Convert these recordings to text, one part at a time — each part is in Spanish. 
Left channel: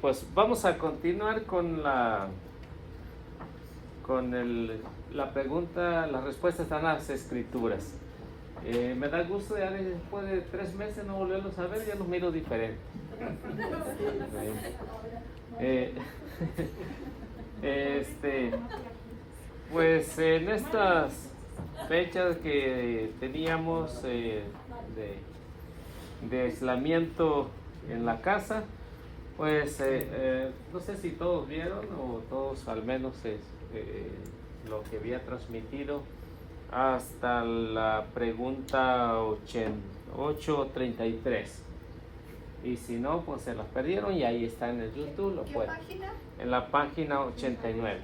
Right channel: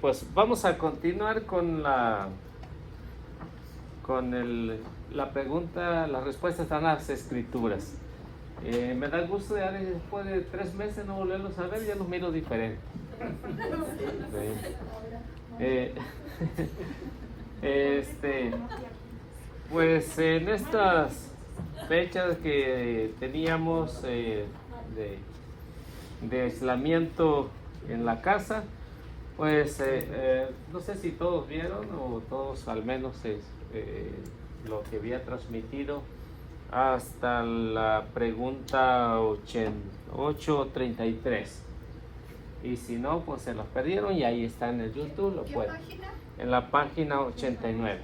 Pues vamos a continuar con la pregunta, las respuestas a las escrituras. Me da gusto ya después de 3 meses no volverlos a ver, ya los miro diferente. Pues en estas fechas que teníamos de aislamiento en la casa, pues no sé si todos vieron o todos al menos lo que había transmitido hasta la pregunta 833. Y si no, pues se las perdieron y ahí está en el YouTube. ¿Qué página? En la página 89.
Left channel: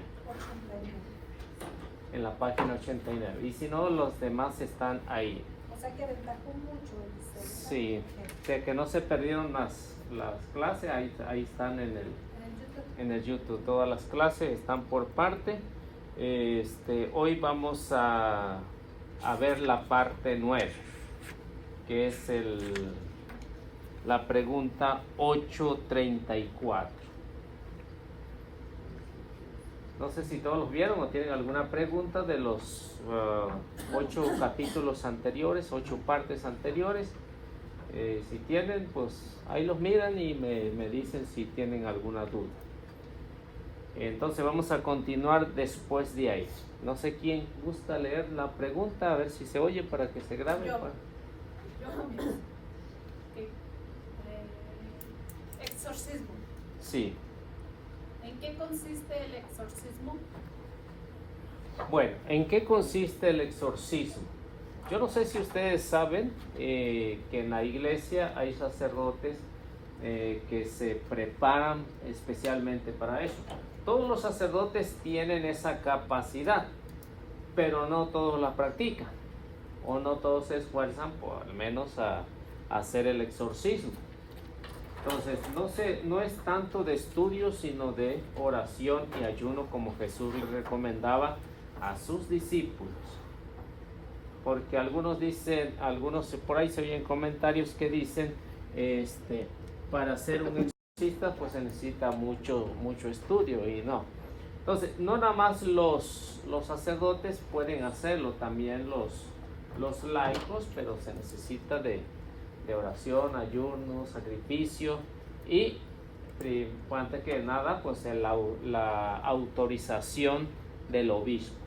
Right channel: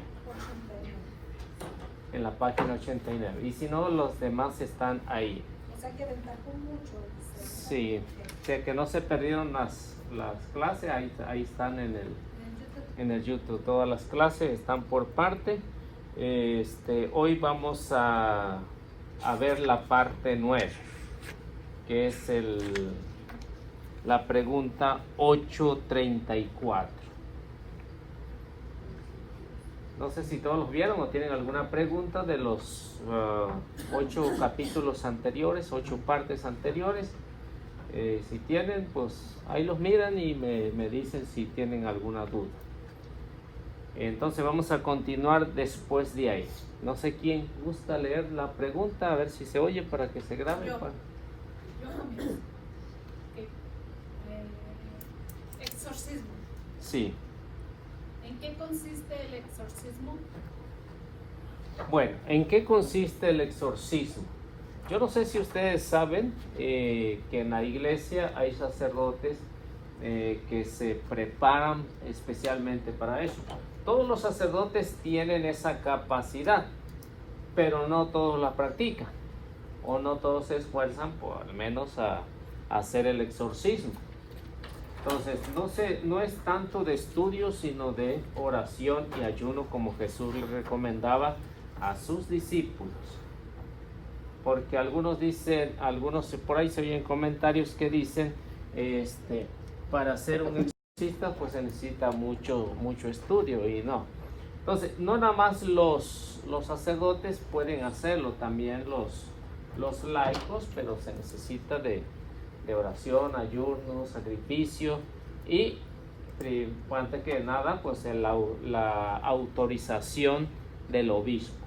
En la página 89. Y si no, los demás están ahí. O sea que destacó mucho. Sí, que no se perdieron las clases, ahí están en el YouTube. Todas las clases están por parte. Hoy vamos a ver la parte 9, que es la pregunta 834. No sé si todos los vieron o tienen alguna pregunta de los 8 capítulos anteriores, 8 partes anteriores. Si tienen, pues ahí los miran y me dicen si tienen alguna duda. Entonces vamos a continuar después de ahí. No sé quién gusta leer la pregunta, a ver si se oye para que se grabe. Exorcismo. Sí. ¿En qué consiste el exorcismo? Bueno, ¿en qué consiste el exorcismo? Yo no sé si ustedes saben que en la iglesia hay sacerdotes que se preparan especialmente para eso. Todos los sacerdotes tienen esa capacidad, pero no todos la practican, o no todos se esfuerzan, por al menos a hacer el exorcismo. Entonces, no es tanto de estudio, sino de oración y ayuno, como Jesús le recomendaba a sus discípulos. Porque algunos por ahí se oyen comentarios que dicen, para ser un exorcista pues se necesita mucho estudio, y no. Entonces, no nada más los sacerdotes pueden hacerlo, también los laicos, pero se necesita de oración, ayuno, sacrificio y antes que nada pues la autorización del obispo.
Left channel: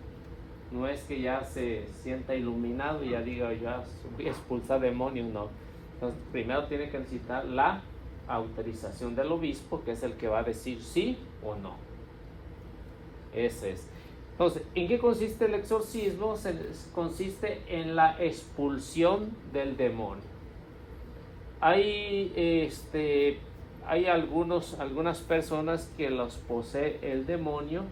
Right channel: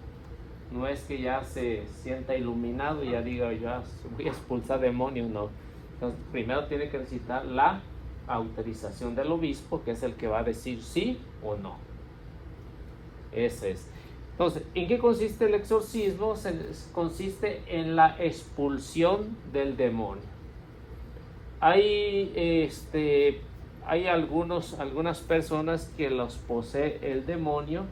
No es que ya se sienta iluminado y ya diga ya voy a expulsar demonios, no. Entonces primero tiene que necesitar la autorización del obispo, que es el que va a decir sí o no. Ese es. Entonces, ¿en qué consiste el exorcismo? Consiste en la expulsión del demonio. Hay algunas personas que los posee el demonio,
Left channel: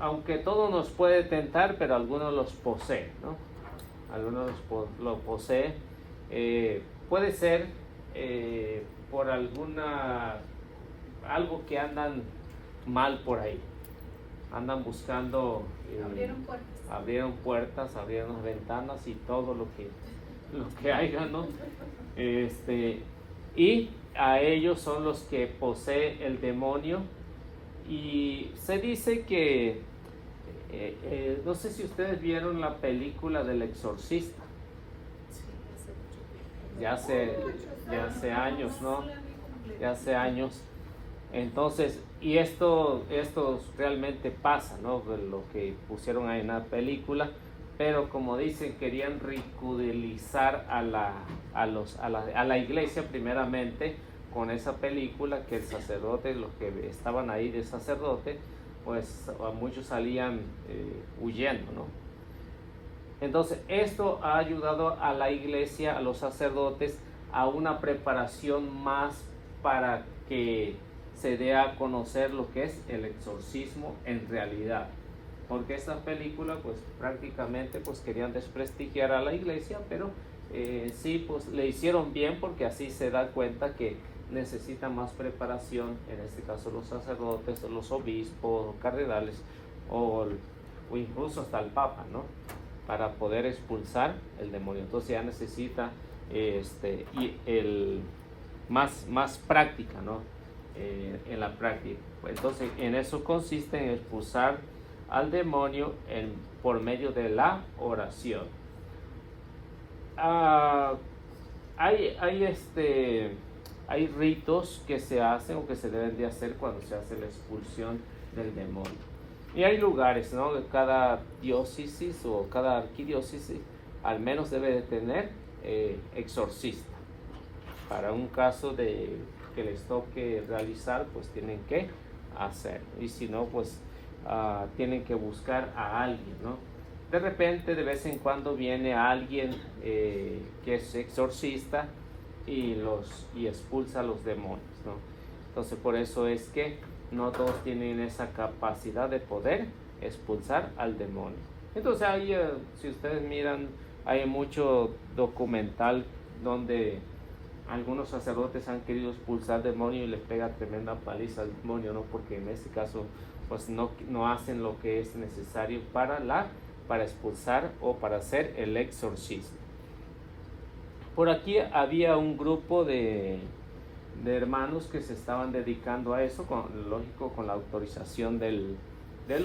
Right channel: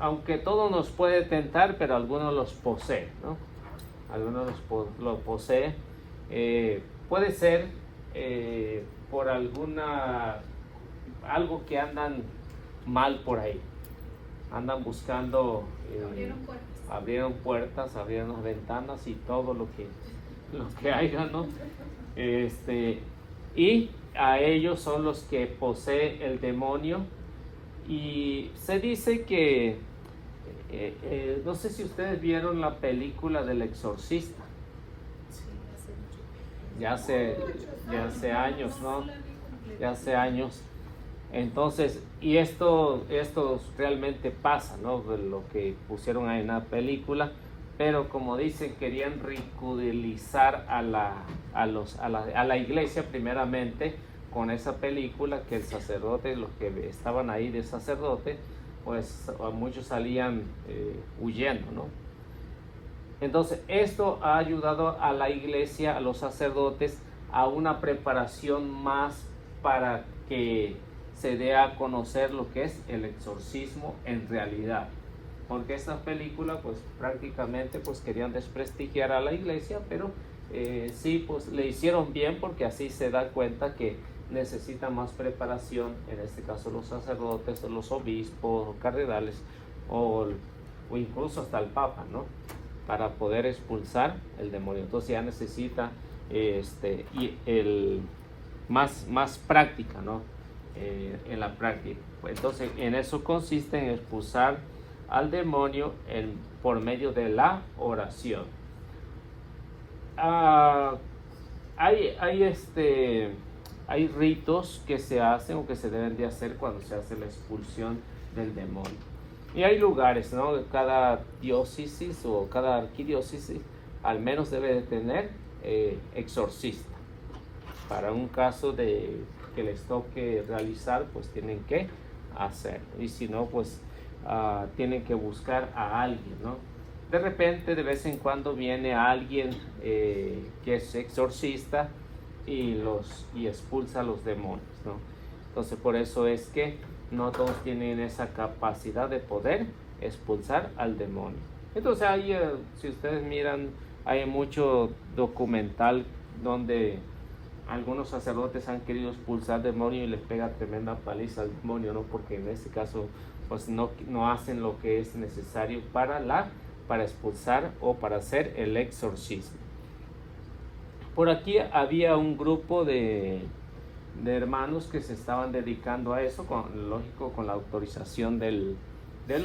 aunque todo nos puede tentar, pero algunos los poseen, ¿no? Algunos los poseen. Puede ser por algo que andan mal por ahí. Andan buscando, abrieron puertas, abrieron ventanas y todo lo que haya, ¿no? Y a ellos son los que posee el demonio. Y se dice que no sé si ustedes vieron la película del exorcista. Ya hace años, ¿no? Ya hace años. Entonces, y esto realmente pasa, ¿no? Lo que pusieron ahí en la película, pero como dicen, querían ridiculizar a la iglesia primeramente con esa película, que el sacerdote, los que estaban ahí de sacerdote, pues muchos salían huyendo, ¿no? Entonces esto ha ayudado a la iglesia, a los sacerdotes, a una preparación más para que se dé a conocer lo que es el exorcismo en realidad. Porque esta película pues prácticamente pues querían desprestigiar a la iglesia, pero sí pues le hicieron bien, porque así se da cuenta que necesita más preparación, en este caso los sacerdotes, o los obispos, cardenales, o incluso hasta el papa, ¿no? Para poder expulsar el demonio. Entonces ya necesita más práctica, ¿no? en la práctica. Entonces, en eso consiste en expulsar al demonio por medio de la oración. Hay ritos que se hacen o que se deben de hacer cuando se hace la expulsión del demonio. Y hay lugares, ¿no? Cada diócesis o cada arquidiócesis al menos debe de tener exorcista. Para un caso de que les toque realizar, pues tienen que hacerlo. Y si no, pues tienen que buscar a alguien, ¿no? De repente, de vez en cuando viene alguien que es exorcista y expulsa a los demonios, ¿no? Entonces, por eso es que no todos tienen esa capacidad de poder expulsar al demonio. Entonces, ahí, si ustedes miran, hay mucho documental donde algunos sacerdotes han querido expulsar al demonio y les pega tremenda paliza al demonio, ¿no? Porque en ese caso, pues no hacen lo que es necesario para expulsar o para hacer el exorcismo. Por aquí había un grupo de hermanos que se estaban dedicando a eso, lógico, con la autorización del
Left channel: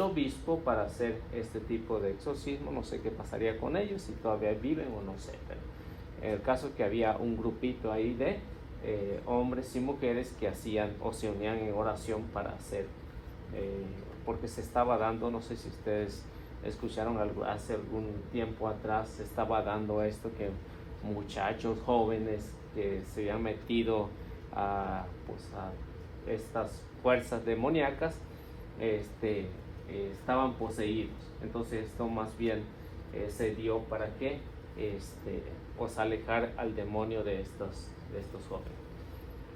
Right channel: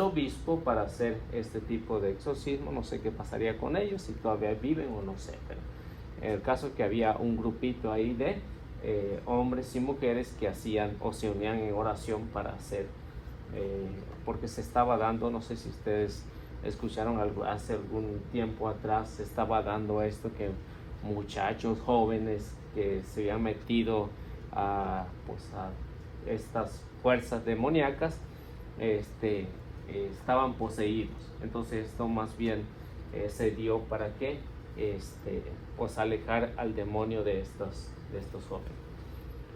obispo para hacer este tipo de exorcismo. No sé qué pasaría con ellos, si todavía viven o no sé. Pero el caso es que había un grupito ahí de hombres y mujeres que hacían o se unían en oración para hacer, porque se estaba dando, no sé si ustedes escucharon hace algún tiempo atrás, se estaba dando esto que muchachos jóvenes que se habían metido a estas fuerzas demoníacas estaban poseídos. Entonces esto más bien se dio para que pues alejar al demonio de estos jóvenes.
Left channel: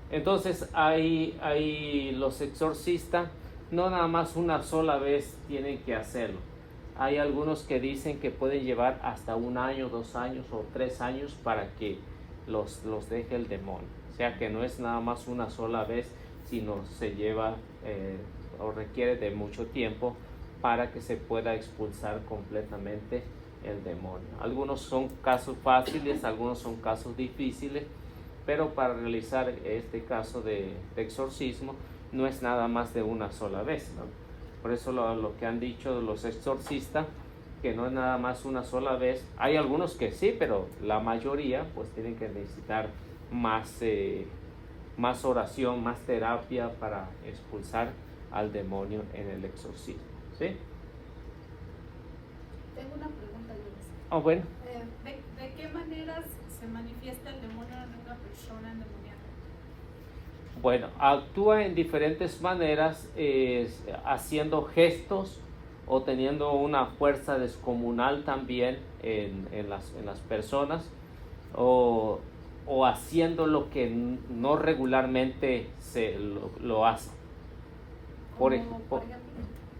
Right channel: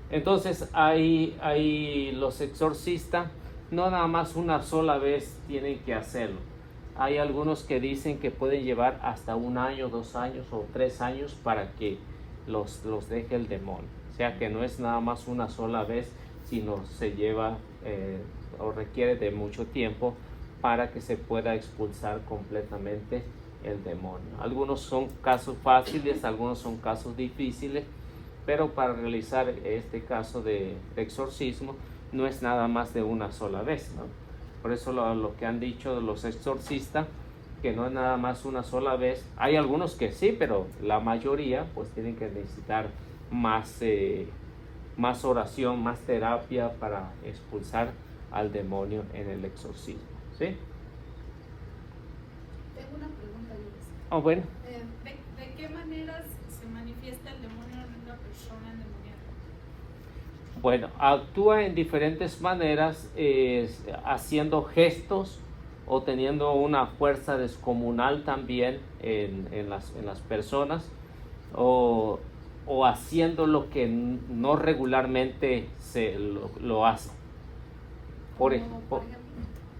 Entonces hay los exorcistas, no nada más una sola vez tienen que hacerlo. Hay algunos que dicen que puede llevar hasta 1 año, 2 años o 3 años para que los deje el demonio. O sea que no es nada más una sola vez, sino se lleva o requiere de mucho tiempo para que se pueda expulsar completamente el demonio. Algunos son casos fáciles, algunos son casos difíciles, pero para realizar este caso de exorcismo no es nada más de una sola vez, ¿no? Por eso lo que han dicho de los exorcistas, que no es nada más una sola vez. Hay algunos que sí, pero la mayoría pues tienen que necesitar más oración, más terapia para expulsar al demonio en el exorcismo, ¿sí? Tengo una pregunta, Luis. Bueno. ¿De qué maneras se manifiesta el demonio en una persona endemoniada? Bueno, actúa en diferentes maneras, haciendo gestos o teniendo una fuerza descomunal también en las personas, o haciendo lo que no regularmente lo hace.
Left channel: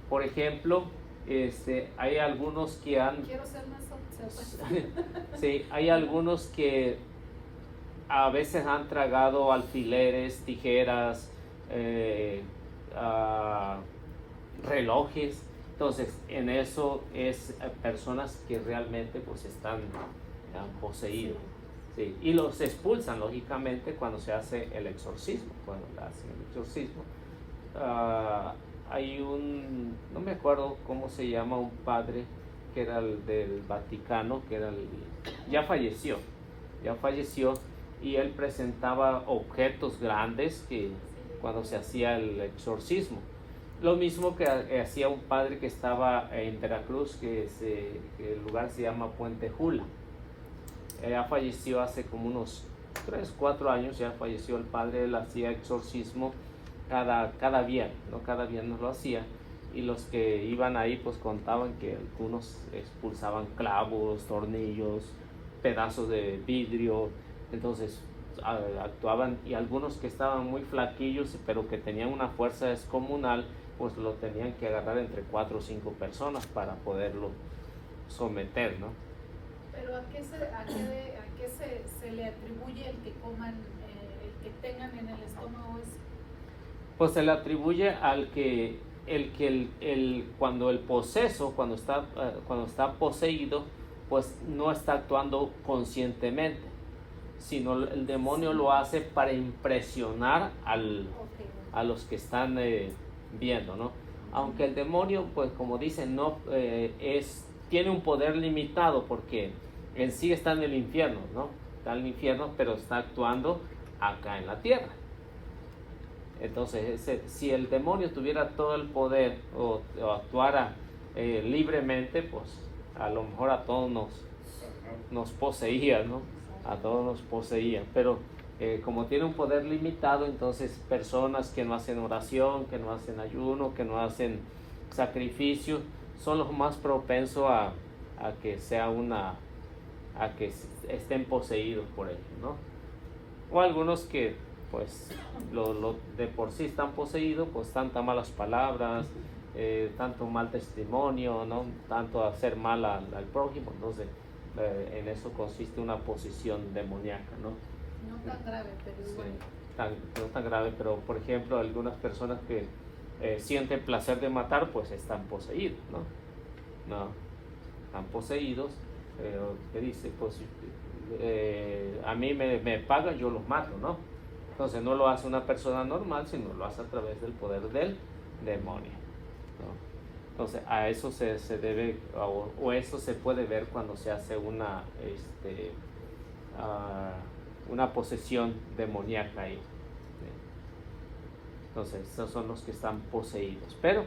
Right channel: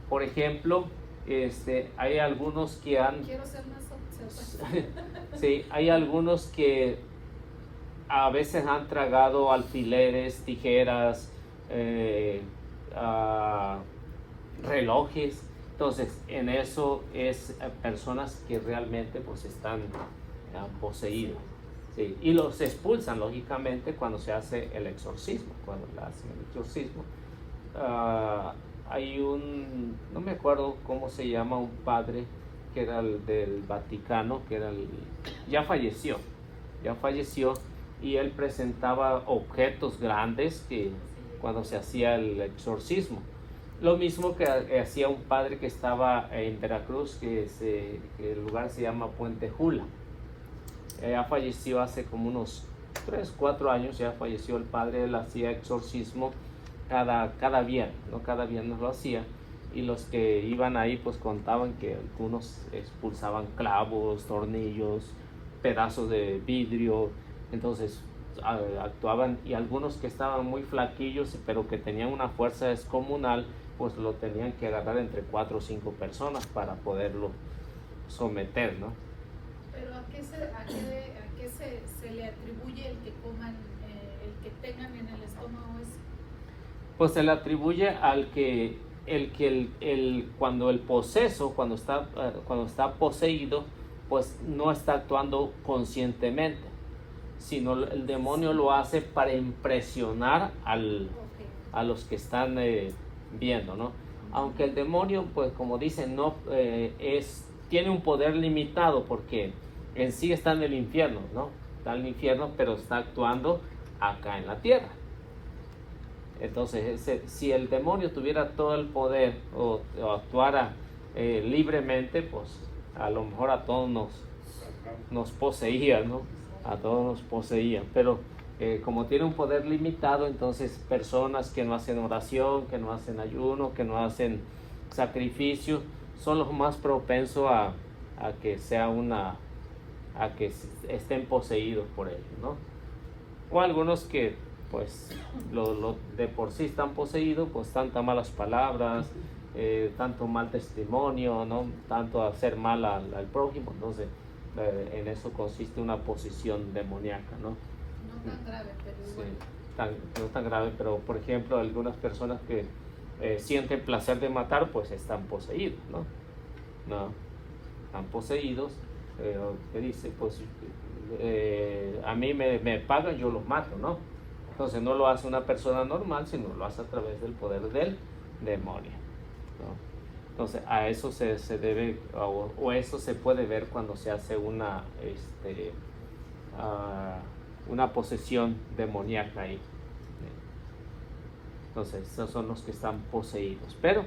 Por ejemplo, hay algunos que han... Quiero ser más sí, hay algunos que a veces han tragado alfileres, tijeras, relojes. Entonces, en eso es personas que realmente pues están poseídos. Sí, y los expulsan lógicamente cuando se hace el exorcismo. Cuando le hacen el exorcismo, hay no me acuerdo cómo se llama, un padre que era el del Vaticano, ya falleció, y él presentaba objetos grandes que cuando se hacía el exorcismo. Lo mismo que hacía un padre que estaba en Veracruz, que el lugar se llama Puente Jula. Ya falleció hace como unos 3-4 años, ya falleció el padre. Él hacía exorcismo cada viernes, ¿no? Cada viernes lo hacía, y los que iban ahí pues contaban que algunos expulsaban clavos, tornillos, pedazos de vidrio. Entonces actuaban, y algunos que estaban muy flaquillos pero que tenían una fuerza descomunal, pues lo tenían que agarrar entre 4 o 5 personas para poderlo someter, ¿no? Pero ¿a qué se le atribuye el que coman, el que tengan en el estómago ese? Pues se le atribuye al que cuando el poseso, cuando está poseído, pues no está actuando conscientemente, sino el demonio lo hace para impresionar a los que están viendo, ¿no? Aunque el demonio, pues como dicen, no tiene un poder limitado porque en sí está en el infierno, ¿no? Está en el infierno, pero está actuando acá en la tierra. Entonces, si el demonio tuviera todo el poder o actuara libremente, pues a lo mejor a todos nos poseía, ¿no? A todos nos poseía, pero como tiene un poder limitado, entonces personas que no hacen oración, que no hacen ayuno, que no hacen sacrificio, son los más propensos a que sea a que estén poseídos por él, ¿no? O algunos que pues de por sí están poseídos, pues tantas malas palabras, tanto mal testimonio, ¿no? Tanto hacer mal al prójimo. Entonces en eso consiste una posesión demoníaca, ¿no? No tan grave, pero igual. Sí, no tan grave, pero por ejemplo algunas personas que sienten placer de matar, pues están poseídos, ¿no? No, están poseídos, pero ¿qué dice? Pues a mí me pagan, yo los mato, ¿no? Entonces no lo hace una persona normal, sino lo hace a través del poder del demonio, ¿no? Entonces a eso se debe, o eso se puede ver cuando se hace una posesión demoníaca ahí. Entonces esos son los que están poseídos, pero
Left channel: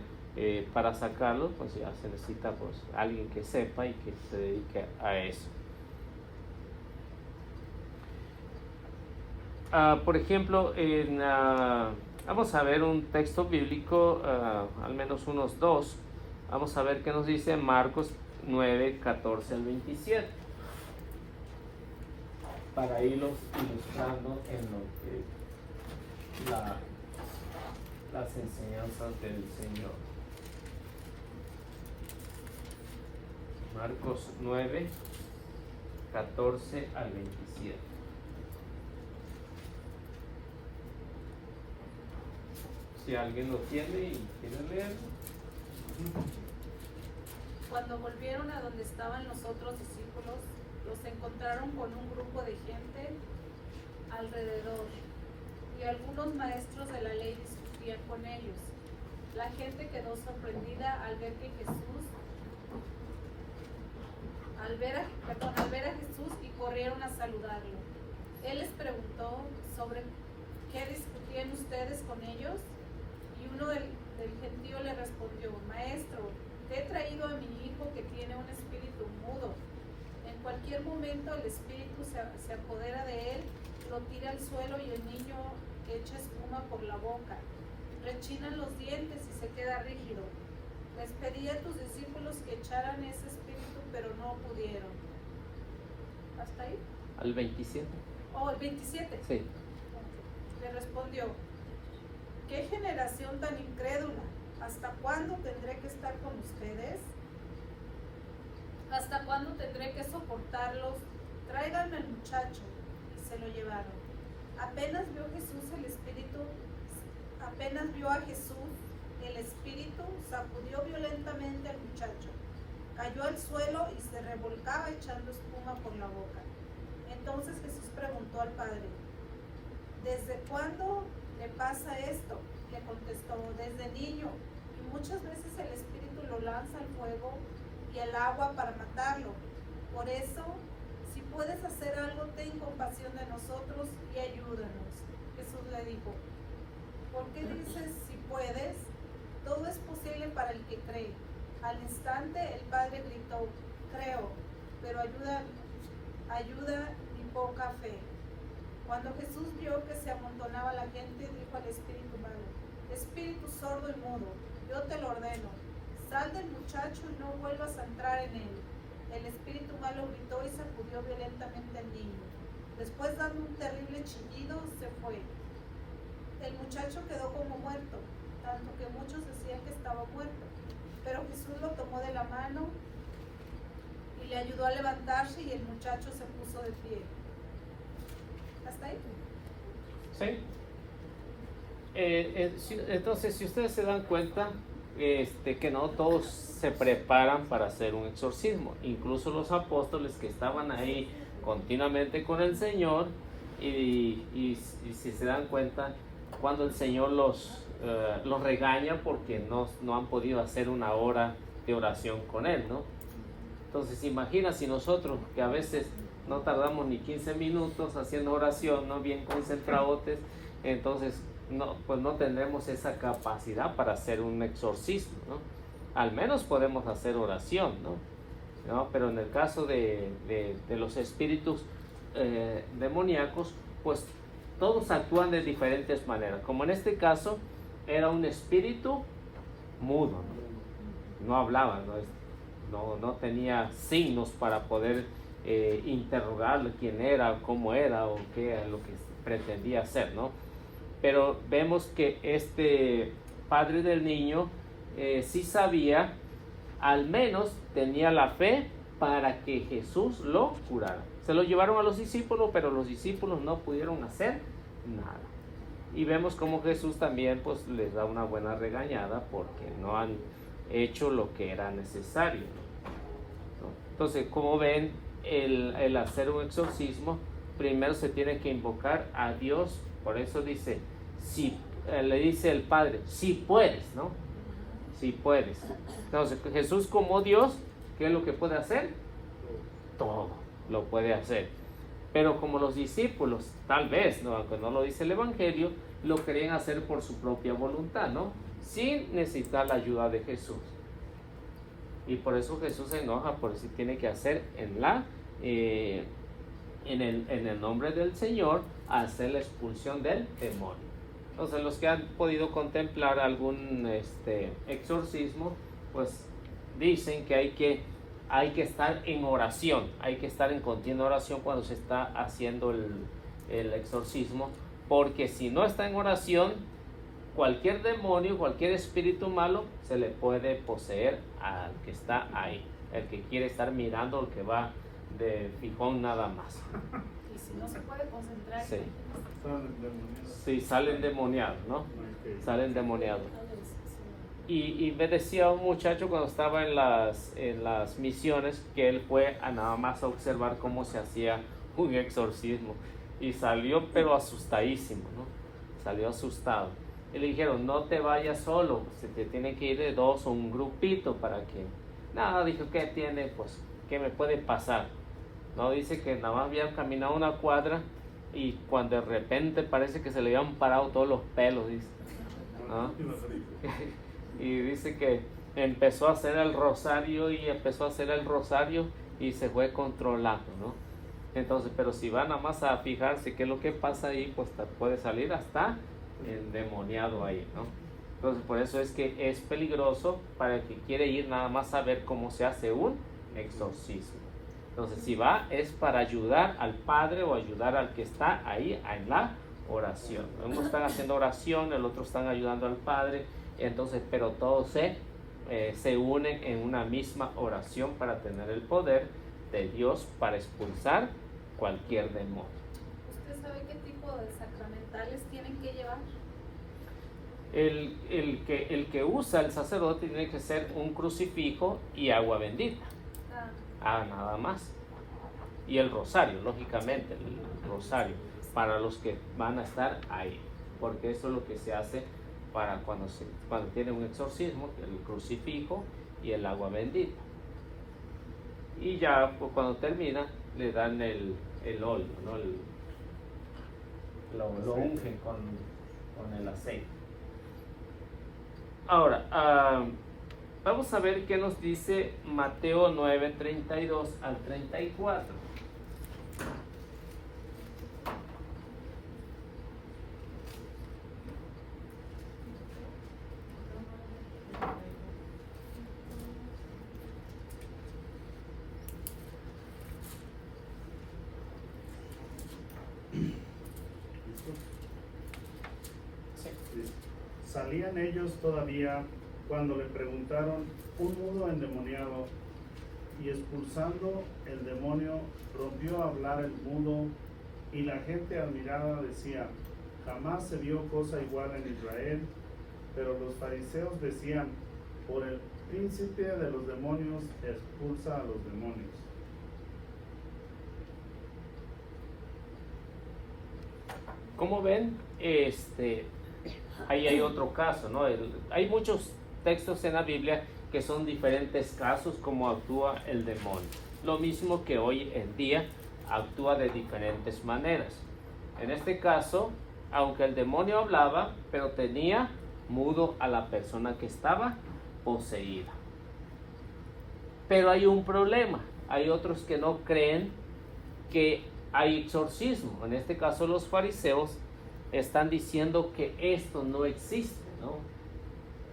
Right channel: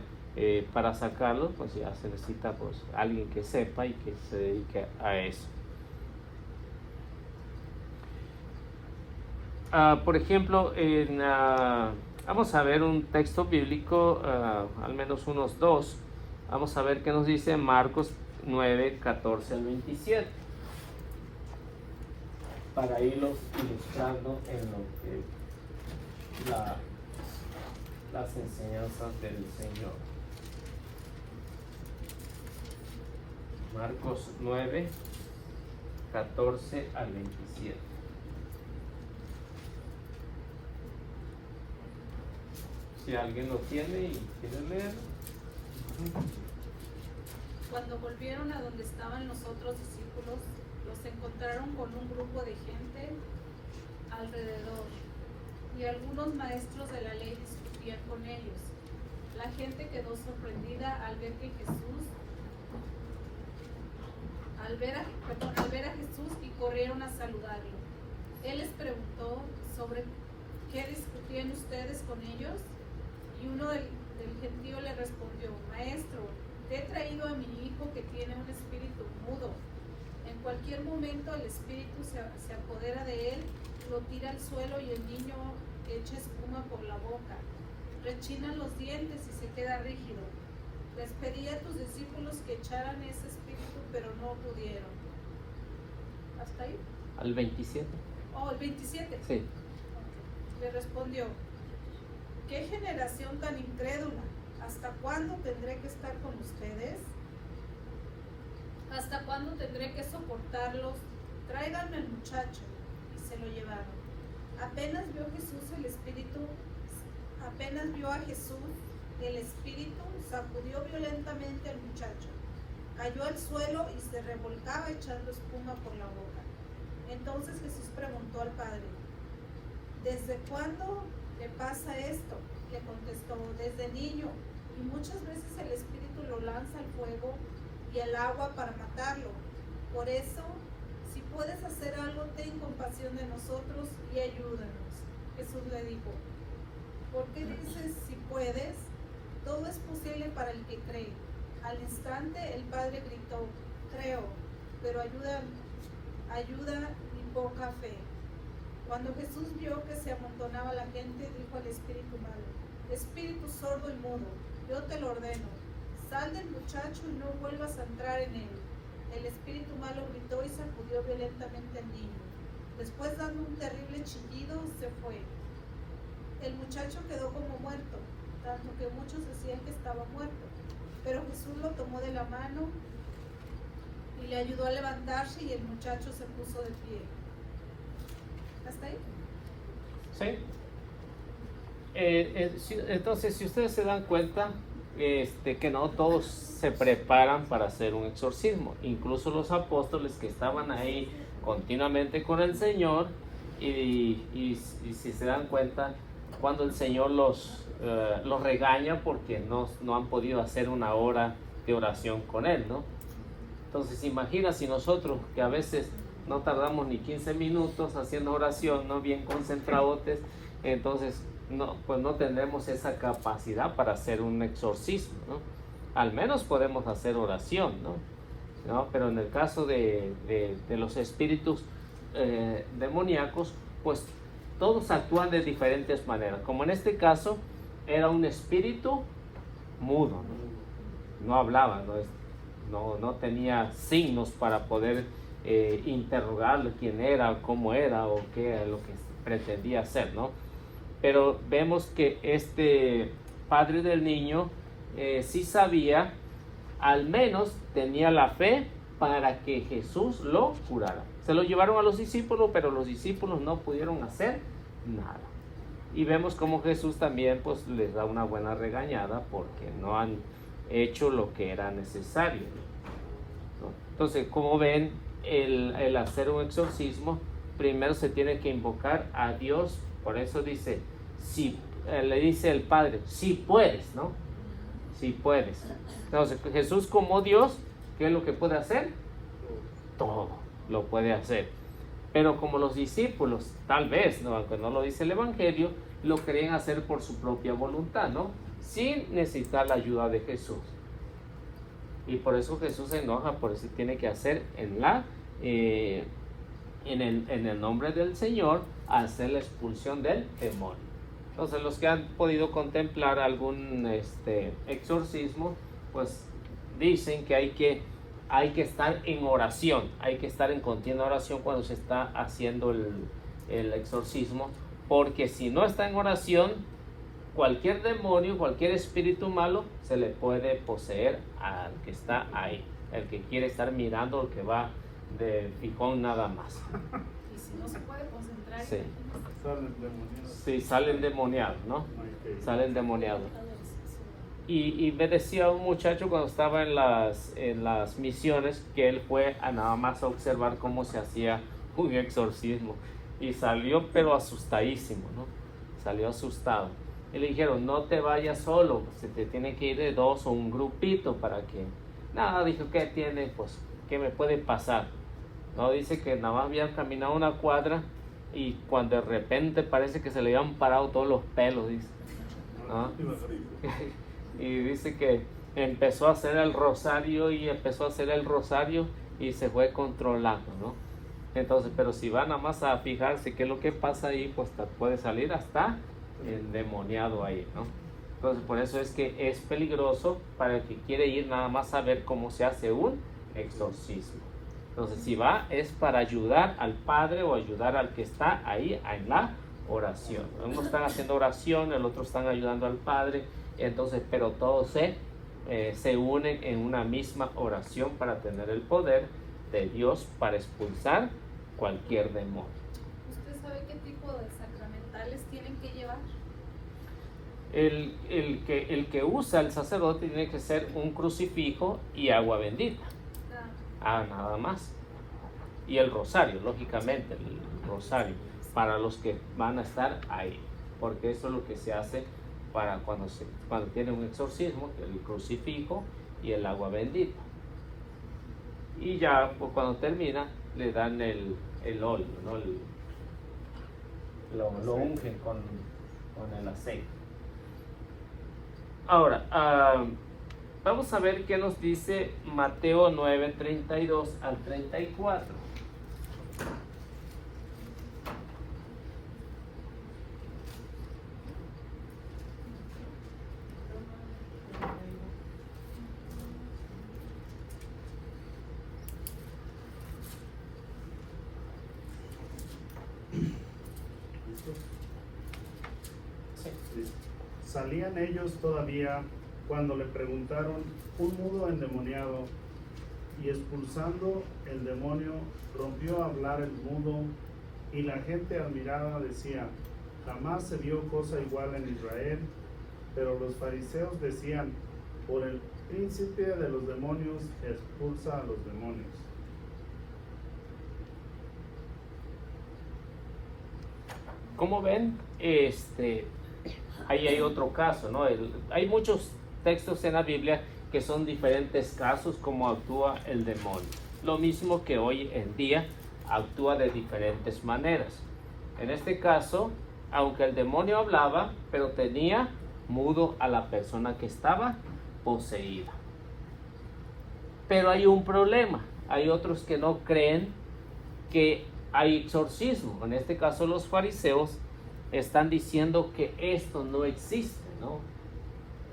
para sacarlo pues ya se necesita pues, alguien que sepa y que se dedique a eso. Por ejemplo, vamos a ver un texto bíblico, al menos unos dos. Vamos a ver qué nos dice Marcos 9, 14 al 27. Para irlos ilustrando en lo que las enseñanzas del Señor. Marcos 9, 14 al 27. Si alguien lo tiene y quiere leer. Cuando volvieron a donde estaban los otros discípulos, los encontraron con un grupo de gente alrededor, y algunos maestros de la ley discutían con ellos. La gente quedó sorprendida al ver a Jesús y corrieron a saludarlo. Él les preguntó sobre qué discutían ustedes con ellos, y uno del gentío le respondió: Maestro, te he traído a mi hijo que tiene un espíritu mudo. En cualquier momento el espíritu se apodera de él, lo tira al suelo y el niño echa espuma por la boca. Rechinan los dientes y se queda rígido. Les pedí a tus discípulos que echaran ese espíritu, pero no pudieron. ¿Hasta ahí? Al 27. Oh, el 27. Sí. Le respondió: ¿qué generación tan incrédula? ¿Hasta cuándo tendré que estar con ustedes? ¿Hasta cuándo tendré que soportarlos? Tráiganme al muchacho. Y se lo llevaron. Apenas vio a Jesús, el espíritu sacudió violentamente al muchacho. Cayó al suelo y se revolcaba echando espuma por la boca. Entonces Jesús preguntó al padre: ¿desde cuándo le pasa esto? Le contestó: desde niño, y muchas veces el espíritu lo lanza al fuego y el agua para matarlo. Por eso, si puedes hacer algo, ten compasión de nosotros y ayúdanos. Jesús le dijo: ¿por qué dices si puedes? Todo es posible para el que cree. Al instante el padre gritó: creo, pero ayuda mi poca fe. Cuando Jesús vio que se amontonaba la gente, dijo al espíritu malo: espíritu sordo y mudo, yo te lo ordeno, sal del muchacho y no vuelvas a entrar en él. El espíritu malo gritó y sacudió violentamente al niño. Después, dando un terrible chillido, se fue. El muchacho quedó como muerto, tanto que muchos decían que estaba muerto. Pero Jesús lo tomó de la mano y le ayudó a levantarse, y el muchacho se puso de pie. ¿Hasta ahí? Sí. Entonces, si ustedes se dan cuenta, que no todos se preparan para hacer un exorcismo. Incluso los apóstoles que estaban ahí continuamente con el Señor, y si se dan cuenta, cuando el Señor los regaña porque no han podido hacer una hora de oración con Él, ¿no? Entonces imagina si nosotros, que a veces no tardamos ni 15 minutos haciendo oración, no bien concentrados, entonces pues no tendremos esa capacidad para hacer un exorcismo, ¿no? Al menos podemos hacer oración, ¿no? Pero en el caso de los espíritus demoníacos, pues todos actúan de diferentes maneras. Como en este caso, era un espíritu mudo, no hablaba, no tenía signos para poder interrogarlo quién era, cómo era o qué era lo que pretendía hacer, ¿no? Pero vemos que este padre del niño sí sabía, al menos tenía la fe para que Jesús lo curara. Se lo llevaron a los discípulos, pero los discípulos no pudieron hacer nada. Y vemos como Jesús también pues les da una buena regañada porque no han hecho lo que era necesario. Entonces, como ven, el hacer un exorcismo, primero se tiene que invocar a Dios. Por eso dice, si le dice el Padre, si puedes, ¿no? Si puedes. Entonces, Jesús como Dios, ¿qué es lo que puede hacer? Todo lo puede hacer. Pero como los discípulos, tal vez, ¿no? Aunque no lo dice el Evangelio, lo querían hacer por su propia voluntad, ¿no? Sin necesitar la ayuda de Jesús. Y por eso Jesús se enoja, por eso tiene que hacer en el nombre del Señor, hacer la expulsión del demonio. Entonces, los que han podido contemplar algún exorcismo, pues dicen que hay que estar en oración, hay que estar en continua oración cuando se está haciendo el exorcismo, porque si no está en oración, cualquier demonio, cualquier espíritu malo se le puede poseer al que está ahí, el que quiere estar mirando, el que va de fijón nada más. Y si no se puede concentrar, Sí. Sí, salen demoniados, ¿no? Salen demoniados. Y me decía un muchacho cuando estaba en las misiones que él fue a nada más a observar cómo se hacía un exorcismo y salió pero asustadísimo, ¿no? Salió asustado. Y le dijeron, no te vayas solo, se te tiene que ir de dos o un grupito para que... Nada, dijo, ¿qué tiene? Pues, ¿qué me puede pasar? No, dice que nada más había caminado una cuadra y cuando de repente parece que se le habían parado todos los pelos, dice, ¿no? Y dice que empezó a hacer el rosario y se fue controlando, ¿no? Entonces, pero si van nada más a fijarse qué es lo que pasa ahí, pues puede salir hasta endemoniado ahí, ¿no? Entonces, por eso es que es peligroso para el que quiere ir nada más a ver cómo se hace un exorcismo. Entonces, si va, es para ayudar al padre o ayudar al que está ahí en la oración. Uno está haciendo oración, el otro están ayudando al padre, entonces, pero todos se unen en una misma oración para tener el poder de Dios para expulsar cualquier demonio. ¿Usted sabe qué tipo de sacramentales tienen que llevar? El que usa el sacerdote tiene que ser un crucifijo y agua bendita. Nada más. Y el rosario, lógicamente, el rosario, para los que van a estar ahí, porque eso es lo que se hace para cuando tiene un exorcismo, el crucifijo y el agua bendita. Y ya pues, cuando termina, le dan el óleo, ¿no? Lo ungen con el aceite. Ahora, vamos a ver qué nos dice Mateo 9, 32 al 34. Salían ellos todavía cuando le preguntaron un mudo endemoniado, y expulsando el demonio rompió a hablar el mudo, y la gente admirada decía, jamás se vio cosa igual en Israel. Pero los fariseos decían, por el príncipe de los demonios expulsa a los demonios. Como ven, ahí hay otro caso, ¿no? Hay muchos textos en la Biblia que son diferentes casos como actúa el demonio. Lo mismo que hoy en día actúa de diferentes maneras. En este caso, aunque el demonio hablaba, pero tenía mudo a la persona que estaba poseída. Pero hay un problema. Hay otros que no creen que hay exorcismo. En este caso, los fariseos están diciendo que esto no existe, ¿no?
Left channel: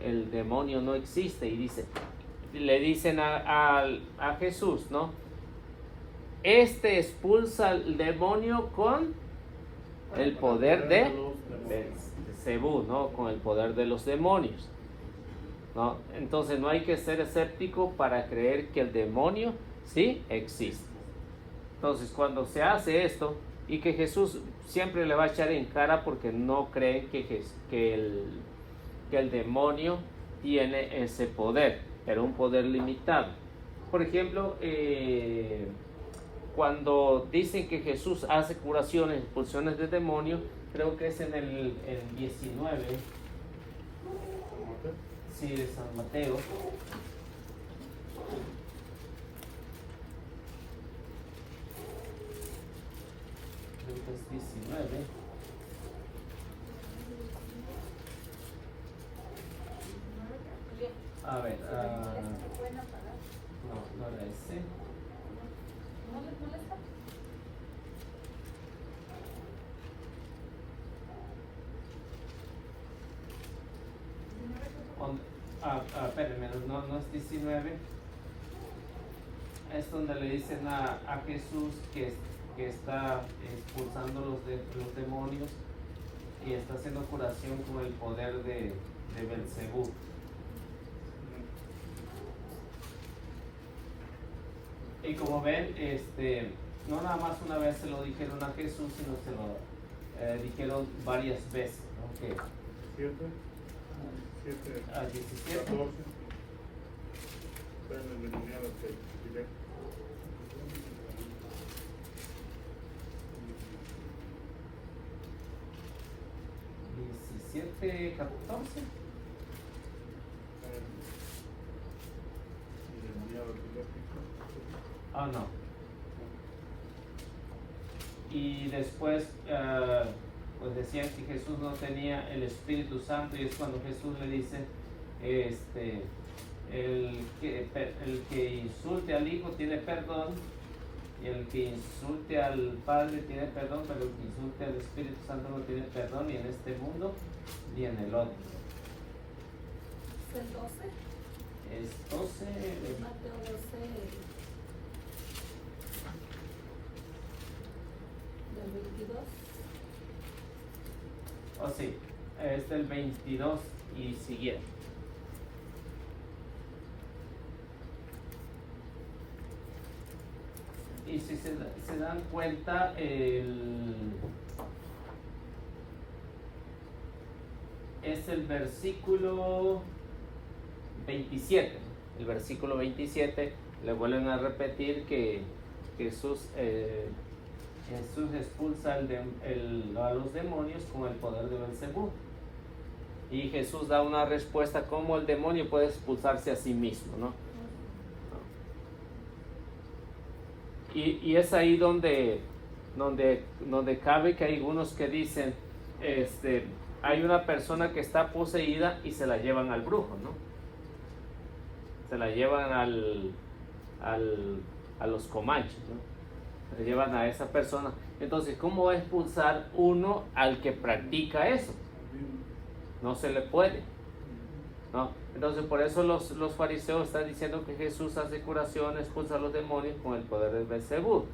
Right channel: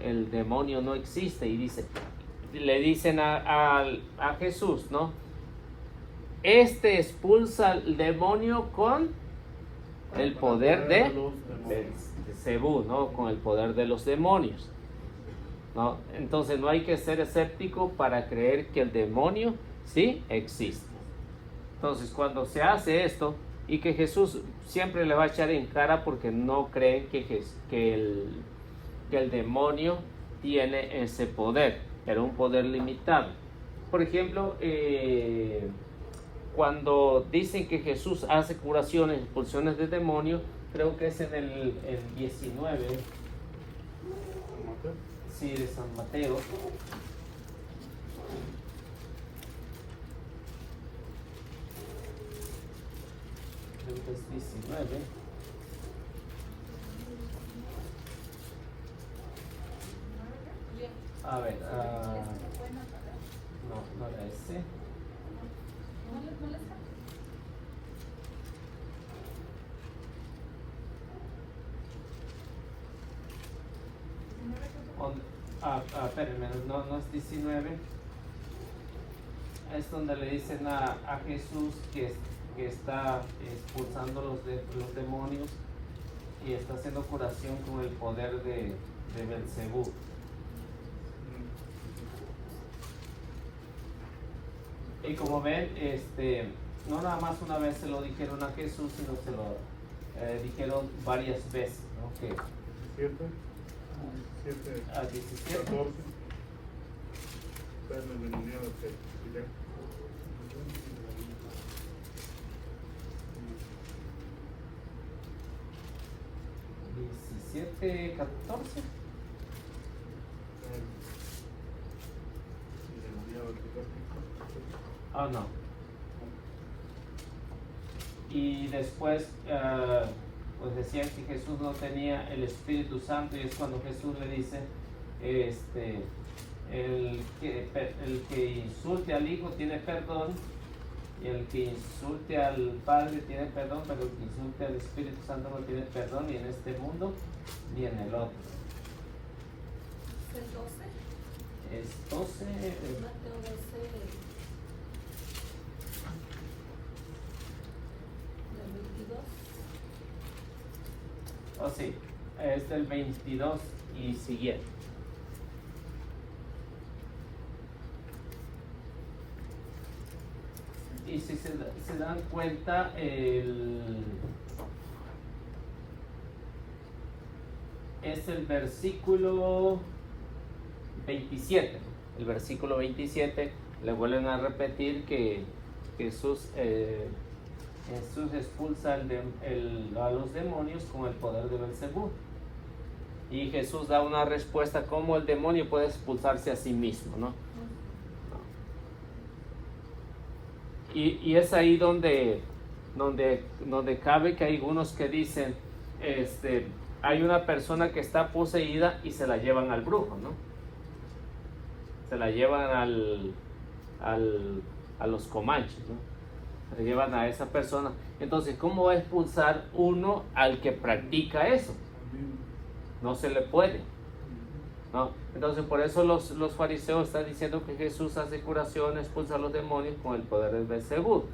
El demonio no existe, y le dicen a Jesús, ¿no? Este expulsa al demonio con el poder de Belzebú, ¿no? Con el poder de los demonios, ¿no? Entonces no hay que ser escéptico para creer que el demonio sí existe. Entonces cuando se hace esto, y que Jesús siempre le va a echar en cara porque no cree que el demonio tiene ese poder, pero un poder limitado. Por ejemplo, cuando dicen que Jesús hace curaciones, expulsiones de demonios, creo que es en el 19, sí, de San Mateo. Es 19. A ver, no era ese. Espérenme, no es 19. Es donde le dicen a Jesús que está expulsando los demonios y está haciendo curación con el poder de Belzebú. Y como ven, no nada más una vez se lo dijeron a Jesús, sino se lo dijeron varias veces, ¿no? Que 17. 14. Pero el endemoniado que 17, 14. Oh, no. Y después, pues decían que Jesús no tenía el Espíritu Santo, y es cuando Jesús le dice, el que insulte al Hijo tiene perdón, y el que insulte al Padre tiene perdón, pero el que insulte al Espíritu Santo no tiene perdón, ni en este mundo, ni en el otro. ¿Es 12? Es 12. Mateo 12, del 22. Oh, sí, es del 22 y siguiente. Y si se dan cuenta, es el versículo 27. El versículo 27 le vuelven a repetir que Jesús expulsa a los demonios con el poder de Belzebú. Y Jesús da una respuesta cómo el demonio puede expulsarse a sí mismo, ¿no? Y es ahí donde cabe que hay algunos que dicen, hay una persona que está poseída y se la llevan al brujo, ¿no? Se la llevan a los comanches, ¿no? Se llevan a esa persona. Entonces, ¿cómo va a expulsar uno al que practica eso? No se le puede, ¿no? Entonces, por eso los fariseos están diciendo que Jesús hace curación, expulsa a los demonios con el poder del Belzebú.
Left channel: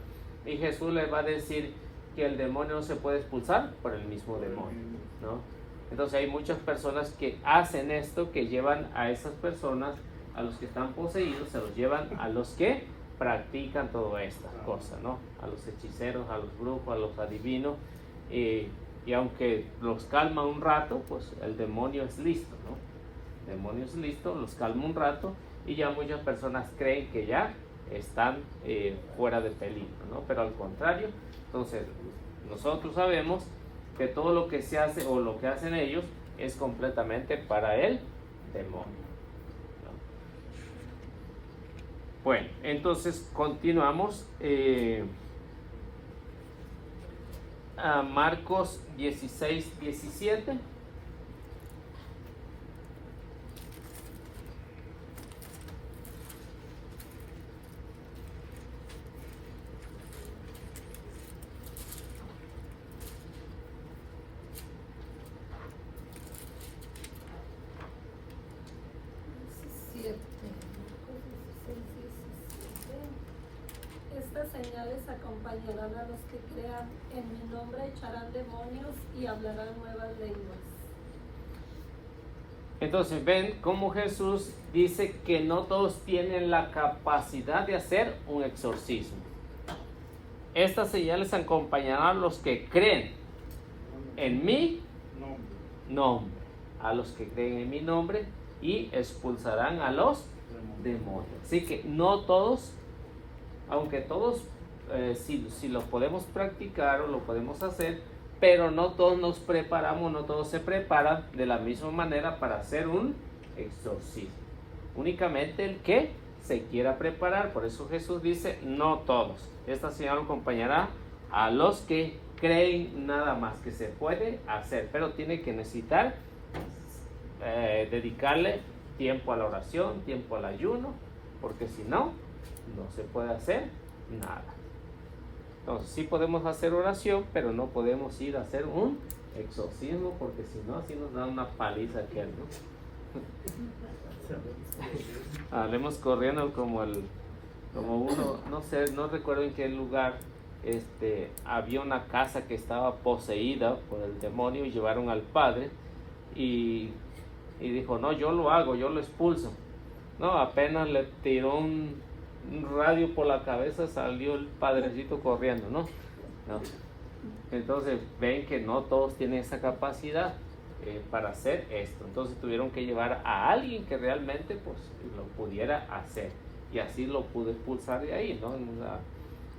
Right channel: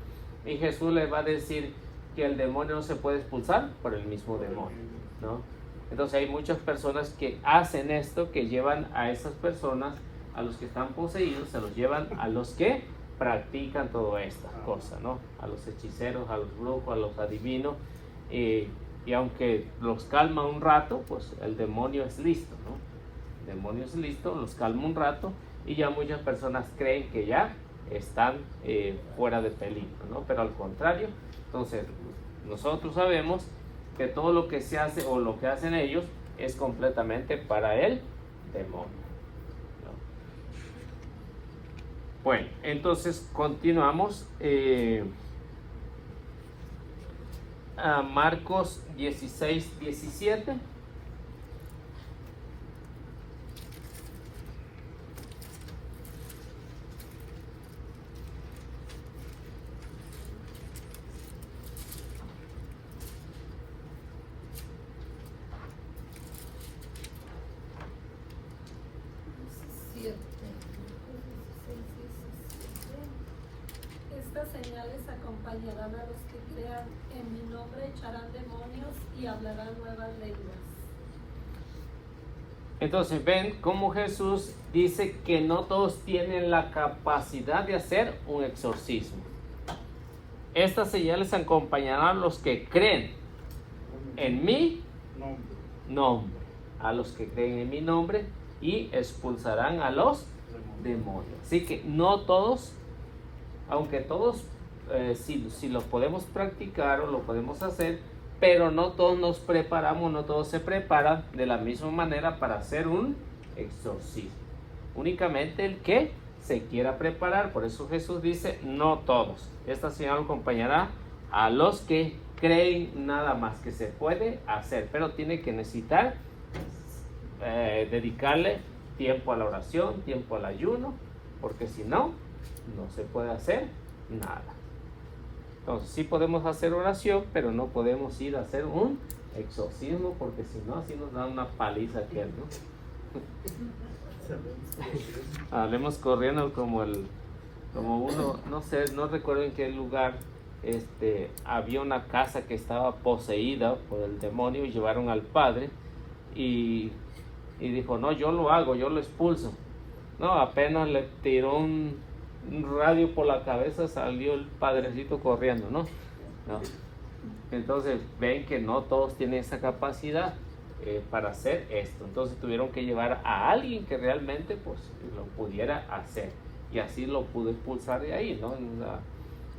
Y Jesús les va a decir que el demonio no se puede expulsar por el mismo demonio, ¿no? Entonces, hay muchas personas que hacen esto, que llevan a esas personas, a los que están poseídos, se los llevan a los que practican toda esta cosa, ¿no? A los hechiceros, a los brujos, a los adivinos, y aunque los calma un rato, pues el demonio es listo, ¿no? El demonio es listo, los calma un rato, y ya muchas personas creen que ya están fuera de peligro, ¿no? Pero al contrario, entonces nosotros sabemos que todo lo que se hace o lo que hacen ellos es completamente para el demonio. Bueno, entonces continuamos a Marcos 16, 17. Estas señales acompañarán a los que crean. En mi nombre echarán demonios y hablarán nuevas lenguas. Entonces ven cómo Jesús dice que no todos tienen la capacidad de hacer un exorcismo. Estas señales acompañarán a los que creen en mi nombre, a los que creen en mi nombre, y expulsarán a los demonios. Así que no todos, aunque todos si lo podemos practicar o lo podemos hacer, pero no todos nos preparamos, no todos se preparan de la misma manera para hacer un exorcismo. Únicamente el que se quiera preparar. Por eso Jesús dice, no todos. Esta señal acompañará a los que creen nada más que se puede hacer, pero tiene que necesitar dedicarle tiempo a la oración, tiempo al ayuno, porque si no, no se puede hacer nada. Entonces sí podemos hacer oración, pero no podemos ir a hacer un exorcismo, porque si no, así nos da una paliza aquí. Hablemos corriendo como uno, no sé, no recuerdo en qué lugar, había una casa que estaba poseída por el demonio y llevaron al padre y dijo, no, yo lo hago, yo lo expulso. No, apenas le tiró un radio por la cabeza, salió el padrecito corriendo, ¿no? Entonces ven que no todos tienen esa capacidad para hacer esto. Entonces tuvieron que llevar a alguien que realmente pues lo pudiera hacer, y así lo pudo expulsar de ahí, ¿no?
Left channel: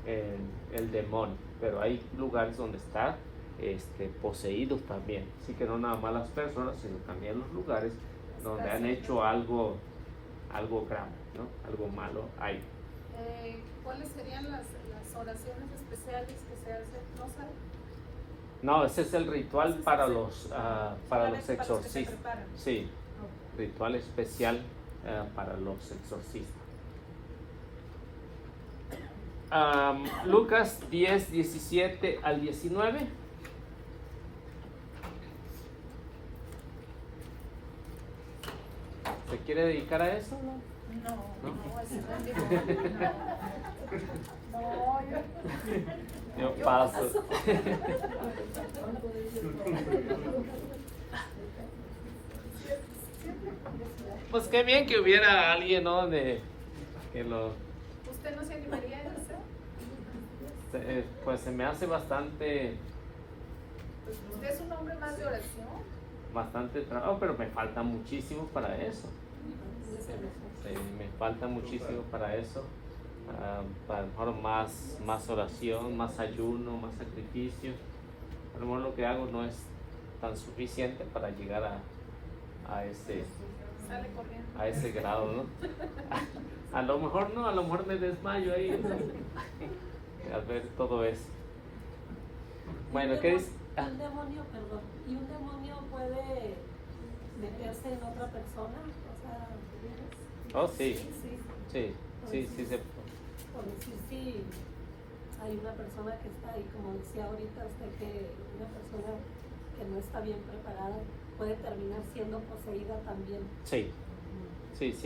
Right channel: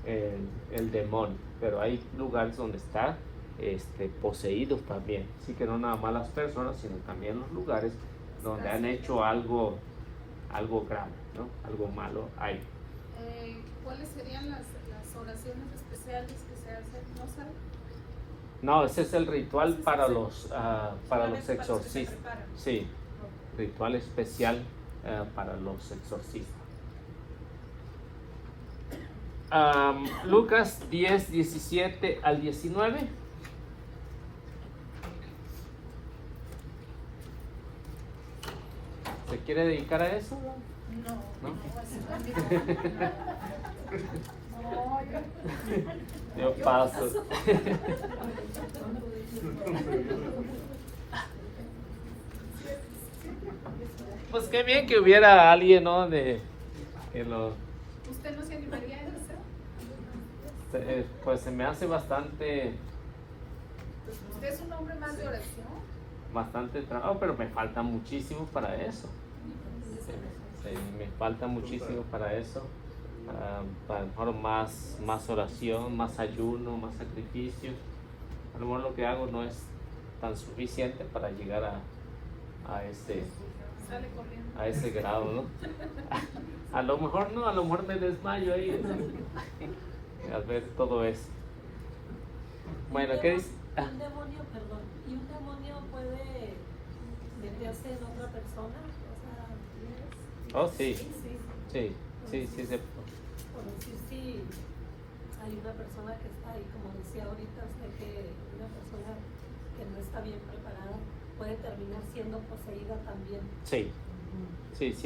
El demonio. Pero hay lugares donde está poseídos también, así que no nada más las personas, sino también los lugares donde han hecho algo grave, ¿no? Algo malo ahí. ¿Cuáles serían las oraciones especiales que se hacen? ¿No saben? No, ese es el ritual para los exorcistas. Sí, ritual especial para los exorcistas. Lucas 10, 17 al 19. ¿Se quiere dedicar a eso? Yo paso. Pues qué bien que hubiera alguien, ¿no? Que lo... ¿Usted no se animaría a eso? Pues se me hace bastante... ¿Usted es un hombre más de oración? Bastante trabajo, pero me falta muchísimo para eso. Sí, me falta muchísimo para eso. Para mejor más oración, más ayuno, más sacrificio. Pero lo que hago no es tan suficiente para llegar a ese grado, ¿no? A lo mejor no, a lo mejor me desmayo ahí al ver todo eso. Bueno, ¿qué es? Un demonio, perdón, ¿y un demonio puede meterse en otra persona? Oh, sí. Sí. Por decir, si hay una persona que está ahí, como decía ahorita usted, que una persona que no está bien preparada puede terminar siendo poseída también. Sí,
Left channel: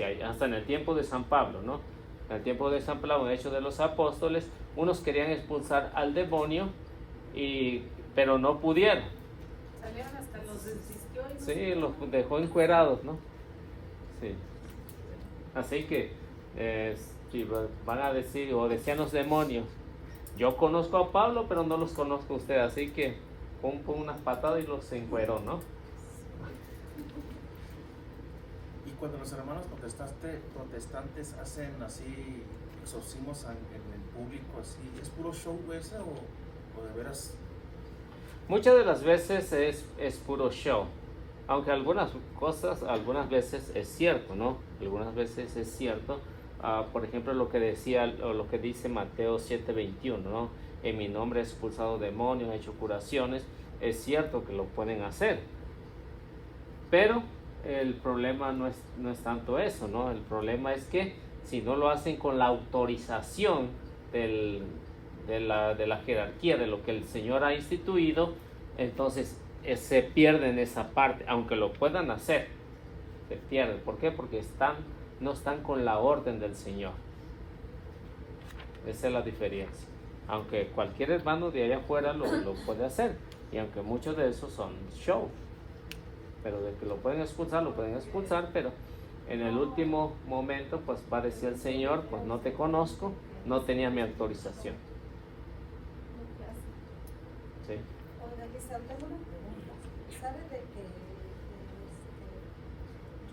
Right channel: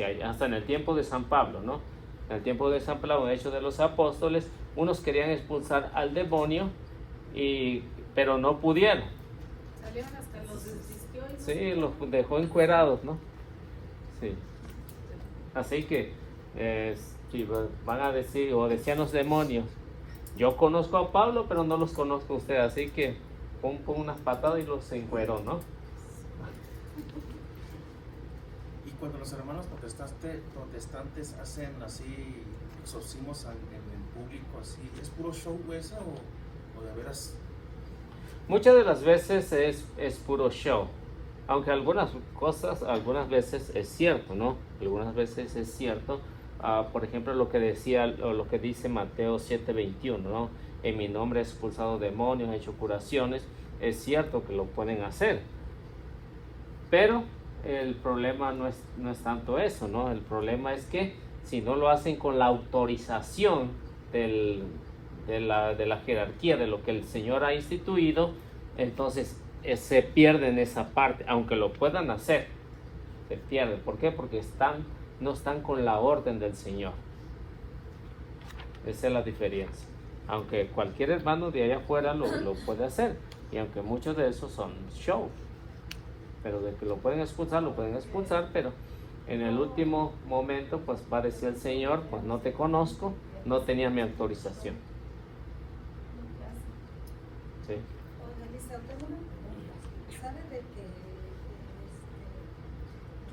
hay, hasta en el tiempo de San Pablo, ¿no? En el tiempo de San Pablo, Hechos de los Apóstoles, unos querían expulsar al demonio, pero no pudieron. Salieron hasta los desistió y no. Sí, los dejó encuerados, ¿no? Sí. Así que, si van a decir, o decían los demonios, yo conozco a Pablo, pero no los conozco a usted, así que pon una patada y los encueró, ¿no? Y cuando los hermanos protestantes hacen así exorcismos en el público, así, ¿es puro show esa o de veras? Muchas de las veces es puro show, Aunque algunas cosas, algunas veces es cierto, ¿no? Algunas veces es cierto. Por ejemplo, lo que decía, o lo que dice Mateo 7:21, ¿no? En mi nombre he expulsado demonios, he hecho curaciones. Es cierto que lo pueden hacer. Pero el problema no es tanto eso, ¿no? El problema es que si no lo hacen con la autorización de la jerarquía, de lo que el Señor ha instituido, entonces se pierden esa parte, aunque lo puedan hacer, se pierden. ¿Por qué? Porque no están con la orden del Señor. Esa es la diferencia. Aunque cualquier hermano de allá afuera lo puede hacer, y aunque muchos de esos son show, pero de que lo pueden expulsar, pero en el último momento pues va a decir el Señor, pues no te conozco, no tenías mi autorización. Sí. Organizar, tengo una pregunta. ¿Sabe de que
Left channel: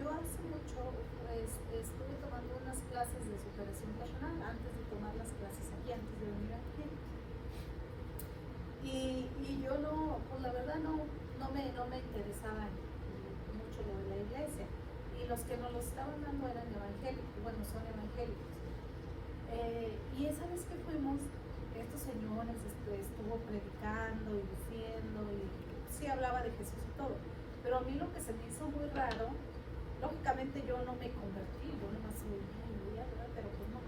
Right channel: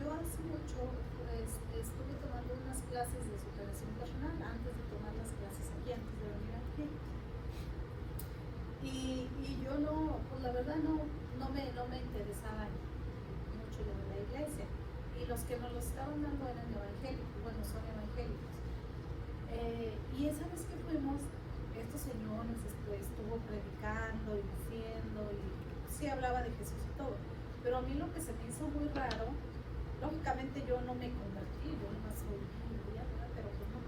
yo hace mucho pues, estuve tomando unas clases de superación personal antes de tomar las clases aquí, antes de venir aquí? Y yo no, pues la verdad no me interesaba mucho lo de la iglesia. Y los que nos lo estaban dando eran evangélicos, bueno, son evangélicos. Y esa vez que fuimos, estos señores estuvo predicando y diciendo, y sí hablaba de Jesús y todo, pero a mí lo que se me hizo muy raro, lógicamente yo no me convertí, yo no soy judía, pero que no.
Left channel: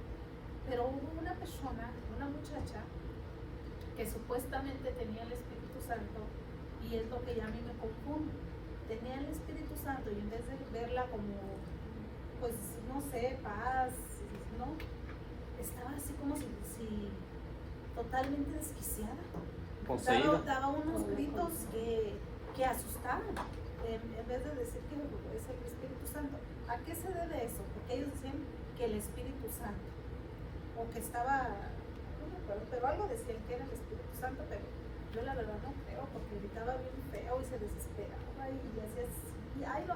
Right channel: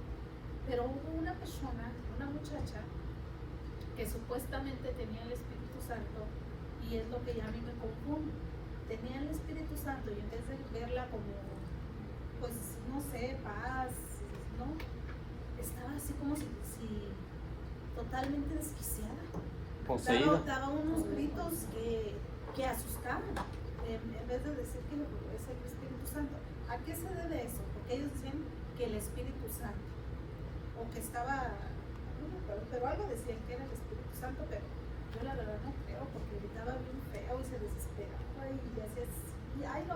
Pero hubo una persona, una muchacha, que supuestamente tenía el Espíritu Santo, y es lo que ya a mí me confunde. Tenía el Espíritu Santo y en vez de verla como, pues no sé, paz, ¿no? Estaba así como si totalmente desquiciada. Daba unos gritos que asustaban, en vez de decir que es el Espíritu Santo. ¿A qué se debe eso? Porque ellos decían que el Espíritu Santo, o que estaba, no me acuerdo, pero algo decían que era el Espíritu Santo, pero yo la verdad no creo, porque gritaba bien feo y se desesperaba y hacía así. Ay, no,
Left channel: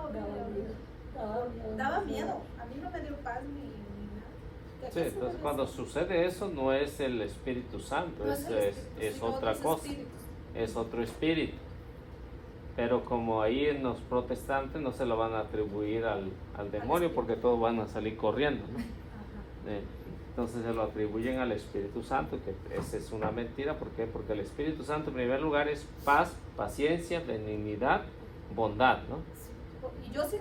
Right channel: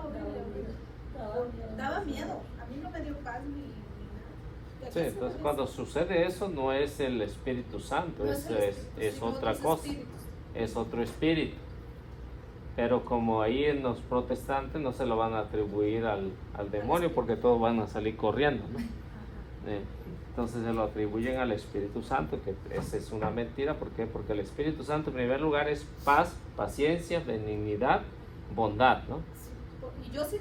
daba miedo. A mí no me dio paz ni nada. Sí, entonces cuando sucede eso no es el Espíritu Santo, No es sino otra otros cosa, espíritus. es otro espíritu. Pero como ahí en los protestantes no se lo van a atribuir al demonio porque todos van a salir corriendo, ¿no? Entonces se lo atribuyen al Espíritu Santo, que esa es una mentira. ¿Por qué? Porque el Espíritu Santo en primer lugar es paz, paciencia, benignidad, bondad, ¿no? Y yo sí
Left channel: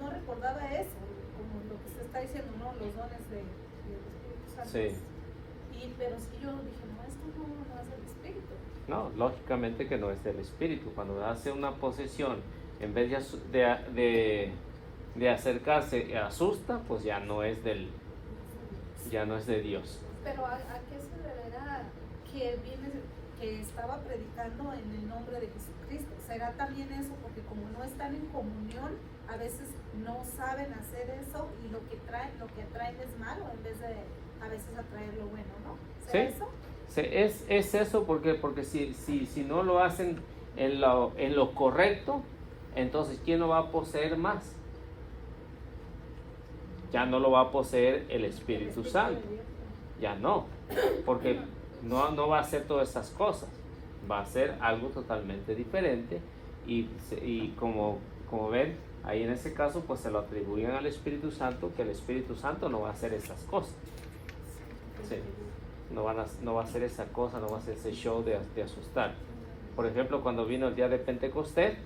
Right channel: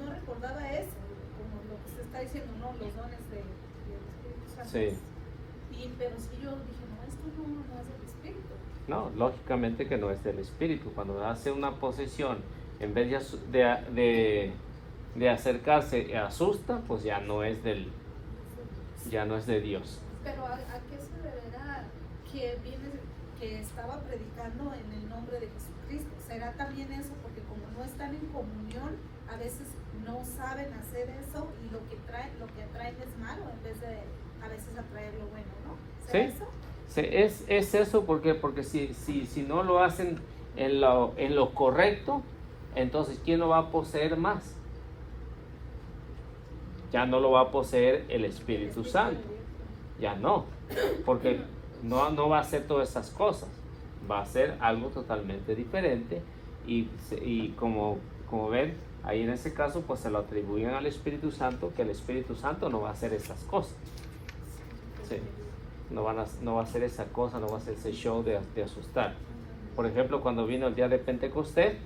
no recordaba eso, como lo que se está diciendo, ¿no? Los dones del Espíritu Santo. Sí. Pero sí yo dije, no, esto no es del Espíritu. No, lógicamente que no es del Espíritu. Cuando hace una posesión, en vez de acercarse, asusta, pues ya no es de Dios. Pero ¿a qué se deberá que estaba predicando en el nombre de Jesucristo? ¿Será también eso? Porque como no están en comunión, a veces no saben hacer eso y lo que atraen es malo en vez de a veces atraer lo bueno, ¿no? ¿Será eso? Es eso porque si no lo hacen en lo correcto, entonces ¿quién lo va a poseer más? Ya no lo va a poseer el Espíritu Santo, ya no, porque no va a hacer todas esas cosas, va a ser algo totalmente diferente y como ven, ahí en ese caso pues se lo atribuyen al Espíritu Santo, que el Espíritu Santo no va a hacer esas cosas. Sí. No va a hacer esa cosa, no va a hacer ese show de asustar. Por ejemplo, cuando vino el día de Pentecostés,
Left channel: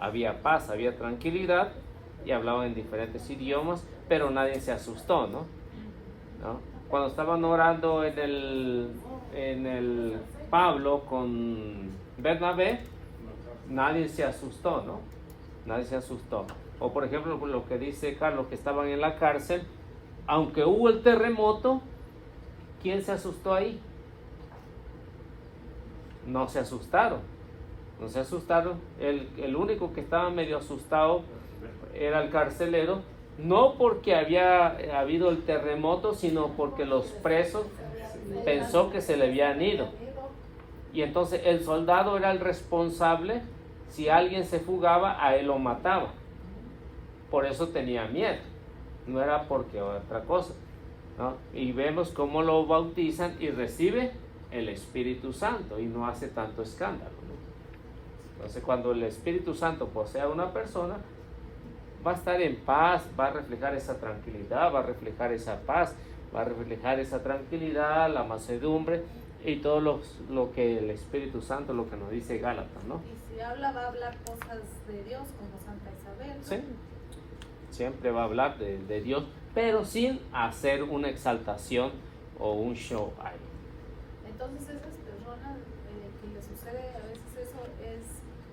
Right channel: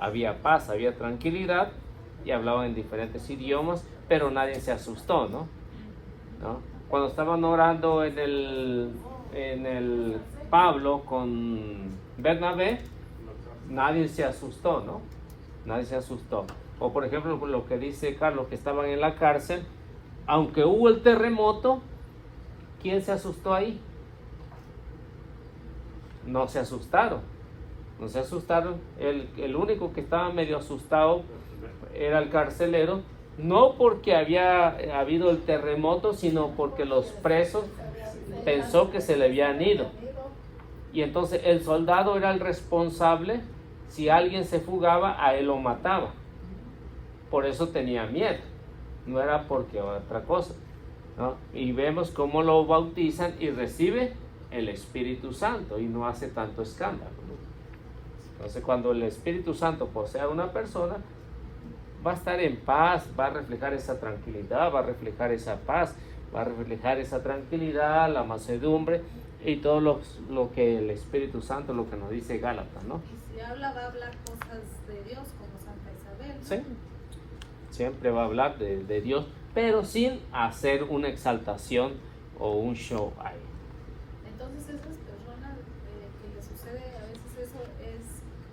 había paz, había tranquilidad y hablaban en diferentes idiomas, pero nadie se asustó, ¿no? Cuando estaban orando en el Pablo con Bernabé, nadie se asustó, ¿no? Nadie se asustó. O por ejemplo, lo que dice Carlos, que estaban en la cárcel, aunque hubo el terremoto, ¿quién se asustó ahí? No se asustaron. No se asustaron. El único que estaba medio asustado era el carcelero, no porque había habido el terremoto, sino porque los presos pensó que se le habían ido. Y entonces el soldado era el responsable. Si alguien se fugaba, a él lo mataba. Por eso tenía miedo. No era porque otra cosa, ¿no? Y vemos cómo lo bautizan y recibe el Espíritu Santo y no hace tanto escándalo, ¿no? Entonces, cuando el Espíritu Santo posea a una persona, va a estar en paz, va a reflejar esa tranquilidad, va a reflejar esa paz, va a reflejar esa tranquilidad, la mansedumbre y todo lo que el Espíritu Santo, lo que nos dice Gálatas, ¿no? Y si habla, va a hablar cosas de Dios, como Santa Isabel, ¿no? Sí. Siempre va a hablar de Dios, pero sin hacer una exaltación o un show ahí. Entonces esas personas que les sucede a veces eso es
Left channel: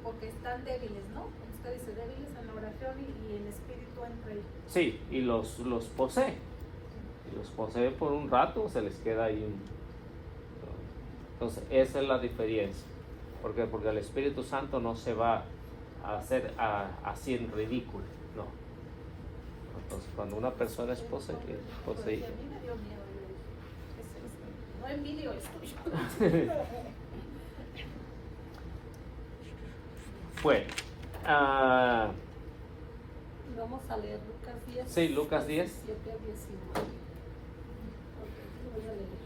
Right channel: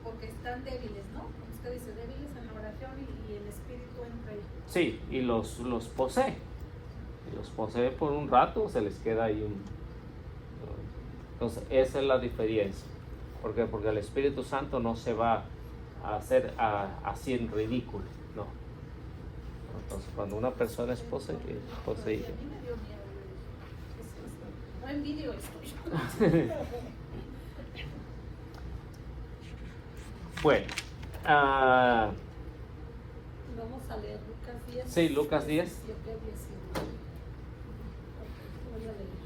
porque están débiles, ¿no? Como usted dice, débiles en la oración y el Espíritu entra ahí. Sí, y los posee. Los posee por un rato, se les queda ahí un... Entonces, esa es la diferencia. ¿Por qué? Porque el Espíritu Santo no se va a hacer así en ridículo, ¿no? Entonces, cuando una persona es poseída... Porque a mí me dio miedo. ¿Qué es esto? No envidio esto. Bueno, Y vamos a leer Lucas 10. sí, Lucas 10. 17, 19. Ok, voy a leer.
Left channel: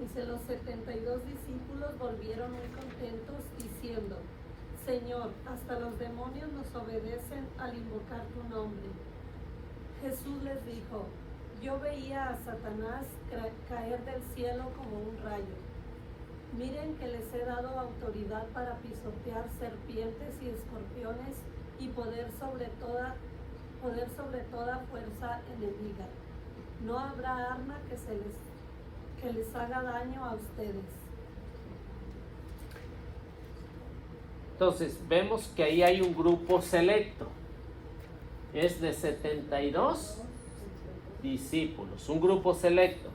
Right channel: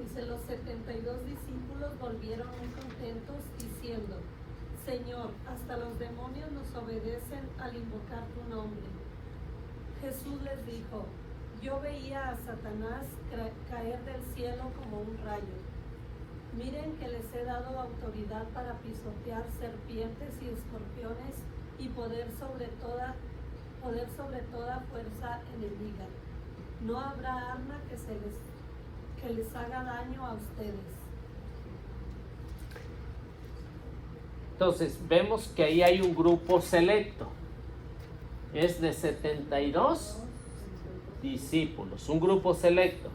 Dice, los 72 discípulos volvieron muy contentos diciendo, Señor, hasta los demonios nos obedecen al invocar tu nombre. Jesús les dijo, yo veía a Satanás caer del cielo como un rayo. Miren que les he dado autoridad para pisotear serpientes y escorpiones y poder sobre toda fuerza enemiga. No habrá arma que les haga daño a ustedes. Entonces, vemos que ahí hay un grupo selecto. Es de 72 discípulos, un grupo selecto.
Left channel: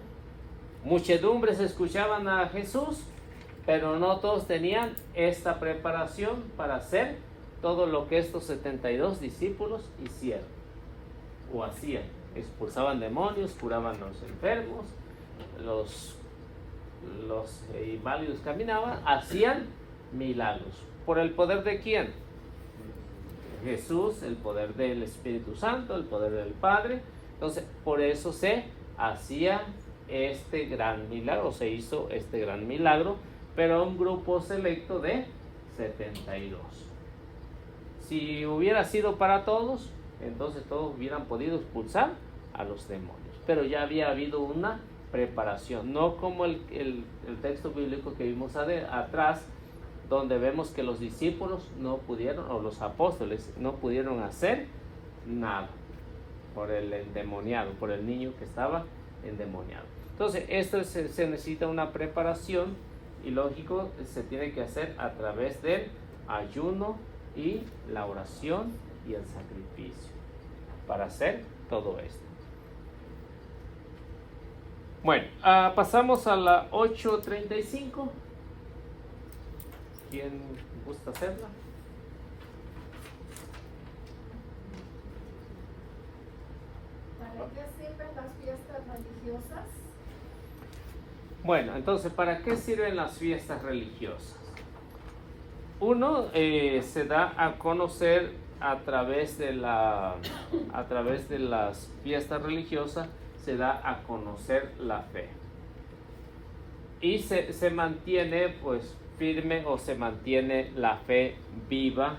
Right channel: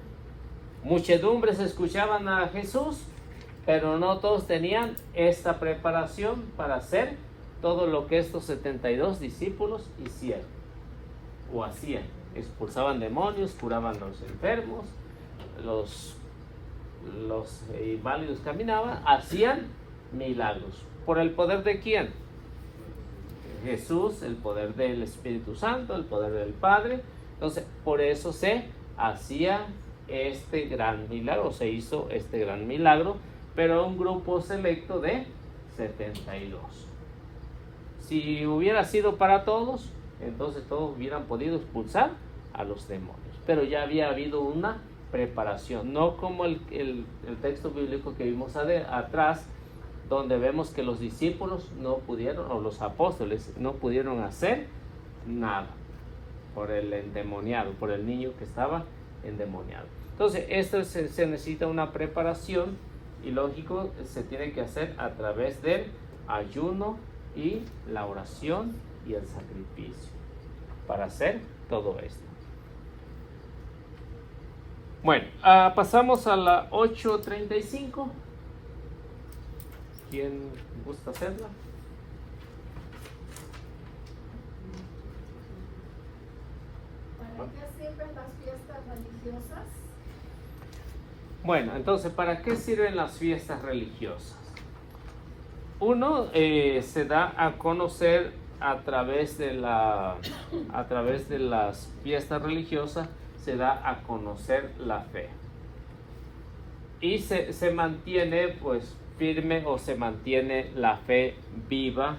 Muchedumbres escuchaban a Jesús, pero no todos tenían esta preparación para hacer todo lo que estos 72 discípulos hicieron o hacían. Expulsaban demonios, curaban a los enfermos, los inválidos caminaban, hacían milagros. ¿Por el poder de quién? Jesús, el poder del Espíritu Santo, el poder del Padre. Entonces, por eso se hacía este gran milagro, se hizo este gran milagro, pero un grupo selecto de 72. Si hubiera sido para todos, entonces todos hubieran podido expulsar a los demonios. Pero ya había habido una preparación, no como el texto bíblico que vimos atrás, donde vemos que los discípulos no pudieron, o los apóstoles no pudieron hacer nada por el endemoniado, por el niño que estaba endemoniado. Entonces, esto se necesita una preparación y lógico, se tiene que hacer a través del ayuno y la oración y el sacrificio para hacer todo esto. Bueno, pasamos a la 8:35. ¿Quién gusta hacerla? ¿Para qué sirven las fiestas religiosas? Bueno, entonces, ¿para qué sirven las fiestas religiosas? Uno se da a conocer a través de las fiestas religiosas, se da a conocer la fe. Y se mantiene pues firme, o se mantiene la fe viva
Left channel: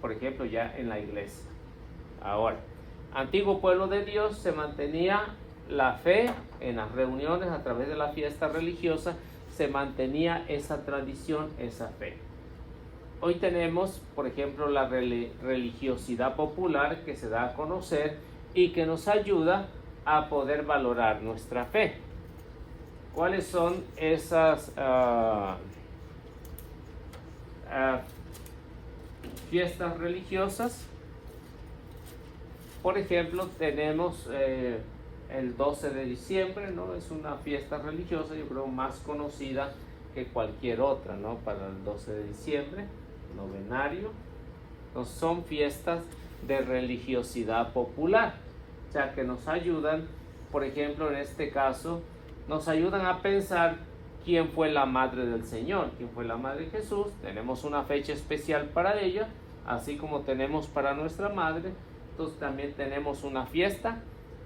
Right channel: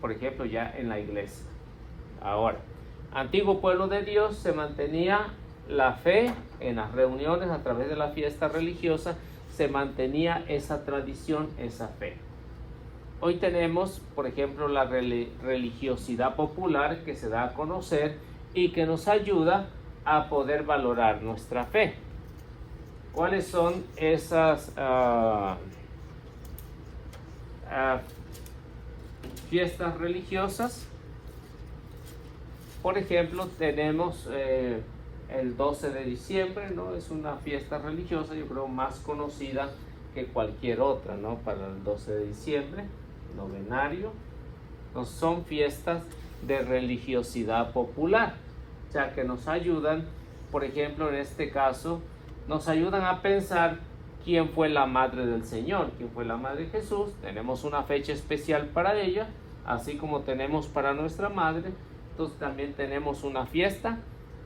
por ejemplo, ya en la iglesia. Ahora, antiguo pueblo de Dios, se mantenía la fe en las reuniones a través de la fiesta religiosa, se mantenía esa tradición, esa fe. Hoy tenemos, por ejemplo, la religiosidad popular que se da a conocer y que nos ayuda a poder valorar nuestra fe. ¿Cuáles son esas fiestas religiosas? Por ejemplo, tenemos el 12 de diciembre, ¿no? Es una fiesta religiosa, yo creo, más conocida que cualquier otra, ¿no? Para el 12 de diciembre, novenario. No, son fiestas de religiosidad popular, ya que nos ayudan, por ejemplo, en este caso, nos ayudan a pensar quién fue la madre del Señor, quién fue la madre de Jesús. Tenemos una fecha especial para ella, así como tenemos para nuestra madre. Entonces también tenemos una fiesta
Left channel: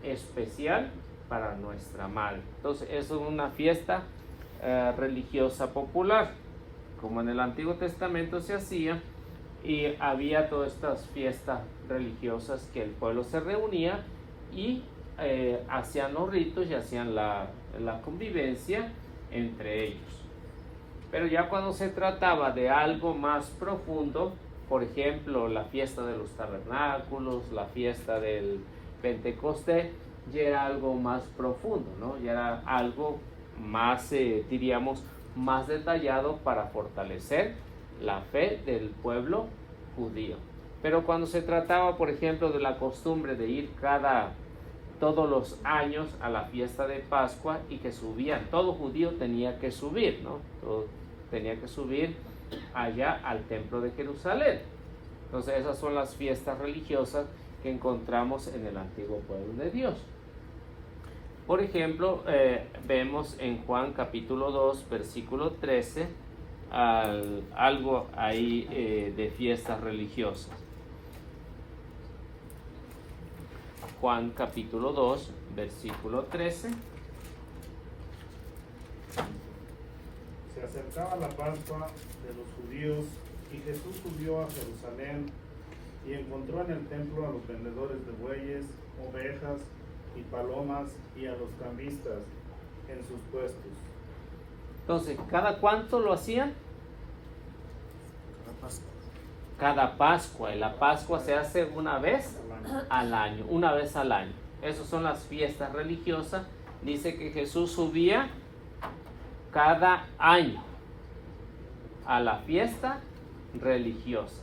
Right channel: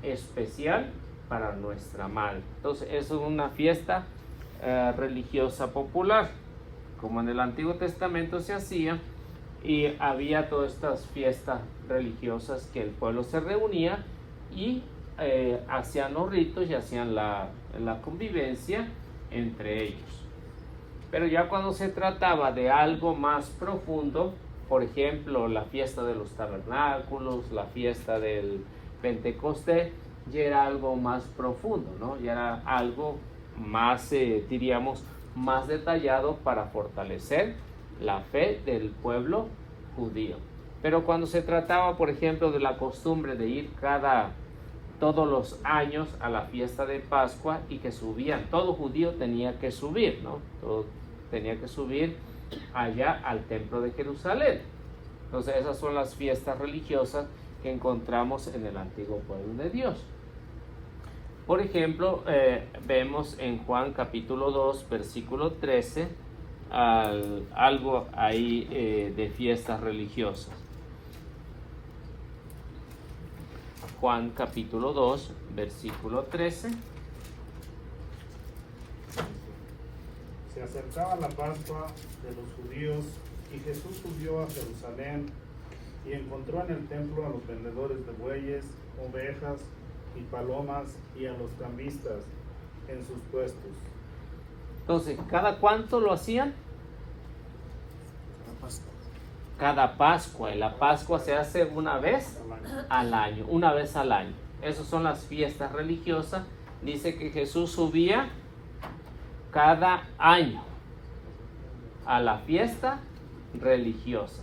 especial para nuestra madre. Entonces es una fiesta religiosa popular. como en el Antiguo Testamento se hacía, y había todas estas fiestas religiosas que el pueblo se reunía y hacían los ritos y hacían la convivencia entre ellos. Pero ya cuando se trataba de algo más profundo, por ejemplo, la fiesta de los tabernáculos, la fiesta del Pentecostés, ya era algo más profundo, ¿no? Ya era algo más, diríamos, más detallado para fortalecer la fe del pueblo judío. Pero cuando se trataba, por ejemplo, de la costumbre de ir todos los años a la fiesta de Pascua y que subían, todo judío tenía que subir, ¿no? Todo tenía que subir allá al templo de Jerusalén. Entonces esas son las fiestas religiosas que encontramos en el antiguo pueblo de Dios. Por ejemplo, vemos en Juan capítulo 2, versículo 13, algo ahí de fiestas religiosas. Juan capítulo 2, versículo 13. Se acercaba la Pascua de los judíos y Jesús subió a Jerusalén y encontró en el templo a los vendedores de bueyes, ovejas y palomas y a los cambistas en sus puestos. Entonces, ¿cada cuánto lo hacían? Cada Pascua. Y la Pascua se hace una vez al año, una vez al año. Esas son las fiestas religiosas. Dice que Jesús subía cada año a la fiesta religiosa.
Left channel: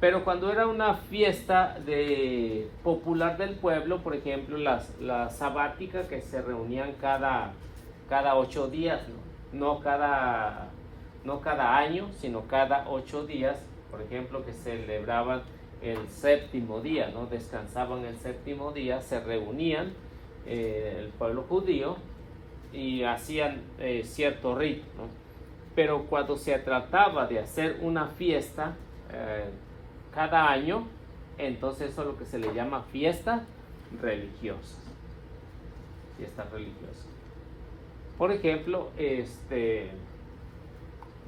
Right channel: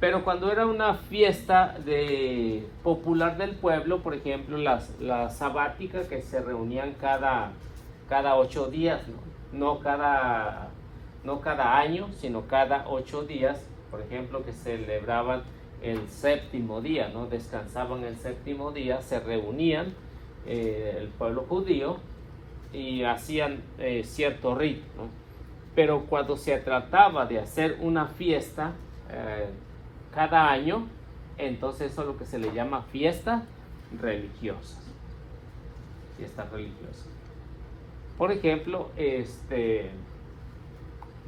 Pero cuando era una fiesta popular del pueblo, por ejemplo, la sabática, que se reunían cada 8 días, no cada año, sino cada 8 días, por ejemplo, que celebraban el séptimo día, ¿no? Descansaban el séptimo día, se reunían el pueblo judío y hacían cierto rito, ¿no? Pero cuando se trataba de hacer una fiesta cada año, entonces eso es lo que se le llama fiesta religiosa. Fiesta religiosa. Por ejemplo,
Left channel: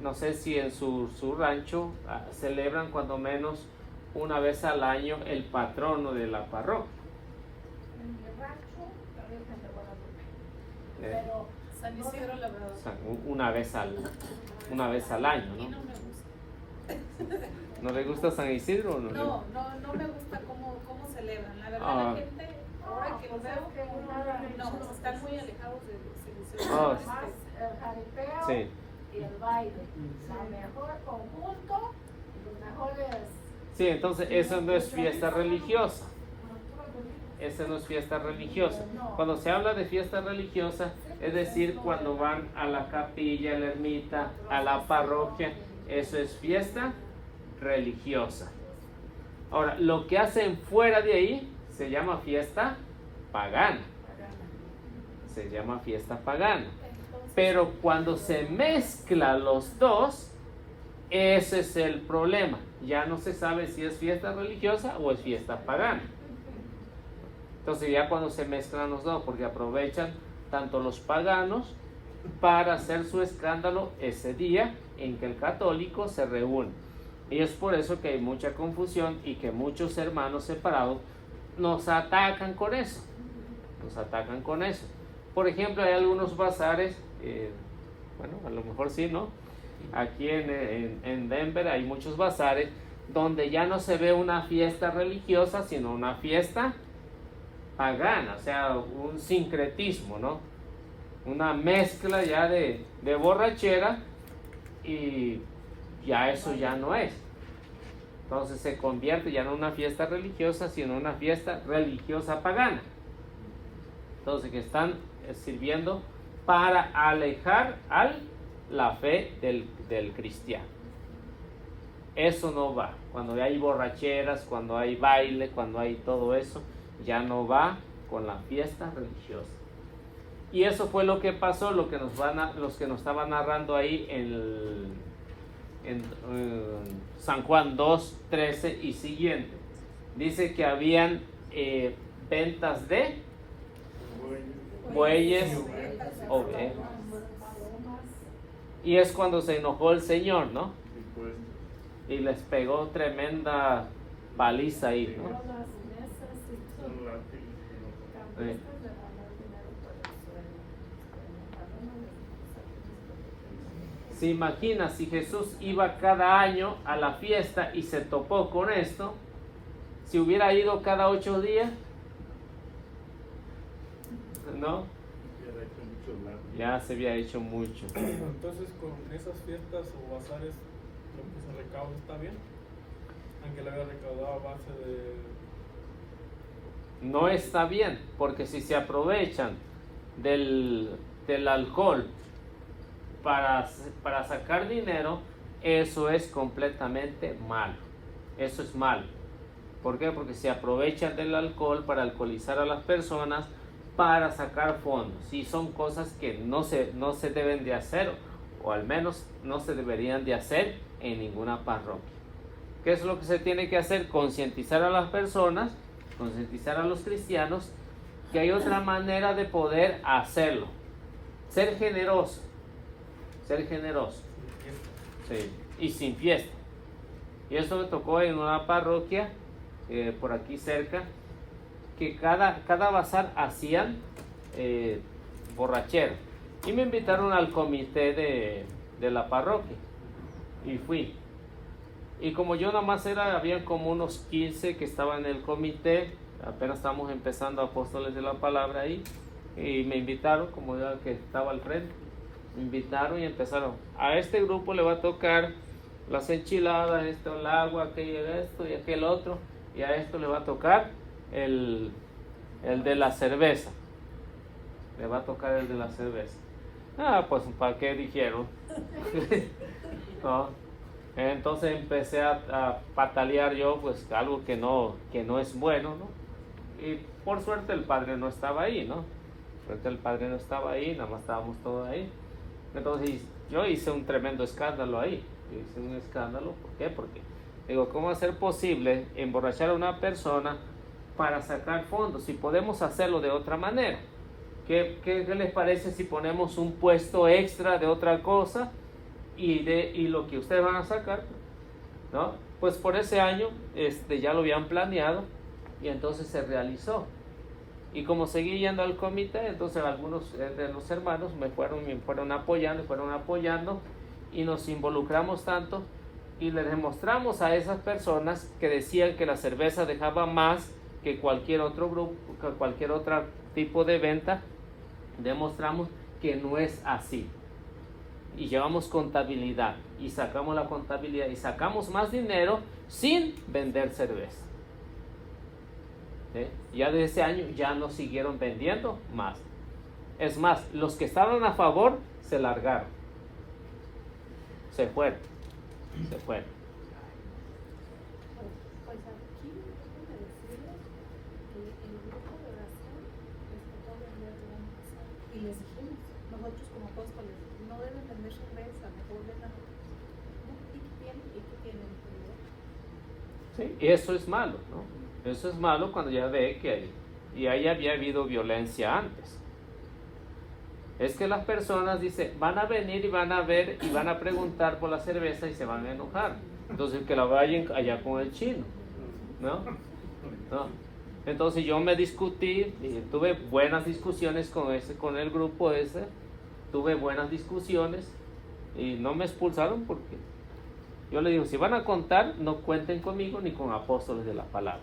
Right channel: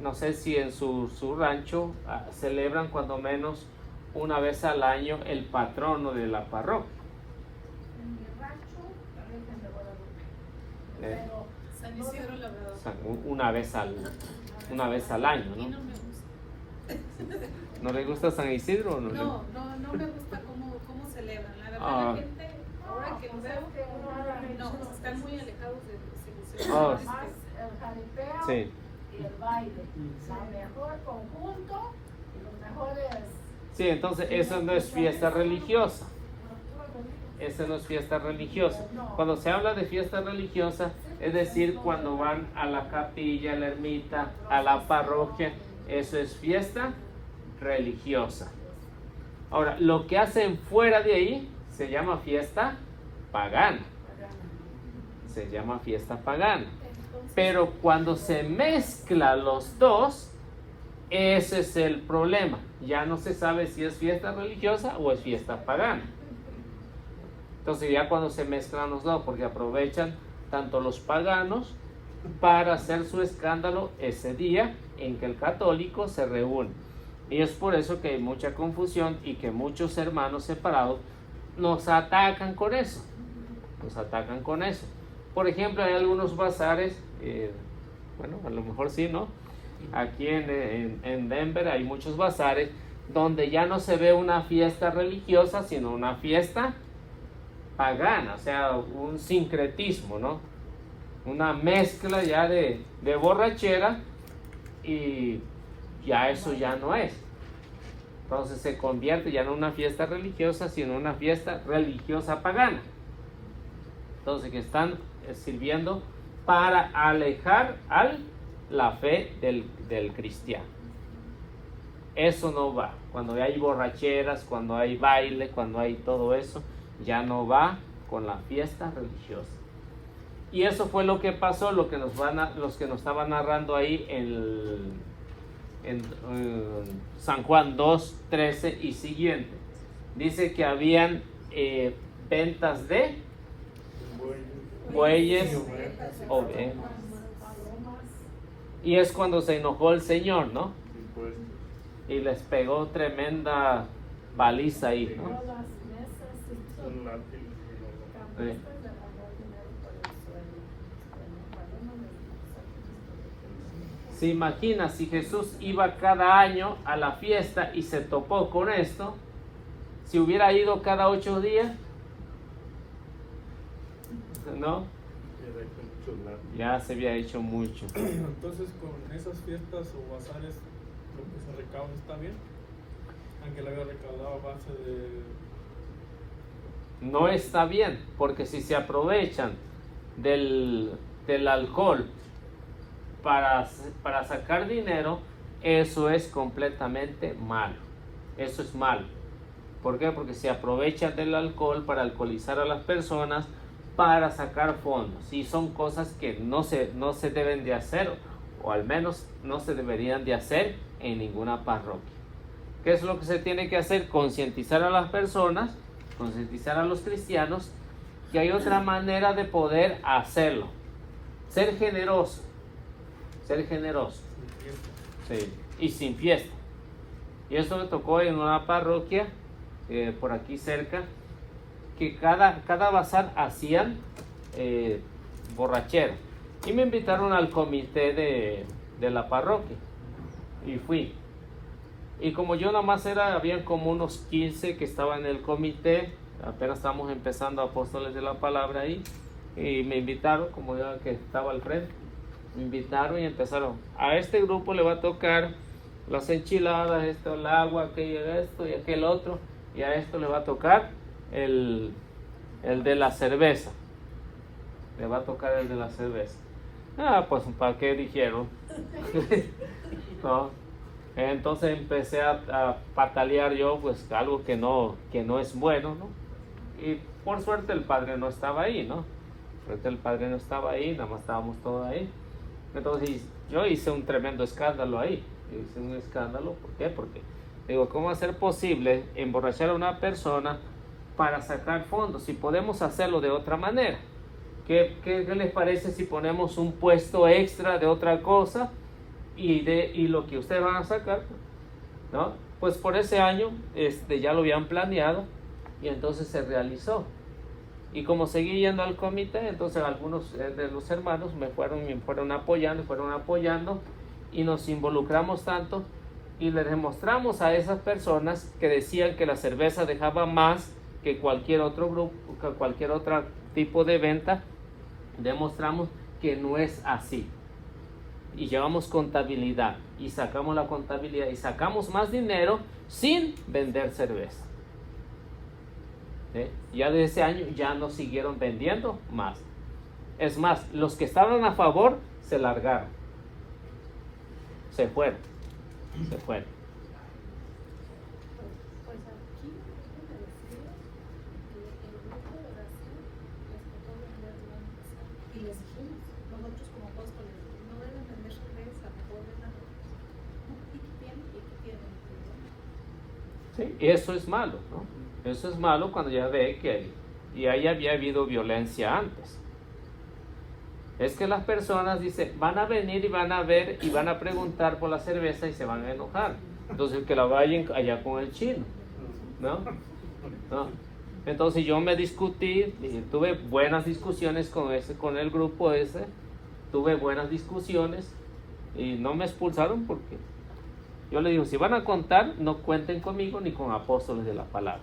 no sé si en su rancho celebran cuando menos una vez al año el patrono de la parroquia. En mi rancho, la Virgen de Guadalupe. Pero San Isidro Labrador. o sea, una vez al año, Y ¿no? no me gusta. ¿No le gusta San Isidro o no? No me gusta cómo celebran. La verdad, Ah. la gente, ahora que los veo, no, están muy alejados de su Ah. Más el jaripeo Sí. y el baile. El mejor conjunto y los mejores. Sí, entonces eso no es fiesta religiosa. Eso no es fiesta religiosa. Cuando se habla de fiesta religiosa, es decir, cuando van a la capilla, a la ermita, a la parroquia, eso es fiesta religiosa. Ahora, lo que hacen fuera de ahí se llama fiesta pagana. Se llama fiesta pagana. Pero cuando se mezclan los dos, ese es el problema. Ya no se sabe si es fiesta religiosa o es fiesta pagana. Entonces ya cuando se mezclan los dos, porque aprovechan tanto los paganos para hacer su escándalo ese día en que el católico se reúne. Y es por eso que hay mucha confusión y que muchos hermanos separados nos atacan con eso. Nos atacan con eso. Por ejemplo, hay algunos bazares, bueno, a lo mejor sí, ¿no? Aquí en Denver hay muchos bazares donde ya no se ve una fiesta religiosa, sino una fiesta pagana, o sea, un sincretismo, ¿no? Una mezcla ya de borrachera y ya eso ya no es. Entonces se convierte ya no en una fiesta religiosa, sino en una fiesta religiosa pagana. Entonces que están sirviendo para alejar la fe del cristiano. Eso no va. Cuando hay borracheras, cuando hay baile, cuando hay todo eso, ya no va con la fiesta religiosa. Y eso fue lo que pasó, los que nos estaban narrando ahí en San Juan 2, 13 y siguiente. Dice que habían ventas de bueyes, ovejas, Y es cuando se enojó el Señor, ¿no? Impuestos. Y les pegó tremenda paliza ahí, ¿no? Todas las mesas y todo. Son látigos. Cabezas de ganar dinero por el suelo. Bueno, cada uno les saca. Se imagina si Jesús iba cada año a la fiesta y se topó con esto, si hubiera ido cada 8 días, ¿no? Ya se había hecho mucho. Entonces, con esas fiestas o bazares, lo que se recauda está bien, aunque le había recaudado a base de. No está bien, porque si se aprovechan del alcohol para sacar dinero, eso es completamente mal. Eso es mal. ¿Por qué? Porque se aprovechan del alcohol para alcoholizar a las personas, para sacar fondos. Y son cosas que no se deben de hacer, o al menos no se deberían de hacer en ninguna parroquia. ¿Qué es lo que se tiene que hacer? Concientizar a las personas, concientizar a los cristianos que hay otra manera de poder hacerlo. Ser generoso. Ser generoso. Sí, y sin fiesta. Y eso me tocó en una parroquia por aquí cerca, que cada bazar hacían borrachera. Y me invitaron al comité de la parroquia. Y fui. Y como yo nada más había como unos 15 que estaban en el comité, apenas estamos empezando Apóstoles de la Palabra ahí, y me invitaron, como ya que estaba al frente, me invitaron y empezaron, a este grupo le va a tocar las enchiladas, esto, el agua, aquello, esto y aquel otro, y a esto le va a tocar el de la cerveza. Le va a tocar el de la cerveza. Ah, pues ¿para qué dijeron? ¿No? Entonces empecé a patalear yo, pues algo que no es bueno, ¿no? Y por suerte el padre no estaba ahí, ¿no? Suerte el padre no estaba ahí, nada más estábamos todos ahí. Entonces yo hice un tremendo escándalo ahí. Hice un escándalo, ¿por qué? Porque digo, ¿cómo va a ser posible emborrachar a una persona para sacar fondos si podemos hacerlo de otra manera? ¿Qué les parece si ponemos un puesto extra de otra cosa y lo que ustedes van a sacar, ¿no? Pues por ese año ya lo habían planeado y entonces se realizó. Y como seguí yendo al comité, entonces algunos de los hermanos me fueron apoyando y nos involucramos tanto y le demostramos a esas personas que decían que la cerveza dejaba más que cualquier otro grupo, que cualquier otro tipo de venta, demostramos que no es así. Y llevamos contabilidad y sacamos la contabilidad y sacamos más dinero sin vender cerveza. Ya desde ese año ya no siguieron vendiendo más. Es más, los que estaban a favor se largaron. Se fueron. Pues aquí déjenme decirles que el grupo de oración todavía no es la empezar. Y les dijimos, nosotros como apóstoles, no deben vender cerveza, mejor vendan Sí, y eso es malo, ¿no? Eso es malo cuando ya ve que ahí había habido violencia antes. Es que las personas dicen, van a venir y van a ver y van a preguntar por la cerveza y se van a enojar. Entonces que la vayan allá con el chino, ¿no? ¿No? Entonces yo me discutí y tuve buenas discusiones con el grupo ese. Tuve buenas discusiones y no me expulsaron porque yo le digo, si van a contar, no cuenten conmigo ni con Apóstoles de la Palabra.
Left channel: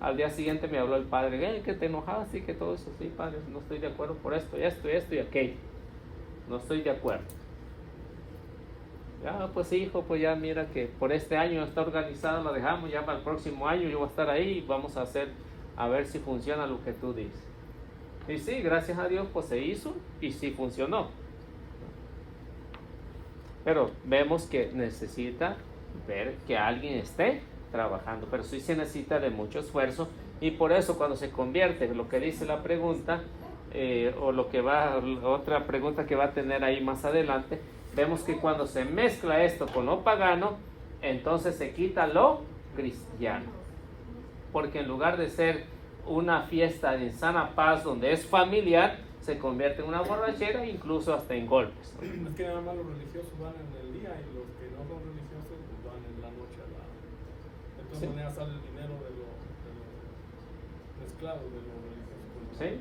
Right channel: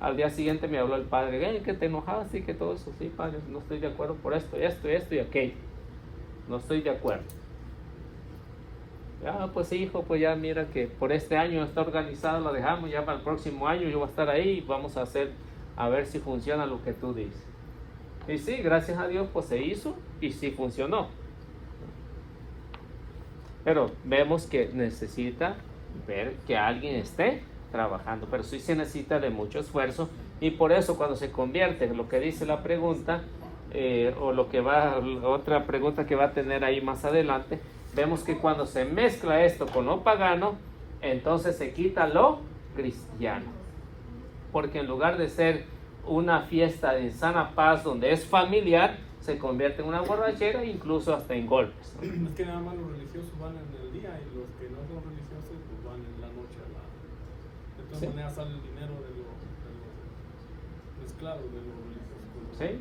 Al día siguiente me habló el padre, que te enojaste y que todo eso, sí, padre, no estoy de acuerdo por esto y aquello. No estoy de acuerdo. Ah, pues hijo, pues ya mira que por este año está organizado, lo dejamos, ya para el próximo año yo voy a estar ahí y vamos a ver si funciona lo que tú dices. Y sí, gracias a Dios, pues se hizo y sí funcionó. Pero vemos que necesita ver que alguien esté trabajando, pero sí se necesita de mucho esfuerzo y por eso cuando se convierte en lo que dice la pregunta o lo que otra pregunta que va a tener ahí más adelante, vemos que cuando se mezcla esto con lo pagano, entonces se quita lo cristiano, porque en lugar de ser una fiesta de sana paz donde es familiar, se convierte en una borrachera, incluso hasta en golpes. Es que nada más los religiosos van en el día y los que no son religiosos pues van en la noche a la... De todas Sí. maneras sale el dinero de los mezclados de los religiosos. con los ¿Sí?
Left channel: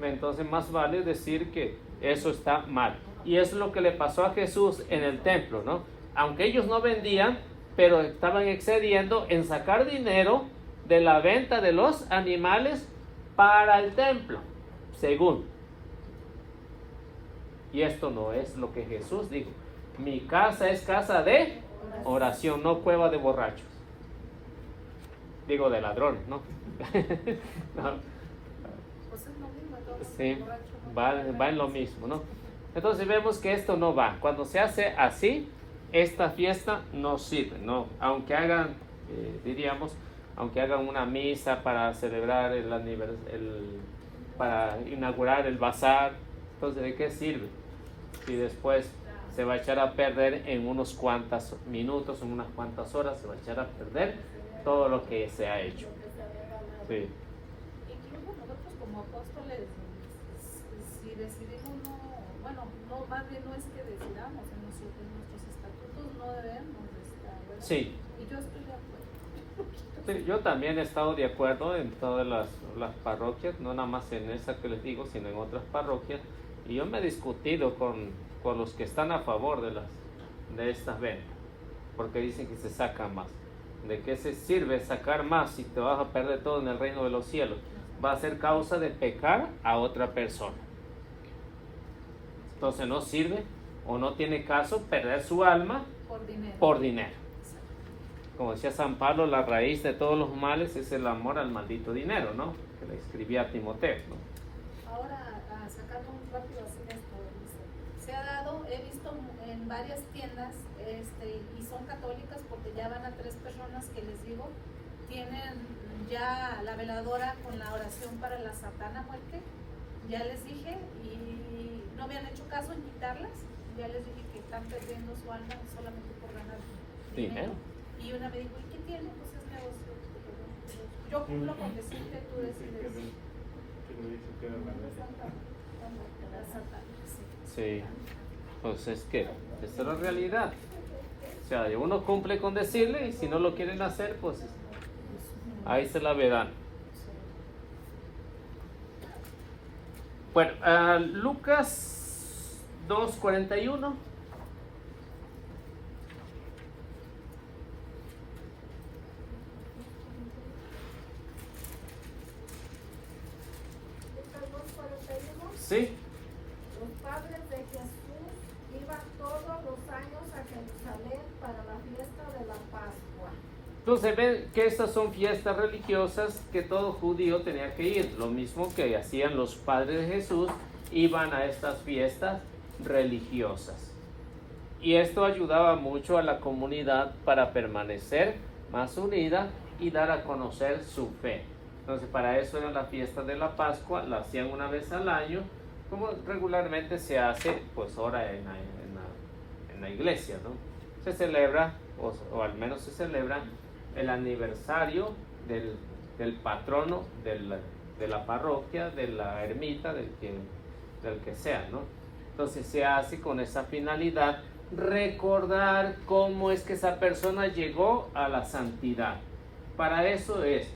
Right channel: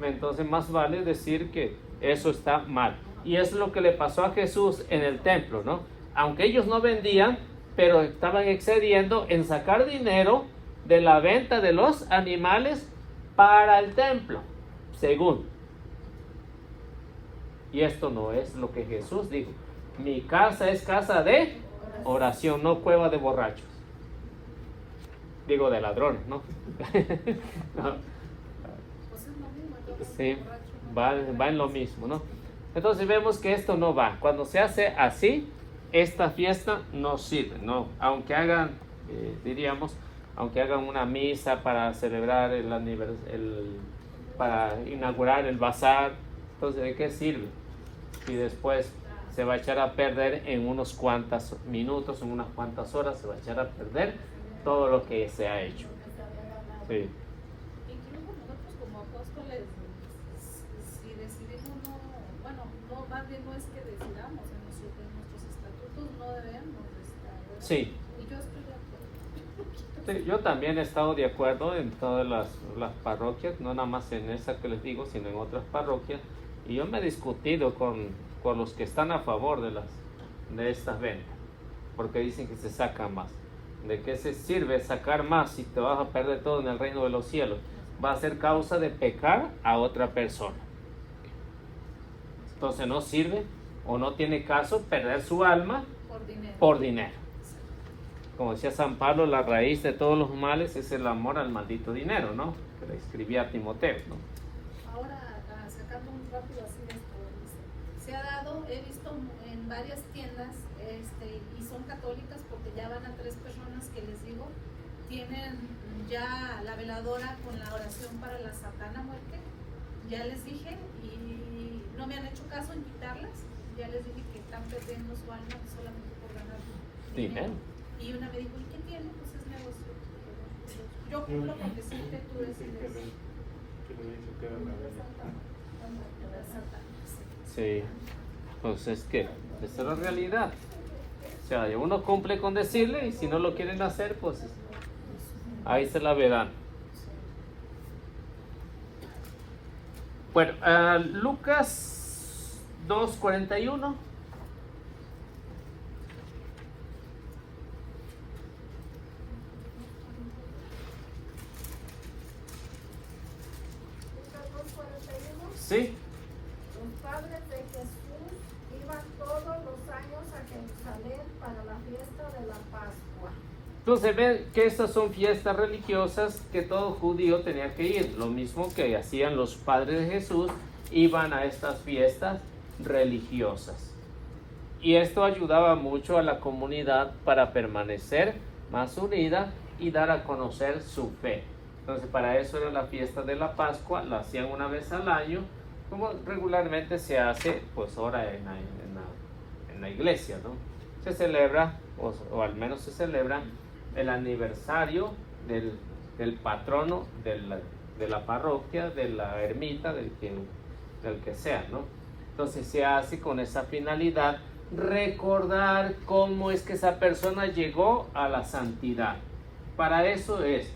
no. Entonces más vale decir que eso está mal. Y eso es lo que le pasó a Jesús en el templo, ¿no? Aunque ellos no vendían, pero estaban excediendo en sacar dinero de la venta de los animales para el templo, según. Y esto no es lo que Jesús dijo. Mi casa es casa de oración, no cueva de borrachos. Digo de ladrones, ¿no? No. Pues es lo mismo, todo Sí, borracho, ¿no? va en lo mismo, ¿no? Entonces vemos que esto no va. Cuando se hace así, esta fiesta no sirve, ¿no? Aunque hagan, diríamos, aunque hagan una misa para celebrar para inaugurar el bazar, entonces ¿de qué sirve? Y después se va a echar a perder en unos cuantos minutos, en unas cuantas horas, se va a echar a perder todo lo que se ha hecho. Sí. Incluso nosotros como apóstoles, si decidimos no, bueno, no, más bien no es que decidamos en nuestros estatutos, no debemos de estar, ¿verdad? Sí. Y yo estoy de acuerdo. Sí, yo también he estado de acuerdo en todas las parroquias, no nada más en esa que les digo, sino en otras parroquias. Y yo me he discutido con los que están a favor de estas ventas, porque dicen que se saca más. ¿De qué se sirve sacar más si te vas a perder todo en el reino de los cielos? Va a ser causa de pecar a otra persona. Entonces no sirve o no tiene caso perder su alma Por dinero. por dinero. Como decía San Pablo, la raíz de todos los males es el amor al maldito dinero, ¿no? Que le escribía a Timoteo, ¿no? Ahora, sacando muy rápido así esto, dice, se ha dado, he visto en varias tiendas, y son católicas porque ya van a 3 personas que les digo, tienen ya la veladora con la oración para la Santa Muerte, ya les dije, y no me han hecho caso en quitarlas, ya les dije que están perdiendo su alma solamente por ganar Dinero. Y una me dijo, ¿y qué tiene? Pues es negocio. Yo cumplo con decirte, tú decides. La Santa, sí. Sí, pues es que esa es la realidad. O sea, uno cumple con decirle y si no lo quieren hacer, pues ahí se la verán. Bueno, Lucas 2:41. Sí, Los padres de Jesús iban todos los años a Jerusalén para la fiesta de la Pascua. entonces ven que estas son fiestas religiosas que todo judío tenía que ir. Lo mismo que hacían los padres de Jesús, iban a estas fiestas religiosas. Y esto ayudaba mucho a la comunidad para permanecer más unida y dar a conocer su fe. Entonces para eso era la fiesta de la Pascua, la hacían una vez al año, como regularmente se hace pues ahora en la iglesia, ¿no? Se celebra, o al menos se celebra el aniversario del patrono de la parroquia, de la ermita, del que sea, ¿no? Entonces se hace con esa finalidad, recordar cómo es que esa persona llegó a la santidad. Para eso es.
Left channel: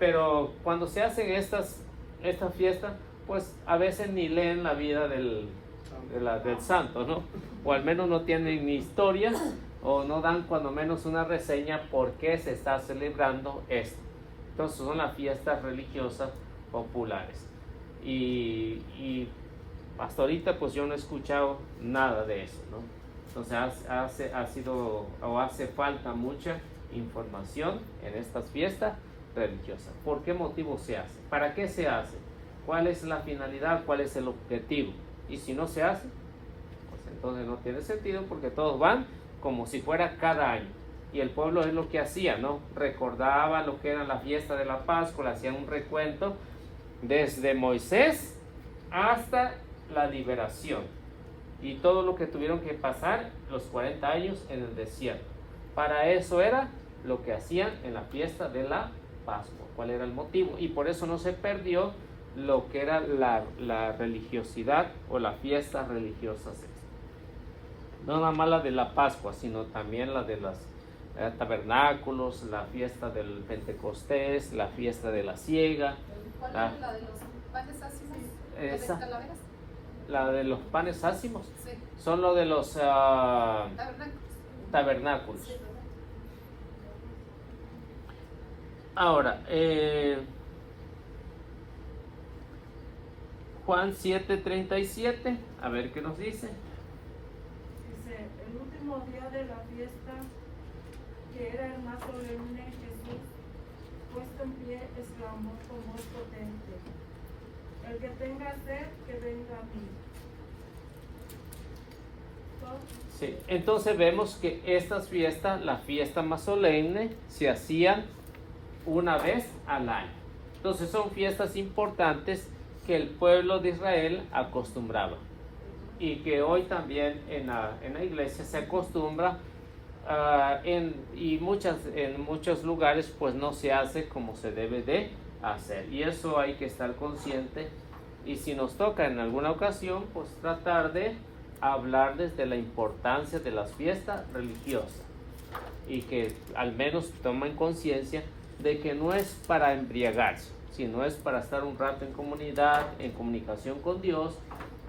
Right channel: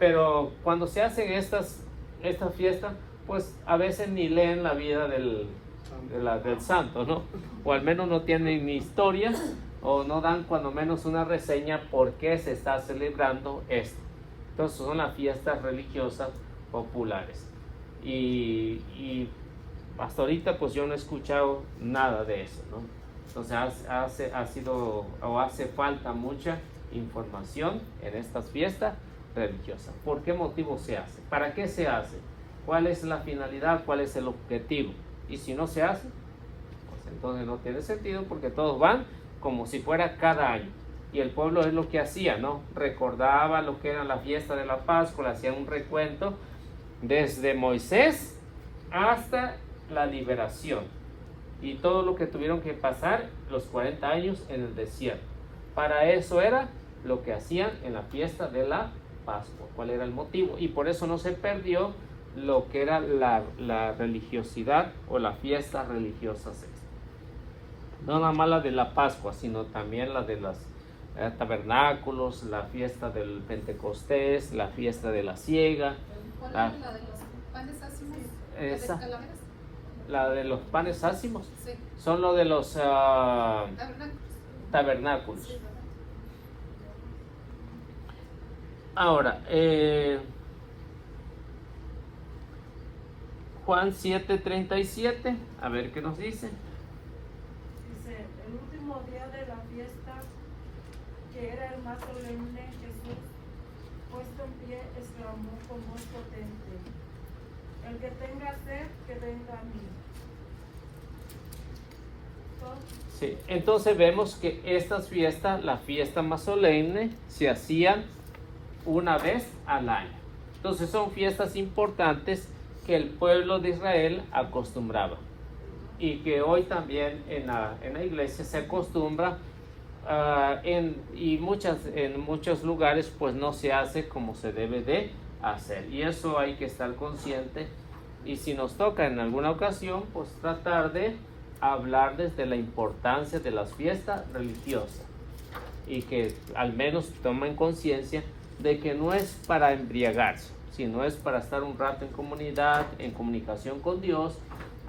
Pero cuando se hacen esta fiesta, pues a veces ni leen la vida del santo, ¿no? O al menos no tienen ni historia o no dan cuando menos una reseña por qué se está celebrando esto. Entonces son las fiestas religiosas populares. Y hasta ahorita pues yo no he escuchado nada de eso, ¿no? Entonces hace falta mucha información en estas fiestas religiosas. ¿Por qué motivo se hace? ¿Para qué se hace? ¿Cuál es la finalidad? ¿Cuál es el objetivo? Y si no se hace, pues entonces no tiene sentido porque todos van como si fuera cada año. Y el pueblo es lo que hacía, ¿no? Recordaba lo que era la fiesta de la Pascua, hacían un recuento desde Moisés hasta la liberación. Y todo lo que tuvieron que pasar los 40 años en el desierto. Para eso era lo que hacían en la fiesta de la Pascua. ¿Cuál era el motivo? Y por eso no se perdió lo que era la religiosidad o la fiesta religiosa. No nada más la de la Pascua, sino también la de los tabernáculos, la fiesta del Pentecostés, la fiesta de la siega. ¿Cuál La- es la de los panes ácimos? ¿De las Esa. calaveras? La de los panes ácimos, Sí, son lo de los tabernáculos. tabernáculos. Sí, ¿verdad? Ahora, Juan 7:37, a ver qué nos dice. Dice, el último día de la fiesta, que era el más solemne, Jesús, puesto en pie, exclamó con voz potente, el que tenga sed, que venga a mí. Sí, entonces vemos que estas fiestas, la fiesta más solemne, se hacían una vez al año. Entonces son fiestas importantes que el pueblo de Israel acostumbraba y que hoy también en la iglesia se acostumbra en muchos lugares pues no se hace como se debe de hacer, y eso hay que estar consciente, y si nos toca en alguna ocasión pues tratar de hablarles de la importancia de las fiestas religiosas y que al menos tomen conciencia de que no es para embriagarse, sino es para estar un rato en comunidad, en comunicación con Dios,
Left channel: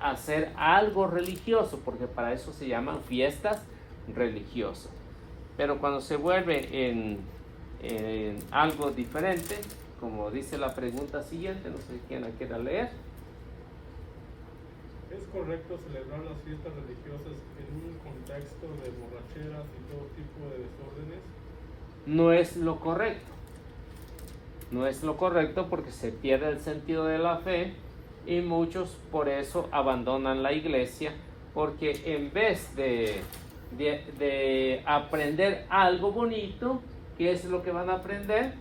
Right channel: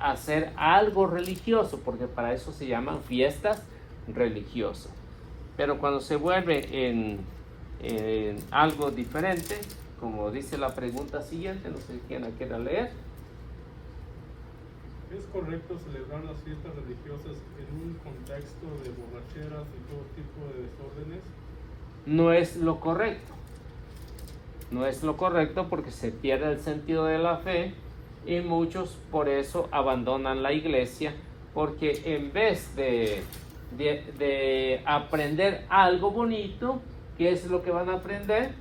hacer algo religioso, porque para eso se llaman fiestas religiosas. Pero cuando se vuelve en algo diferente, como dice la pregunta siguiente, no sé quién la quiera leer. ¿Es correcto celebrar las fiestas religiosas en un contexto de borracheras y todo tipo de desórdenes? No es lo correcto. No es lo correcto porque se pierde el sentido de la fe y muchos por eso abandonan la iglesia, porque en vez de aprender algo bonito, ¿qué es lo que van a aprender?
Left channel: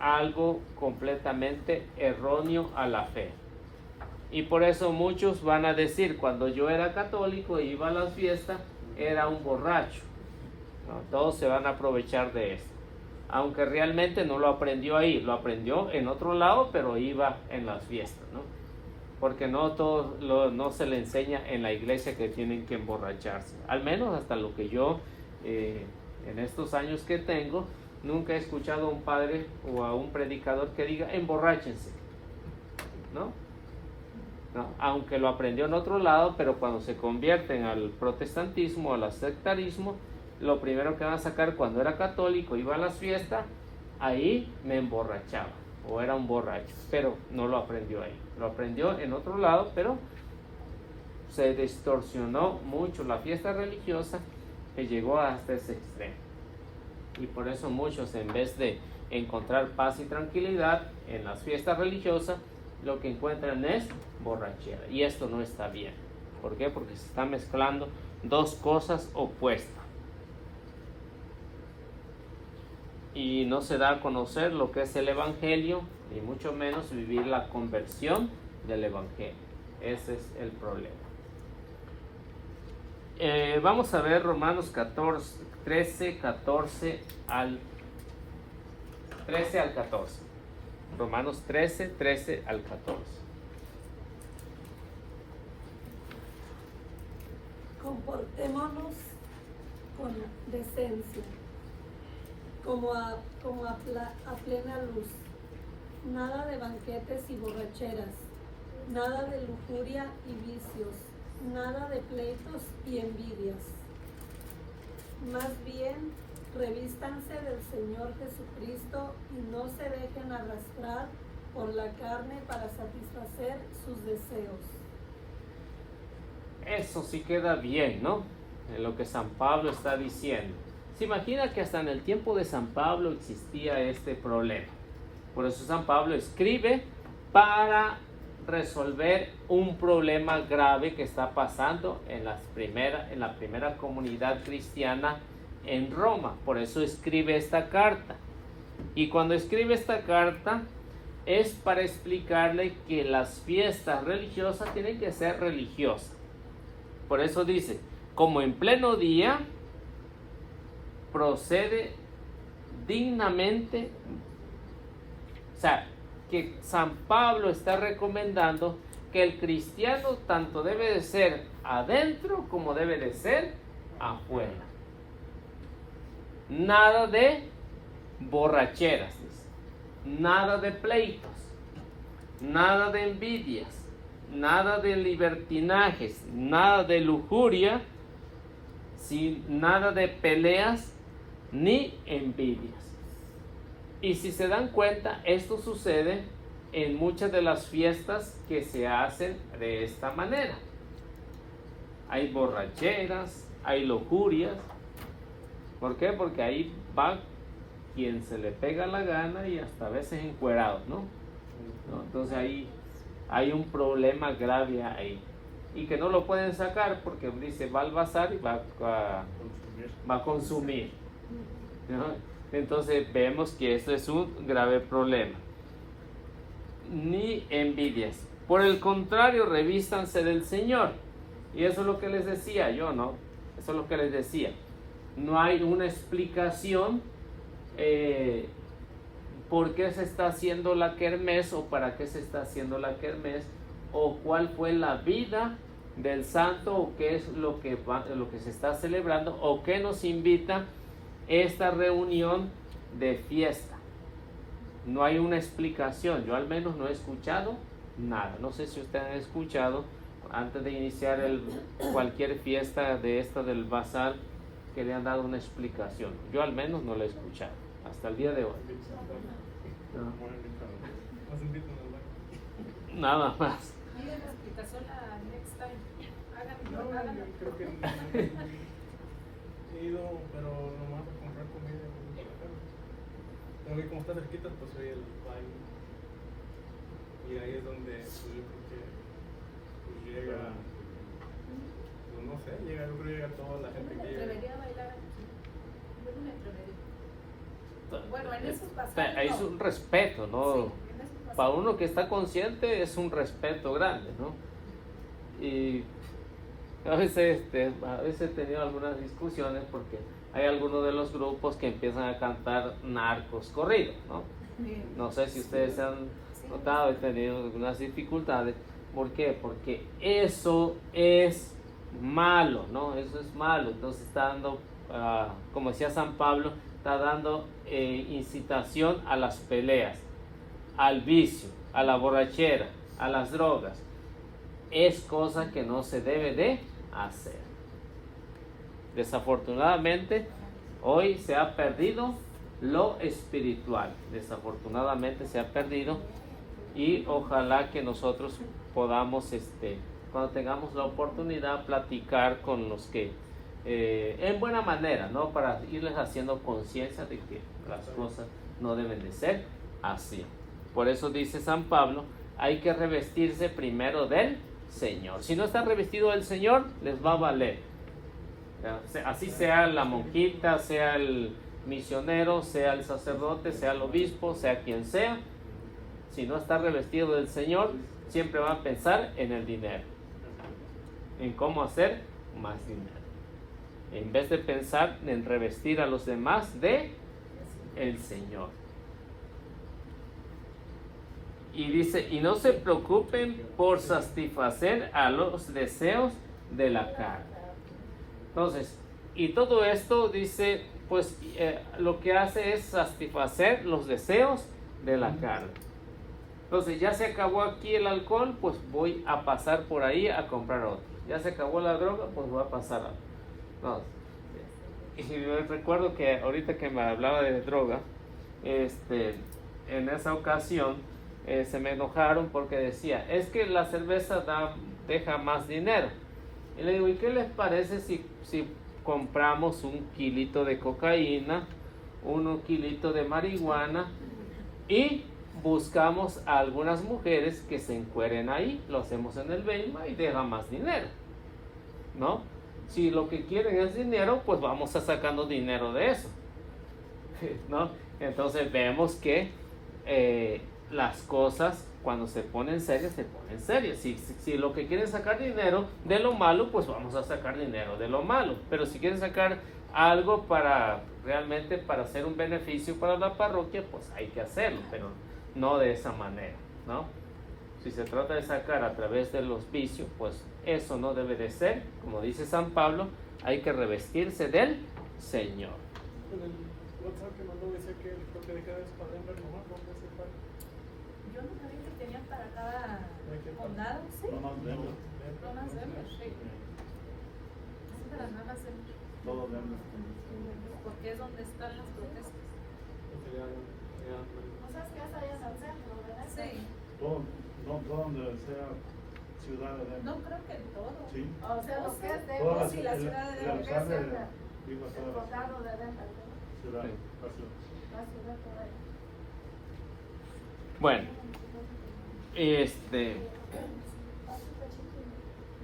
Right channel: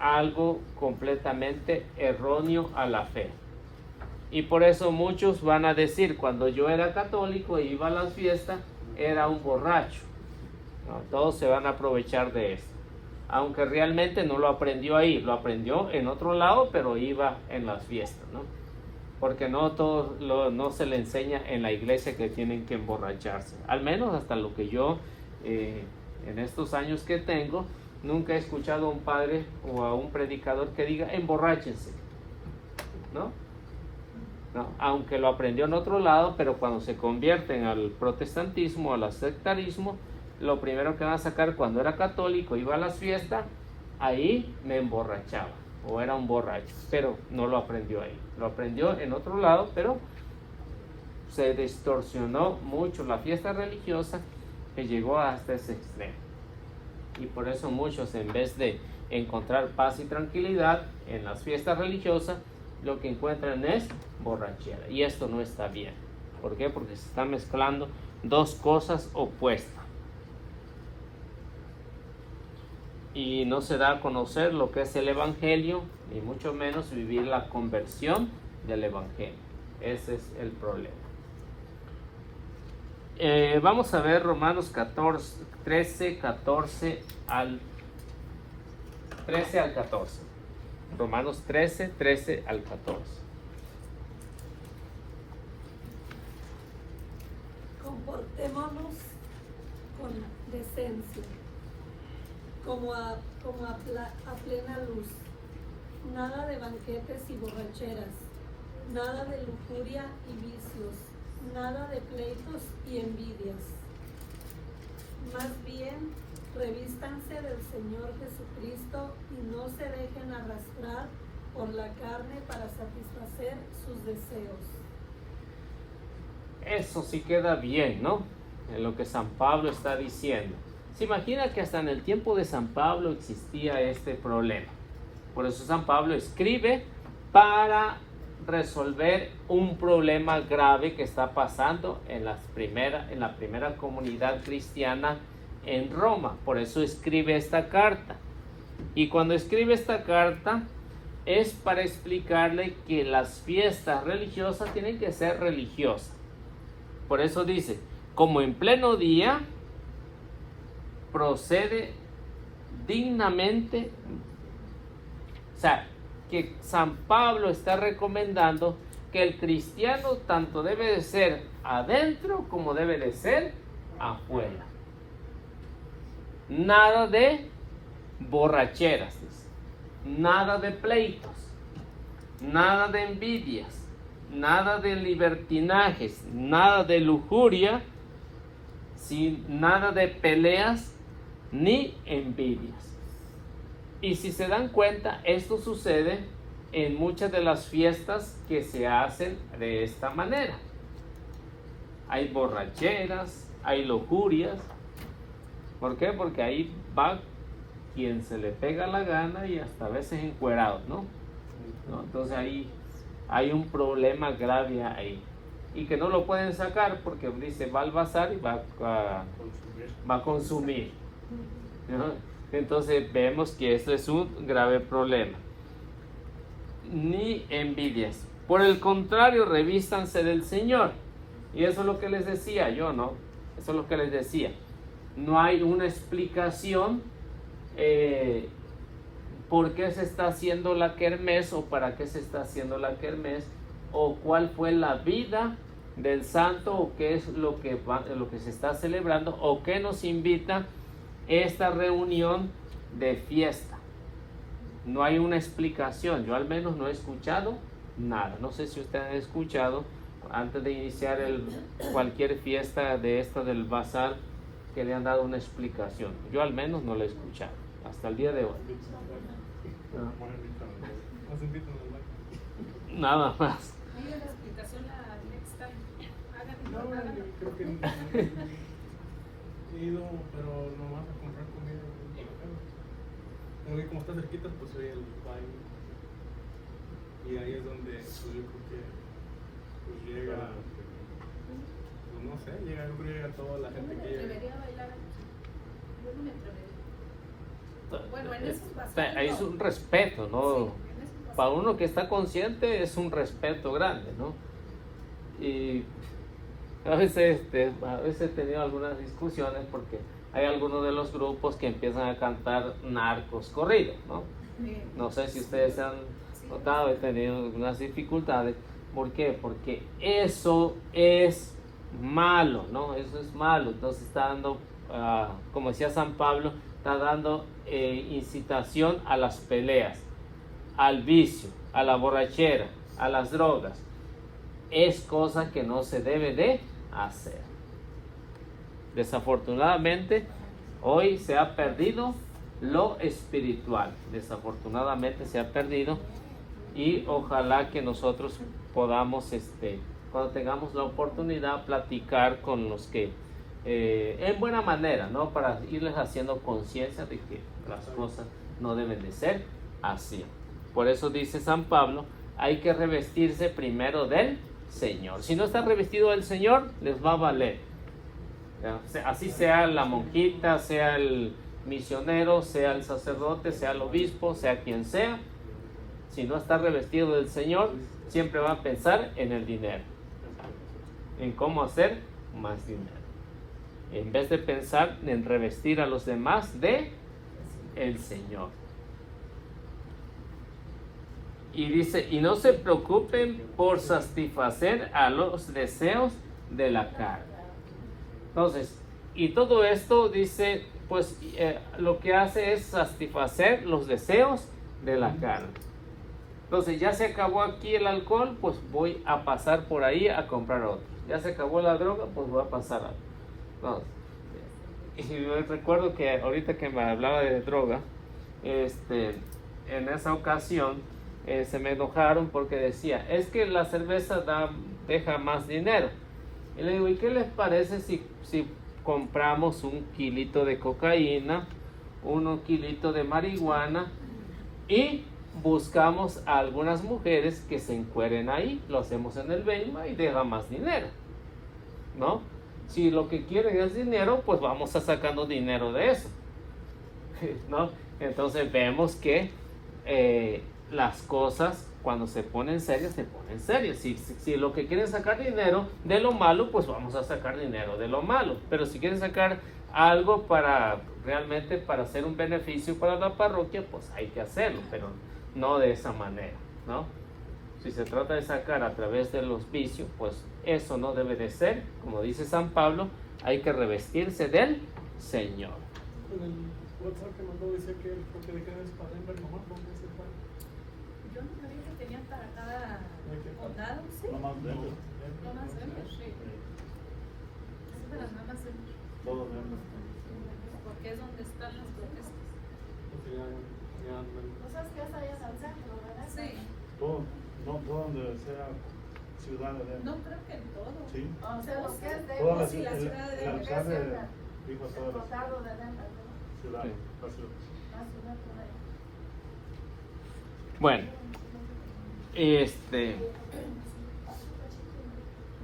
Algo completamente erróneo a la fe. Y por eso muchos van a decir, cuando yo era católico e iba a las fiestas, era un borracho. ¿No? Todos se van a aprovechar de eso. Aunque realmente no lo aprendió ahí, lo aprendió en otro lado, pero iba en las fiestas, ¿no? Porque no se le enseña en la iglesia que tienen que emborracharse. Al menos hasta lo que yo, en estos años que tengo, nunca he escuchado a un padre o a un predicador que diga, emborráchense, ¿no? ¿No? Aunque lo aprendió en otro lado, pero cuando se convierten al protestantismo, al sectarismo, lo primero que van a sacar cuando era católico, iba a las fiestas, ahí me emborrachaba o era un borracho, pero no lo aprendió ahí, lo aprendió en otro lado, pero se distorsionó mucho la fiesta religiosa que llegó hasta ese extremo. Y por eso muchos, en vez de encontrar paz y tranquilidad en las fiestas religiosas, lo que encuentran es borrachera, y esto no está bien. ¿Por qué? Porque se están mezclando dos cosas opuestas y no se da a conocer lo que es el evangelio, y mucho menos vivir la conversión del evangelio. Ese es el problema. Vamos a ver Romanos 13 al 14. Romanos 13 al 14. Comportémonos con decencia, como a plena luz, nada de banquetes y borracheras, nada de lujuria y vicios, nada de pleitos y envidias. Más bien, revístanse del Señor Jesucristo y no se dejen arrastrar por la carne para satisfacer sus deseos. Eso sí queda bien, ¿no? En lo que San Pablo está diciendo. Se imagina que hasta en el tiempo de San Pablo existía este problema. Por eso San Pablo escribe para resolver un problema grave que está pasando en la primera comunidad cristiana en Roma. Por eso escribe esta carta. Y cuando escribe esta carta es para explicarle que las fiestas religiosas tienen que ser religiosas. Por eso dice, como en pleno día, procede dignamente, o sea, que San Pablo está recomendando que el cristiano tanto debe de ser adentro como debe de ser afuera. Nada de borracheras, nada de pleitos, nada de envidias, nada de libertinajes, nada de lujuria, nada de peleas ni envidias. Y si se dan cuenta, esto sucede en muchas de las fiestas que se hacen de esta manera. Hay borracheras, hay lujurias. ¿Por qué? Porque ahí va quien se le pega la gana y hasta a veces encuerado, ¿no? Entonces ahí hay un problema grave ahí. Y que no lo pueden sacar porque dice, va al bazar y va a consumir. ¿No? Entonces vemos que esto es un grave problema. Ni envidias. Por el contrario, revístanse del Señor. Y eso es lo que les decía yo, ¿no? Eso es lo que les decía. No hay una explicación por qué se está haciendo la kermés o para qué se está haciendo la kermés o cuál fue la vida del santo o qué es lo que se está celebrando o qué nos invita esta reunión de fiesta. No hay una explicación, yo al menos no he escuchado nada. No sé si ustedes han escuchado antes de iniciar cualquier fiesta de esta del bazar que le han dado una explicación. Yo al menos no lo he escuchado hasta el día de hoy. Nada más. Mire la explicación a next time. No, yo creo que no. He ido, pero nomás a comprar comida en la casa. Pero que como está cerquita, pues soy el baile. Y ahí es donde pues, yo creo que pues, llega, pues no sé, yo creo que llega toda la gente que llega. Debería bailar aquí. Yo no me atrevería. Bueno, en esos bazares Es un respeto, ¿no? Sí, en esos bazares. Para uno que está consciente es un respeto grande, ¿no? Y a veces he tenido algunas discusiones porque hay algunos de los grupos que empiezan a cantar narcos corridos, ¿no? No sé si ustedes se han notado, he tenido algunas dificultades. ¿Por qué? Porque eso es malo, ¿no? Eso es malo. Entonces está dando, como decía San Pablo, está dando incitación a las peleas, al vicio, a la borrachera, a las drogas. Es cosa que no se debe de hacer. Desafortunadamente, hoy se ha perdido lo espiritual. Desafortunadamente se ha perdido y ojalá que nosotros podamos, cuando tengamos la oportunidad, platicar con los que, en buena manera, ¿no? Para irles haciendo conciencia de que las cosas no deben de ser así. Por eso dice San Pablo, hay que revestirse primero del Señor. Si no está revestido del Señor, les va a valer. Así sea la monjita, sea el misionero, sea el sacerdote, sea el obispo, sea quien sea. Si no está revestido del Señor, siempre va a pensar en el dinero, en cómo hacer más dinero, en vez de pensar en revestir a los demás de el Señor. Y dice, y no se preocupen por satisfacer a los deseos de la carne. Entonces, y todo esto dice, pues lo que hace es satisfacer los deseos de la carne. Entonces, ya se acabó aquí el alcohol, pues voy a pasar por ahí a comprar otro. Ya se acabó la droga, pues voy a pasar a otro. Y yo recuerdo que ahorita que me hablaba de droga, en esa ocasión, se me enojaron porque decía, es que la cerveza deja más dinero. Y le digo, ¿y qué les parece si compramos un kilito de cocaína, un kilito de marihuana y buscamos a algunas mujeres que se encueren ahí, lo hacemos en el Belma y deja más dinero, ¿no? Si lo que quieren es dinero, pues vamos a sacando dinero de eso, ¿no? Entonces vemos que las cosas cuando se ponen serias, se ponen serias. Si lo que quieren sacar dinero de lo malo, pues vamos a sacar dinero de lo malo. Pero si quieren sacar algo para realmente para hacer un beneficio para la parroquia, pues hay que hacerlo. Pero no de esa manera, ¿no? Si se trata de sacar a través del auspicio, pues eso no debe de ser, como dice San Pablo, hay que revestirse del Señor. En el WhatsApp que mandó decía que el toque de queda es para Denver nomás, ¿dónde es el paro? Yo no sabía que tenían para cada condado, sí. Nomás Denver. Nomás Denver, sí. Es para nada más Denver, Todo Denver. porque es donde están las protestas. Entonces ya No sabes que es allá en el centro, ¿verdad? Sí, Todo, no todo donde sea ciudad de Denver. no creo que en todo. Sí. O sea, lo que es Todas Denver, las sí, la ciudad de el Denver. alcalde dijo el todas las condado de Denver, ¿no? ciudades. La ciudad por allá. Bueno,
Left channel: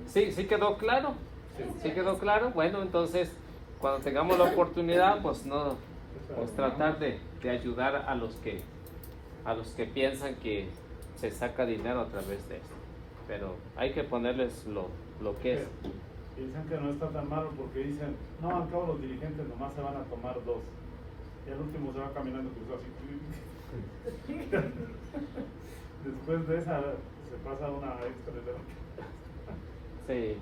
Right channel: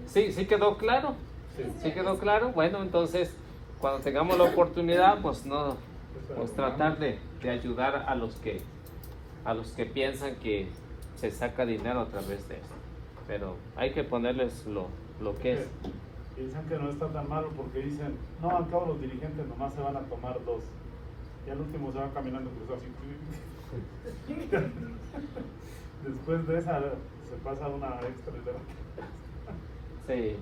sí quedó claro. ¿Sí quedó claro? Bueno, entonces, cuando tengamos la oportunidad, pues tratar de ayudar a los que piensan que se saca dinero a través de esto. Pero hay que ponerles lo que es. Piensan que no está tan malo porque dicen, no, al cabo los dirigentes nomás se van a tomar 2. Y al último se va caminando cruzado así. Después de esa se pasa una extra de Sí.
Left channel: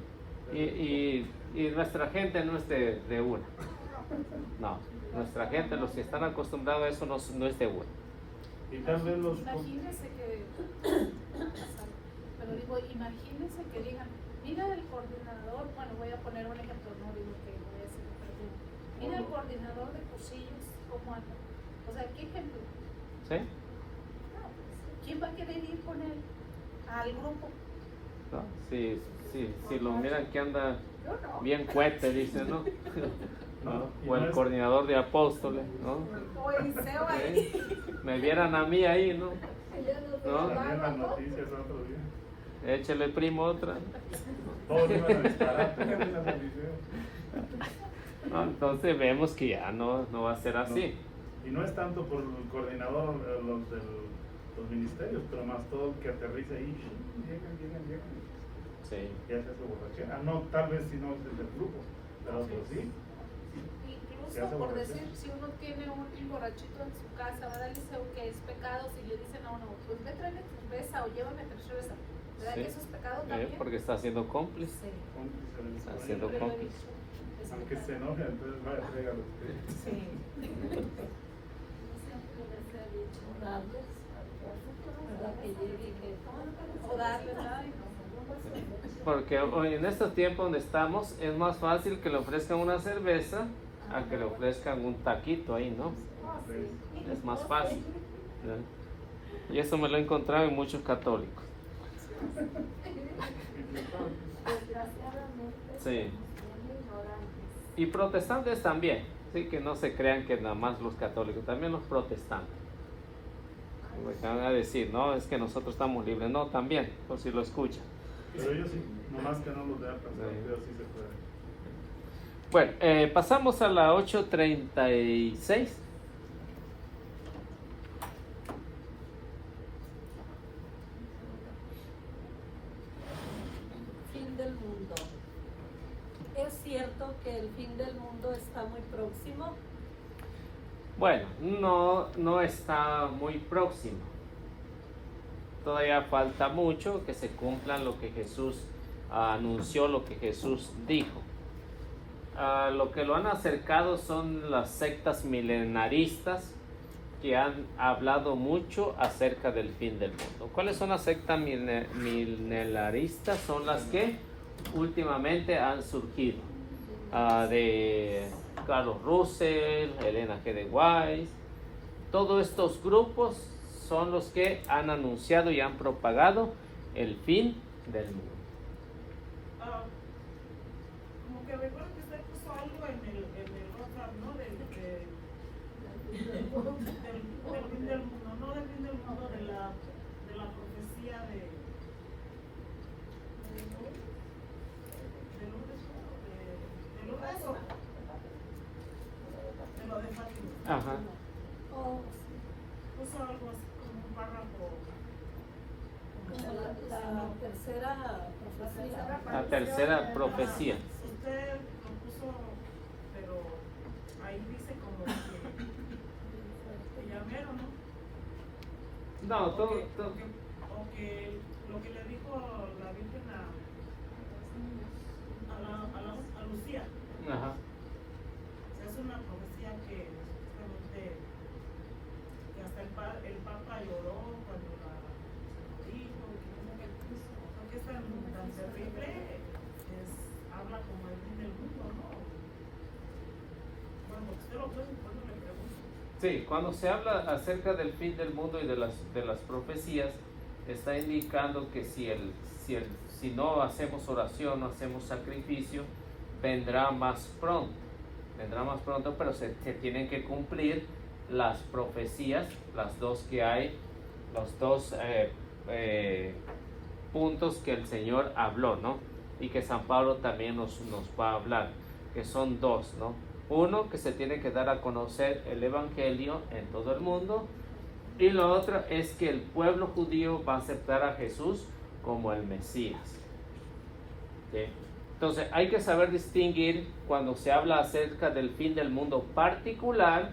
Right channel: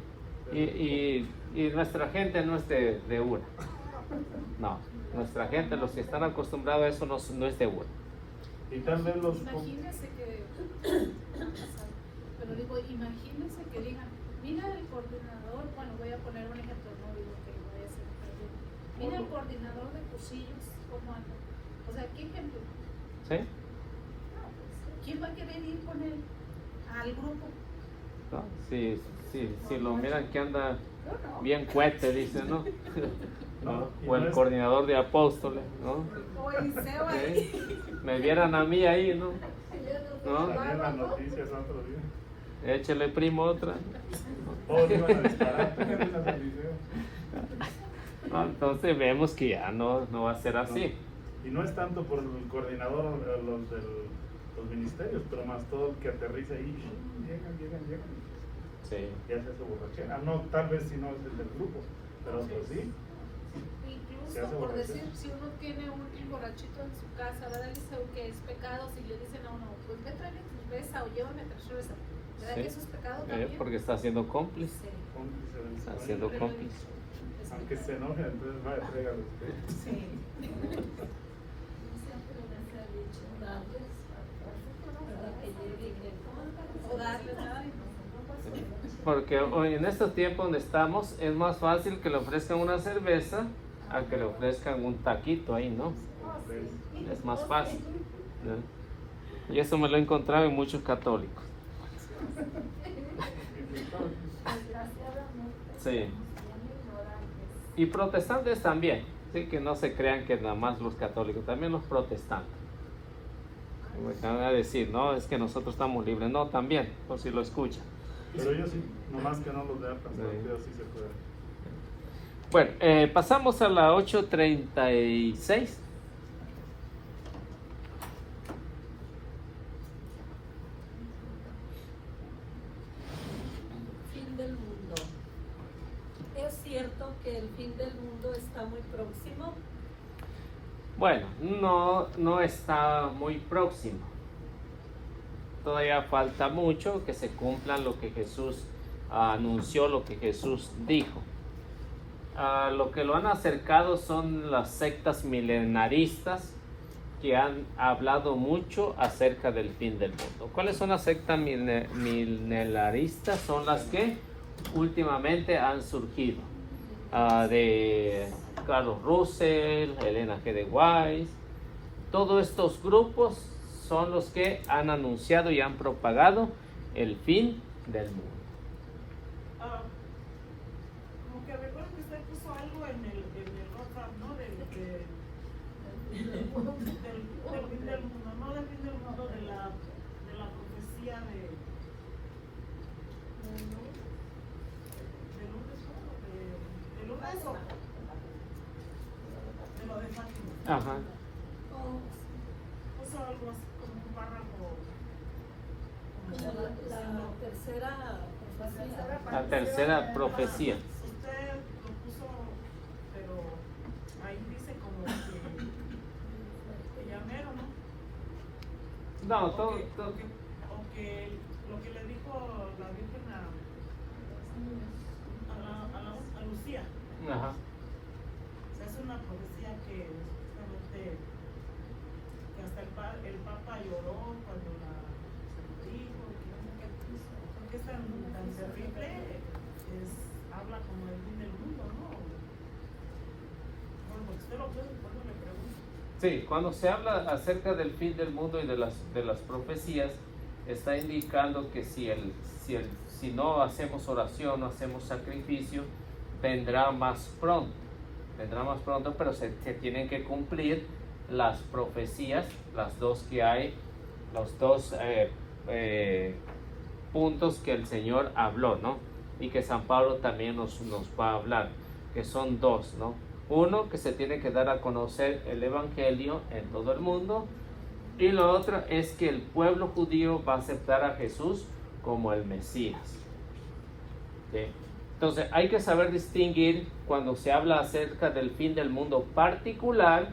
Y nuestra gente no es de UR. No, nuestra gente, los que están acostumbrados a eso, no es de UR. Y tal vez los... Imagínense que, pero digo, imagínense que digan, mira el coordinador, bueno, voy a poner un ejemplo, no digo que voy a ser el mira el coordinador de Posillos, ¿cómo anda? O sea, ¿qué ejemplo? ¿Sí? No, pues, ¿quién va a querer ir con él al grupo? No, si lo miran que anda Yo no. bien fuerte, dicen, ¿no? No, O el coordinador de apóstoles, ¿no? O Eliseo ahí. Me vieran a mí ahí, ¿no? ¿No? También las noticias otro día. Échele primo otra. Todos iban a disparar, tenían las noticias. No, entonces vemos que ya no va a ser así. Y no es tanto por el coordinador o los de los ministerios, pero más todo el que aterriza ahí. Llegan. Sí. ¿Qué hace su borrachera? No, tal vez si no es del grupo, pero otros sí. ¿Qué hace Incluso por borrachera? decir, si uno tiene un borrachito en su casa, ¿verdad? Eliseo, que es pecado, si le dicen a uno, pues ve, tráeme cerveza o llévame cerveza, ¿verdad? Sí. Que eso es pecado también. Porque está siendo cómplice. Sí. Está siendo Siempre lo he cómplice. dicho. Es Aunque se pecado. enoje, entonces va a traer a los pies. Sí. O darle, ¿verdad? Porque hoy en estos tiempos donde estamos es más fácil que le ofrezcan una cerveza a que le ofrezcan un taquito ahí, ¿no? Es más fácil, ¿no? Y eso me lo he encontrado en muchos católicos. Sí. Y protestantes también, sí, que no se crean que nada más los católicos, también los protestantes. Me van a decir, no, es que nosotros estamos libres, no, también, por si lo escuchan. Pero ellos sí, nomás que no los vean pasar, ellos sí se pueden. Bueno, pasamos a la 8:36. Fin del mundo. ¿Es cierto que el fin del mundo está muy próximo? Bueno, no está muy próximo. Todavía falta mucho que se cumpla lo que Jesús anunció, lo que Jesús dijo. Lo que lo han acercado son las sectas milenaristas que han hablado mucho acerca del fin del mundo. ¿Cuáles son las sectas milenaristas? Son las que últimamente han surgido. De Carlos Russell, Elena G. de White, todos estos grupos son los que han anunciado y han propagado el fin del mundo. Como que recuerdo que usted puso algo en el WhatsApp, ¿no? Del fin del mundo, no del fin del mundo, de la profecía de lo de Fátima. Ajá. Puso algo así como un párrafo. La tercera profecía. La tercera profecía. Usted lo puso, pero ahí dice como que llamero, ¿no? No, o todo, que, todo- o que- o que lo que le dijo la Virgen a Lucía. Ajá. Es una profecía que justamente que hasta el Papa lloró cuando la dijo, que no sé qué, porque es tan terrible, habla como el fin del mundo, ¿no? Bueno, porque usted lo puede, por eso le pregunto. Sí, cuando se habla acerca del fin del mundo y de las profecías, está indicando que si no hacemos oración, no hacemos sacrificio, vendrá más pronto. Vendrá más pronto, pero se tienen que cumplir las profecías, las dos que hay, los dos puntos que el Señor habló, ¿no? Y que San Pablo también nos va a hablar, que son dos, ¿no? Uno, que se tiene que dar a conocer el Evangelio en todo el mundo, y lo otro es que el pueblo judío va a aceptar a Jesús como el Mesías. ¿Sí? Entonces hay que saber distinguir cuando se habla acerca del fin del mundo particular,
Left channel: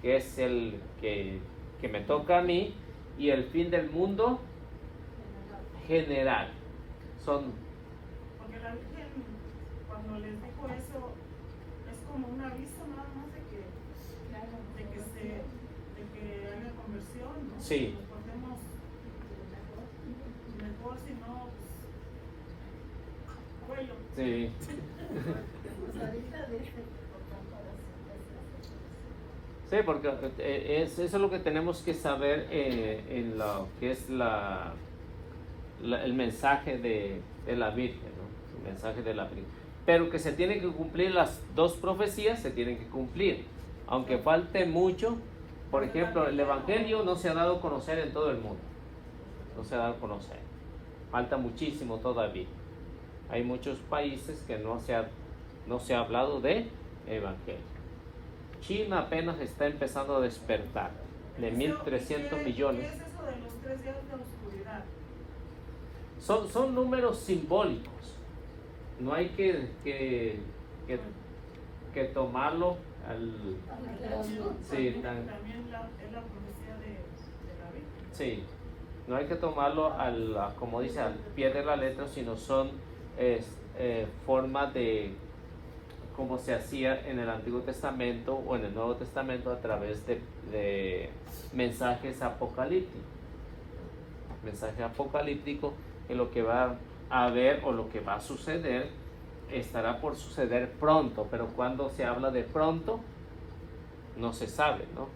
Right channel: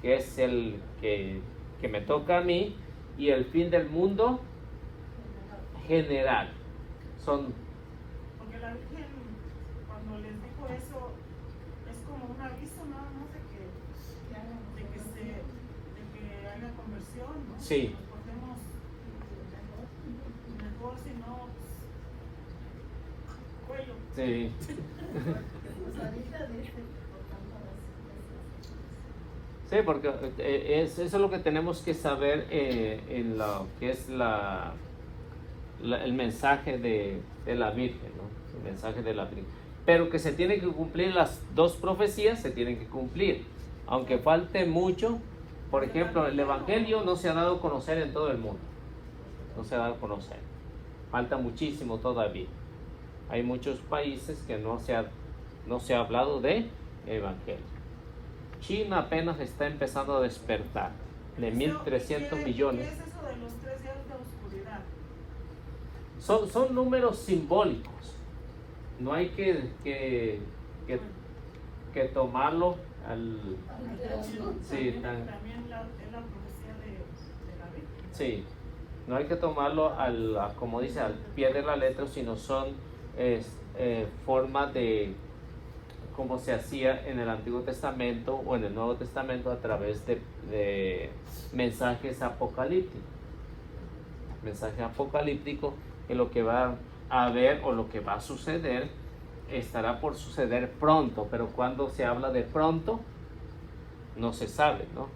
que es el que me toca a mí, y el fin del mundo general. Son Porque la Virgen, cuando les dijo eso, es como un aviso nada más de que haya conversión, ¿no? Sí. Nos portemos mejor, si no, pues, cuello. Sí. Sí, porque eso es lo que tenemos que saber en lo que es el mensaje de la Virgen, ¿no? El mensaje de la Virgen. Pero que se tienen que cumplir las dos profecías, se tienen que cumplir. Aunque falte mucho, por ejemplo, el Evangelio no se ha dado a conocer en todo el mundo. No se ha dado a conocer. Falta muchísimo todavía. Hay muchos países que no se ha hablado de Evangelio. China apenas está empezando a despertar, de 1.300 millones. ¿Qué es eso de los 3 días de oscuridad? Son números simbólicos. No hay que tomarlo al... Sí, También es la profecía de la Virgen. Sí, no hay que tomarlo como dice, al pie de la letra, sino son formas de como se hacía en el Antiguo Testamento o en el Nuevo Testamento a través de mensajes apocalípticos. Mensaje apocalíptico, que lo que va a haber o lo que va a suceder estará por suceder pronto, pero cuando se habla de pronto no se sabe, ¿no?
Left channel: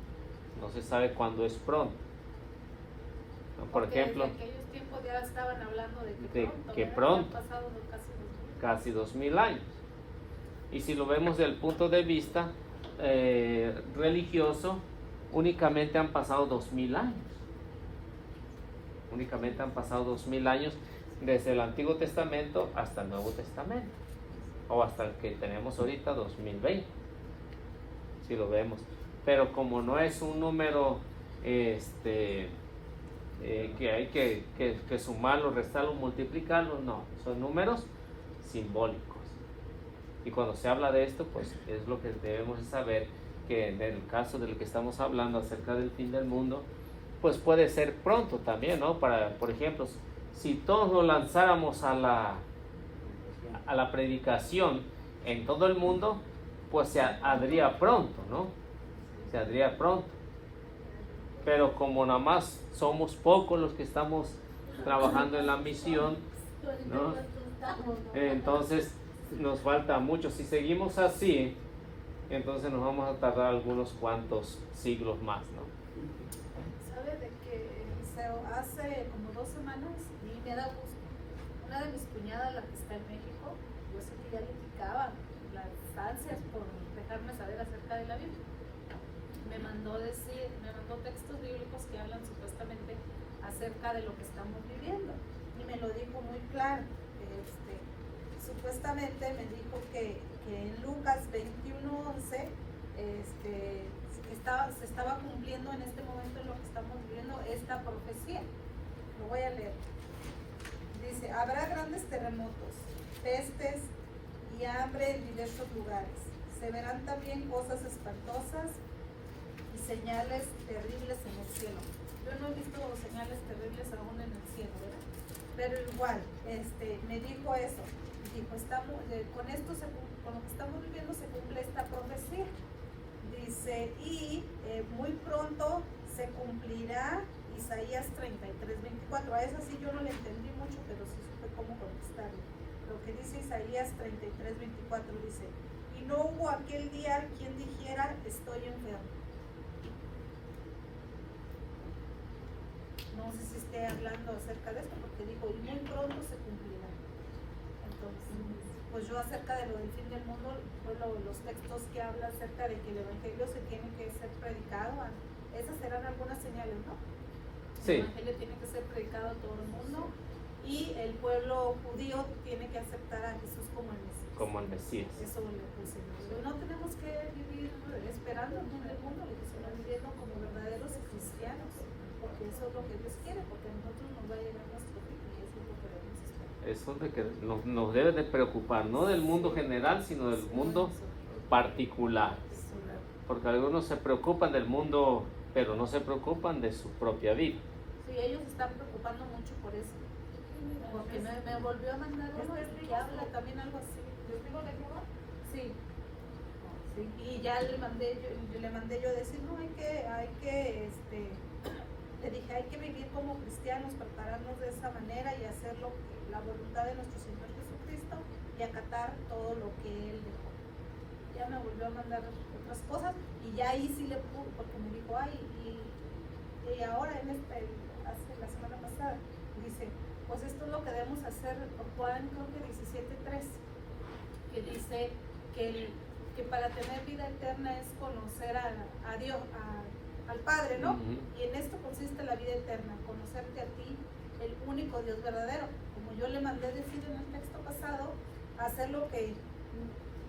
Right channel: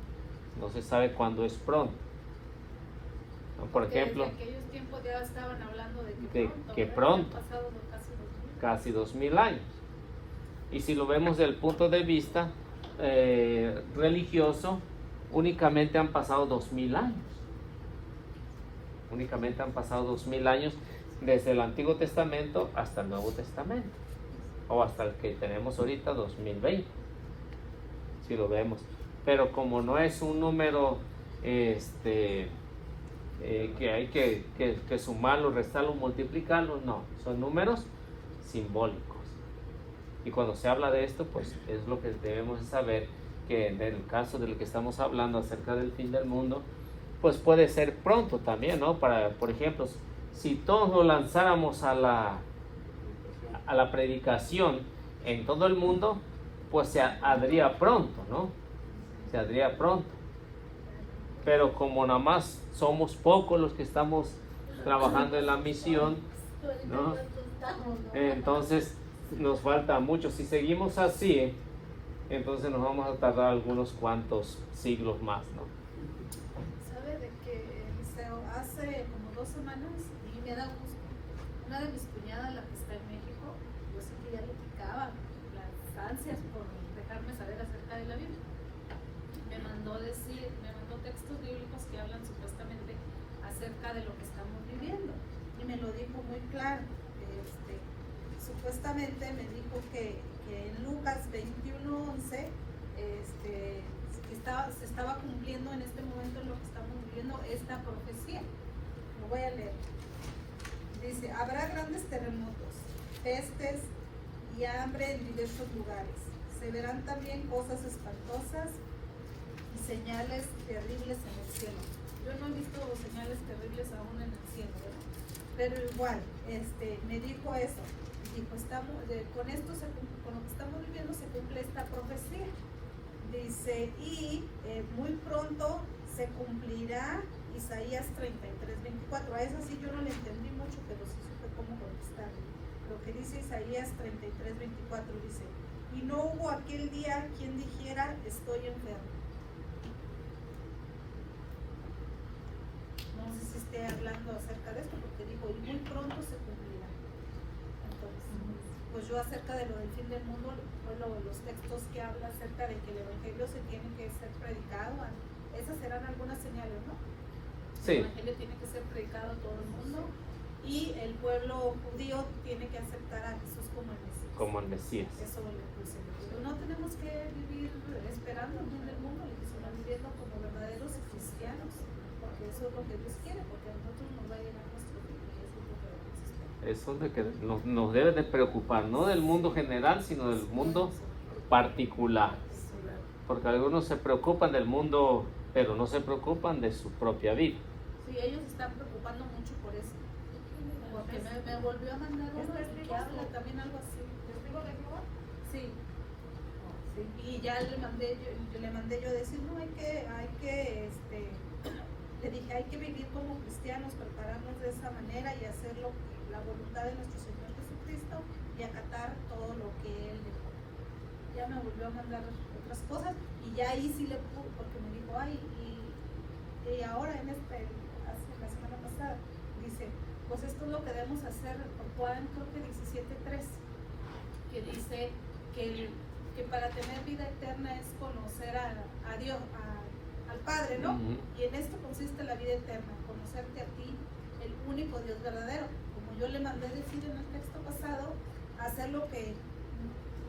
No se sabe cuándo es pronto. Por Porque ejemplo, desde aquellos tiempos ya estaban hablando de que ¿verdad? pronto. Ya han pasado por Casi 2000 años. Y si lo vemos desde el punto de vista religioso, únicamente han pasado 2000 años. Únicamente han pasado 2000 años desde el Antiguo Testamento hasta el Nuevo Testamento, o hasta el que tenemos ahorita, 2020, si lo vemos. Pero como no es un número que hay que sumarlo, restarlo, multiplicarlo, no, son números simbólicos. Y cuando se habla de esto, pues es lo que debemos saber, que en el caso del que estamos hablando acerca del fin del mundo, pues puede ser pronto también, ¿no? Por ejemplo, si todos nos lanzáramos a la predicación en todo el mundo, pues se haría pronto, ¿no? Se haría pronto. Pero como nada más somos pocos los que estamos trabajando en la misión, ¿no? Entonces nos falta mucho. Si seguimos así, entonces nos vamos a tardar algunos cuantos siglos más, ¿no? ¿Sabe de que hace como 2 semanas me da gusto? Una de mis cuñadas, la que está en México, yo sé que ya le picaba las ansias por dejarme saber acerca de la Biblia. Me mandó textos bíblicos que hablan supuestamente acerca de lo que estamos viviendo. Y me lo dijo muy claro. Supuestamente me dijo que en Lucas 21:11 se estaba cumpliendo en este momento en lo que estamos viviendo esta profecía. Lo voy a leer. Dice, habrá grandes terremotos, pestes y hambre en diversos lugares. Se verán también cosas espantosas y señales terribles en el cielo. yo no he visto señales terribles aún en el cielo, ¿verdad? Pero igual, me dijo eso. Dijo, con esto, con lo que estamos viviendo se cumple esta profecía. Dice, y muy pronto se cumplirá Isaías 33:24. A esa sí yo no le entendí mucho, pero sí supe cómo contestarle. Lo que dice Isaías 33:24 dice, y no hubo aquel día quien dijera, estoy enfermo. No sé si esté hablando acerca de esto, porque dijo, y muy pronto se cumplirá. Entonces, pues yo acerca de lo del fin del mundo, los textos que hablan acerca de que el evangelio se tiene que ser predicado, esas serán algunas señales, ¿no? Sí. El evangelio tiene que ser predicado a todo el mundo y el pueblo judío tiene que aceptar a Jesús como el Mesías. Como el Mesías. Eso lo dice. No tenemos que vivir esperando el fin del mundo, sino vivirlo como verdaderos cristianos, porque eso es lo que Dios quiere, porque a nosotros nos va a llenar nuestro fin, y eso es lo que Dios espera. Eso es de que nos debe de preocupar, no del mundo general, sino del mundo particular. Porque algunos se preocupan del mundo, pero no se preocupan de su propia vida. Sí, ellos están preocupando mucho por eso. Porque me volvió a mandar uno que habla también algo así. ¿Testigo de Jehová? Sí. Sí. Y ya le mandé yo decir, no, le dije, hay que vivir como cristianos, prepararnos de esa manera y hacerlo la voluntad de nuestro Señor Jesucristo y acatar todo lo que Él dejó. Ya me volvió a mandar otras cosas y ya ahí sí le pude, porque me dijo, ay, y ahora hace la semana pasada, dice, pues esto es lo que debemos hacer, por Juan creo que 17:3, que dice que para tener vida eterna es conocer a Dios, al Padre, ¿no? Y en esto consiste la vida eterna, conocerte a ti, el único Dios verdadero. Como yo le mandé decir en el texto pasado, hacer lo que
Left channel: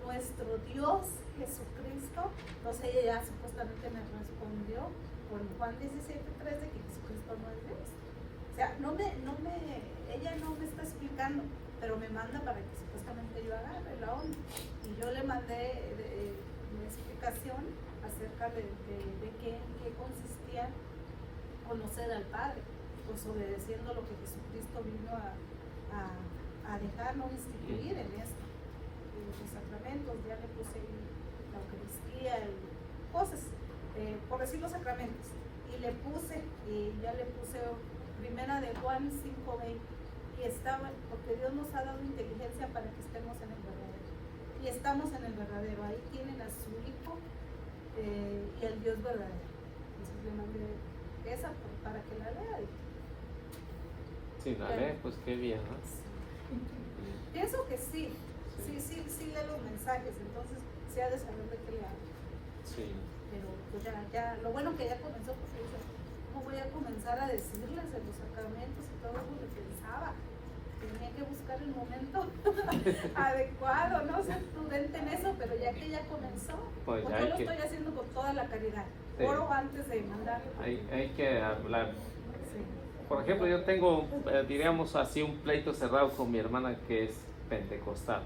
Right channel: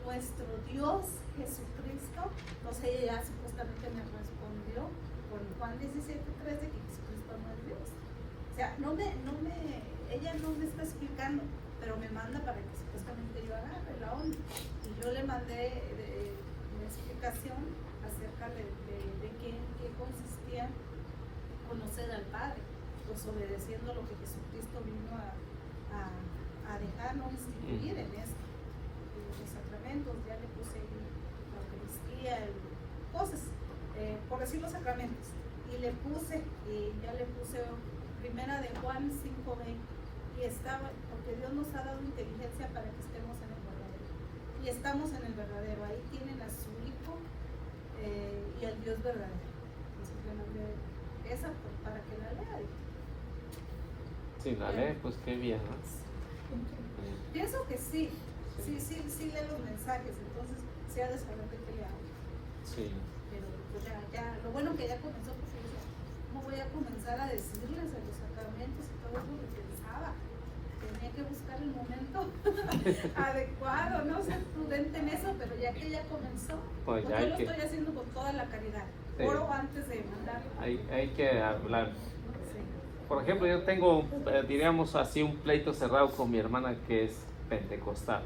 nuestro Dios Jesucristo, entonces ella ya supuestamente me respondió con Juan 17:3 de que Jesucristo no es Dios. O sea, ella no me está explicando, pero me manda para que supuestamente yo agarre la onda. Y yo le mandé una explicación acerca de qué consistía conocer al Padre, pues obedeciendo lo que Jesucristo vino a dejarnos instituir en esto. Los sacramentos, ya le puse la Eucaristía y cosas, por decir los sacramentos. Y ya le puse primera de Juan 5:20. Y porque Dios nos ha dado inteligencia para que estemos en el verdadero. Y estamos en el verdadero. Ahí tienen a su Hijo y al Dios verdadero. Entonces yo mandé esa para que la lea. Si la lee, pues qué bien, ¿no? Pienso que sí lee los mensajes, entonces se ha de saber de qué le hablo. Sí. Pero pues ya, lo bueno que ya comenzó, pues no voy a comenzar a decirles de los sacramentos y todo lo que pensaba. Tenía que buscar el momento adecuado, no ser prudente en eso, pero ya que ya comenzó, pues yo lo estoy haciendo con toda la caridad. Sí. Oro antes de mandarlo. Hay que hablar. Sí. Por ejemplo, yo tengo, diríamos así, un pleito cerrado con mi hermana que es pentecostal.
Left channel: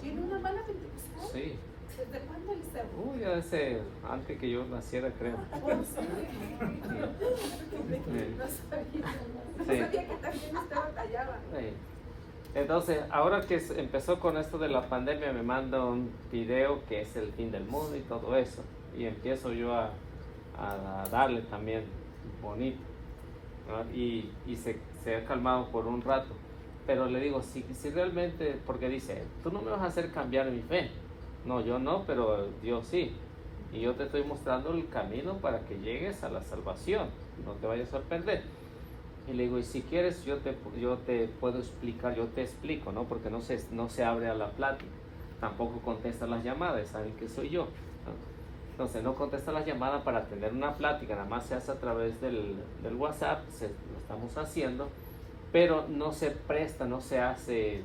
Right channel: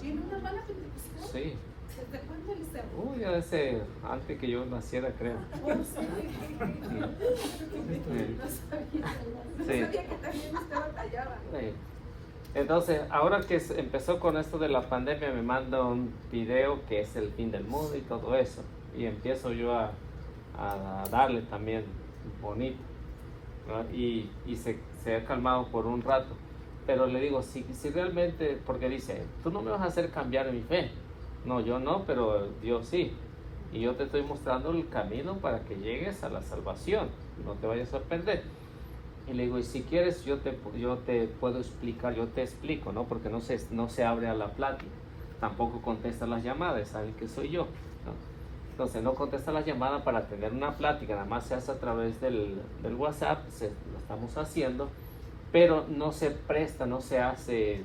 ¿Tiene una hermana pentecostal? Sí. ¿Desde cuánto le sé? Uy, antes que yo naciera, creo. Oh, sí. No sabía que también usted batallaba. Sí. Entonces, ahora que empezó con esto de la pandemia, me manda un video que es el fin del mundo y todo eso. Y empiezo yo a darle también bonito. ¿No? Y se ha calmado por un rato. Pero le digo, si realmente, porque dice, tú no me vas a hacer cambiar mi fe. No, yo no, pero Dios sí. Y yo te estoy mostrando el camino para que llegues a la salvación. No te vayas a perder. Y le digo, y si quieres, yo te puedo explicar, yo te explico, ¿no? Porque no se abre a la plática. Tampoco contesta las llamadas, sabe que soy yo, ¿no? Entonces no contesta las llamadas para tener una plática, nada más se hace a través del WhatsApp, lo estamos haciendo, pero no se presta, no se hace,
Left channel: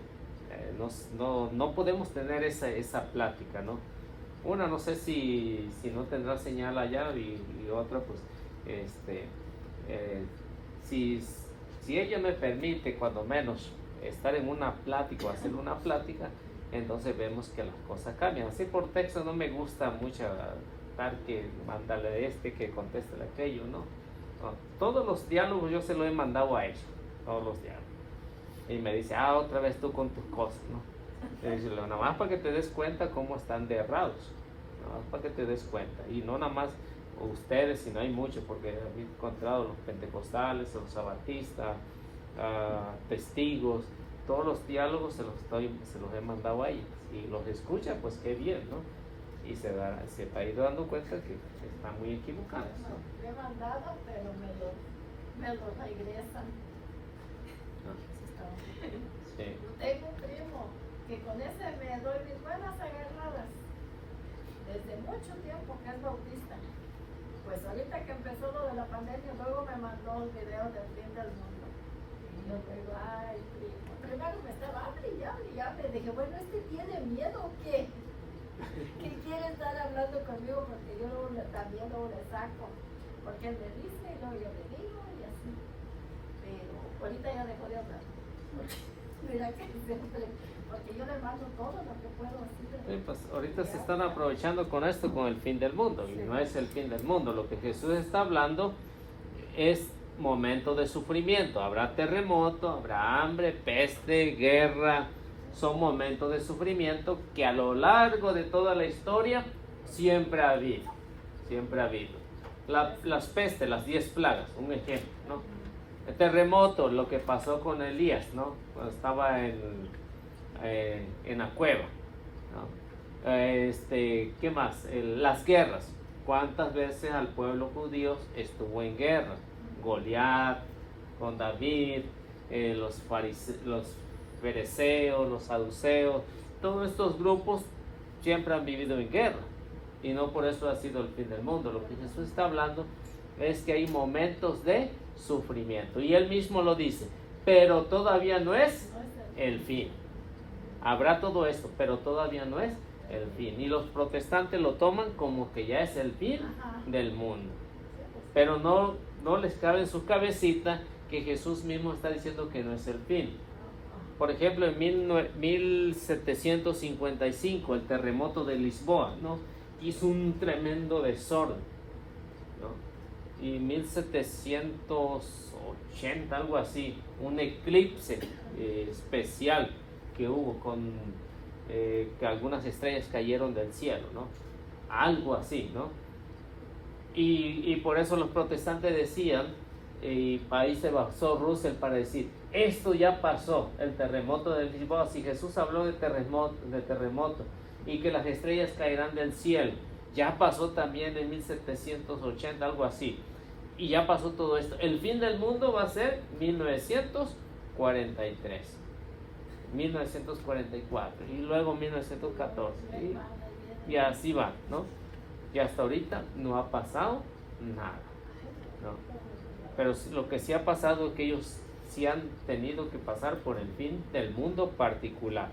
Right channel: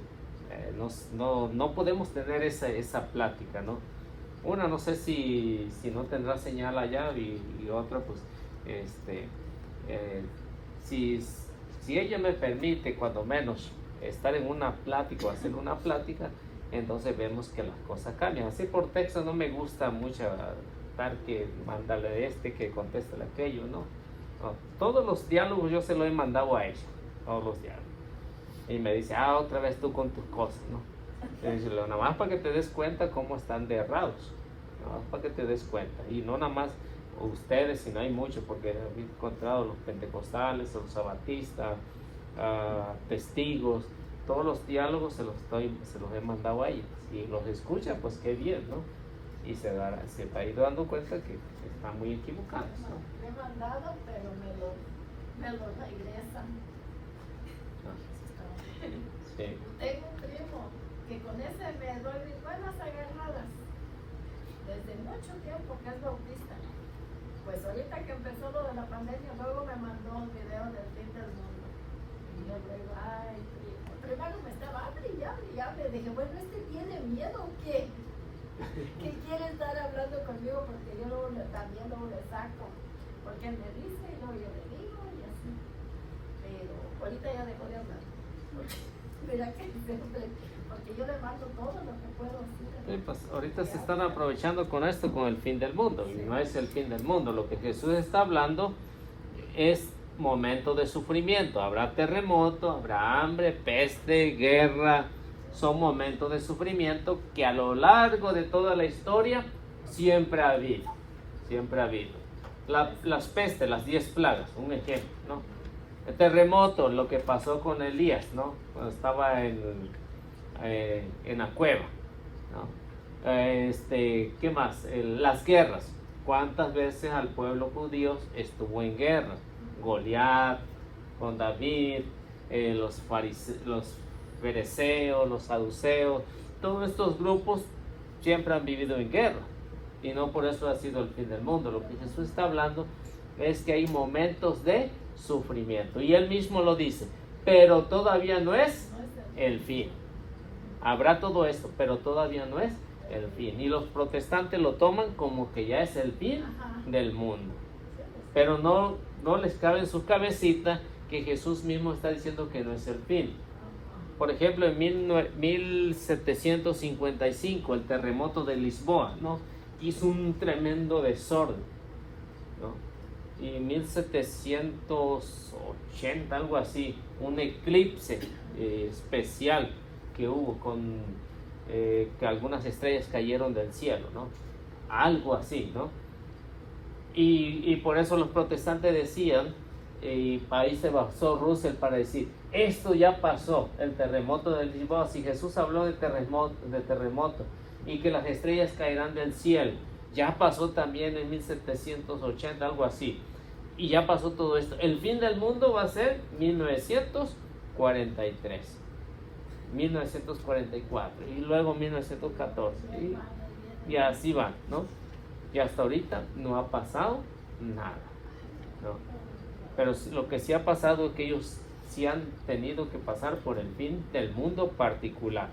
no podemos tener esa plática, ¿no? Una, no sé si no tendrá señal allá y otra, pues, si ella me permite, cuando menos, estar en una plática o hacer una plática, entonces vemos que las cosas cambian. Así por texto no me gusta mucho que mándale que contéstale aquello, ¿no? ¿no? Todos los diálogos yo se los he mandado a ella, todos los diálogos. Y me dice, otra vez tú con tus cosas, ¿no? Y dice, nada más para que te des cuenta cómo están de errados, nada más para que te des cuenta. Y no nada más ustedes, sino hay muchos, porque he encontrado los pentecostales, los sabatistas, testigos, todos los diálogos se los he mandado a ellos. Y los escuchan, pues qué bien, ¿no? Y se está ido dando cuenta que están muy equivocados, ¿no? Me he mandado, pero me lo regresan. Sí. Tengo un primo que con ese me doy mis buenas agarradas desde mucho tiempo, que es bautista. Pues ahorita que empezó lo de la pandemia, luego me mandó un video del fin del mundo. Y yo digo, ay, primo. Primero me estaba brillando. Dije, bueno, ¿tiene miedo o qué? ¿Qué quiere estar hablando conmigo? Porque yo también le saco. Porque él me dice y luego yo le digo y así. Pero ahorita ya dejó de hablar. Mira que siempre, porque yo le mando todo lo que puedo decir. Sí, pues ahorita se están aprovechando con esto, con el fin del mundo. Y no es el fin del mundo. Lo que Jesús está hablando es momento de sufrimiento. Habrá terremoto, habrá hambre, peste, guerra. Son momentos de sufrimiento que a lo largo de toda la historia siempre ha habido. Siempre ha habido. Las pestes, las 10 plagas, un ejemplo, ¿no? El terremoto, lo que pasó con Elías, ¿no? Cuando estaba en la cueva, ¿no? ¿Qué más? Las guerras. ¿Cuántas veces al pueblo judío estuvo en guerra? Goliat, con David, los fereceos, los saduceos, todos estos grupos siempre han vivido en guerra. Y no por eso ha sido el fin del mundo. Lo que Jesús está hablando es que hay momentos de sufrimiento. Y él mismo lo dice, pero todavía no es el fin. Habrá todo esto, pero todavía no es el fin. Y los protestantes lo toman como que ya es el fin del mundo. Pero no les cabe en su cabecita que Jesús mismo está diciendo que no es el fin. Por ejemplo, en 1755, el terremoto de Lisboa, ¿no? Hizo un tremendo desorden, ¿no? Y en 1780, algo así, un eclipse especial que hubo que algunas estrellas cayeron del cielo, ¿no? Algo así, ¿no? Y por eso los protestantes decían, y ahí se basó Russell para decir, esto ya pasó, el terremoto del Lisboa. Si Jesús habló de terremoto y que las estrellas caerán del cielo, ya pasó también en 1780, algo así, y ya pasó todo esto. El fin del mundo va a ser 1943, 1944 y luego 1914 y así va, ¿no? Y hasta ahorita no ha pasado nada, ¿no? Pero lo que sí ha pasado es que ellos sí han tenido que pasar por el fin del mundo particular,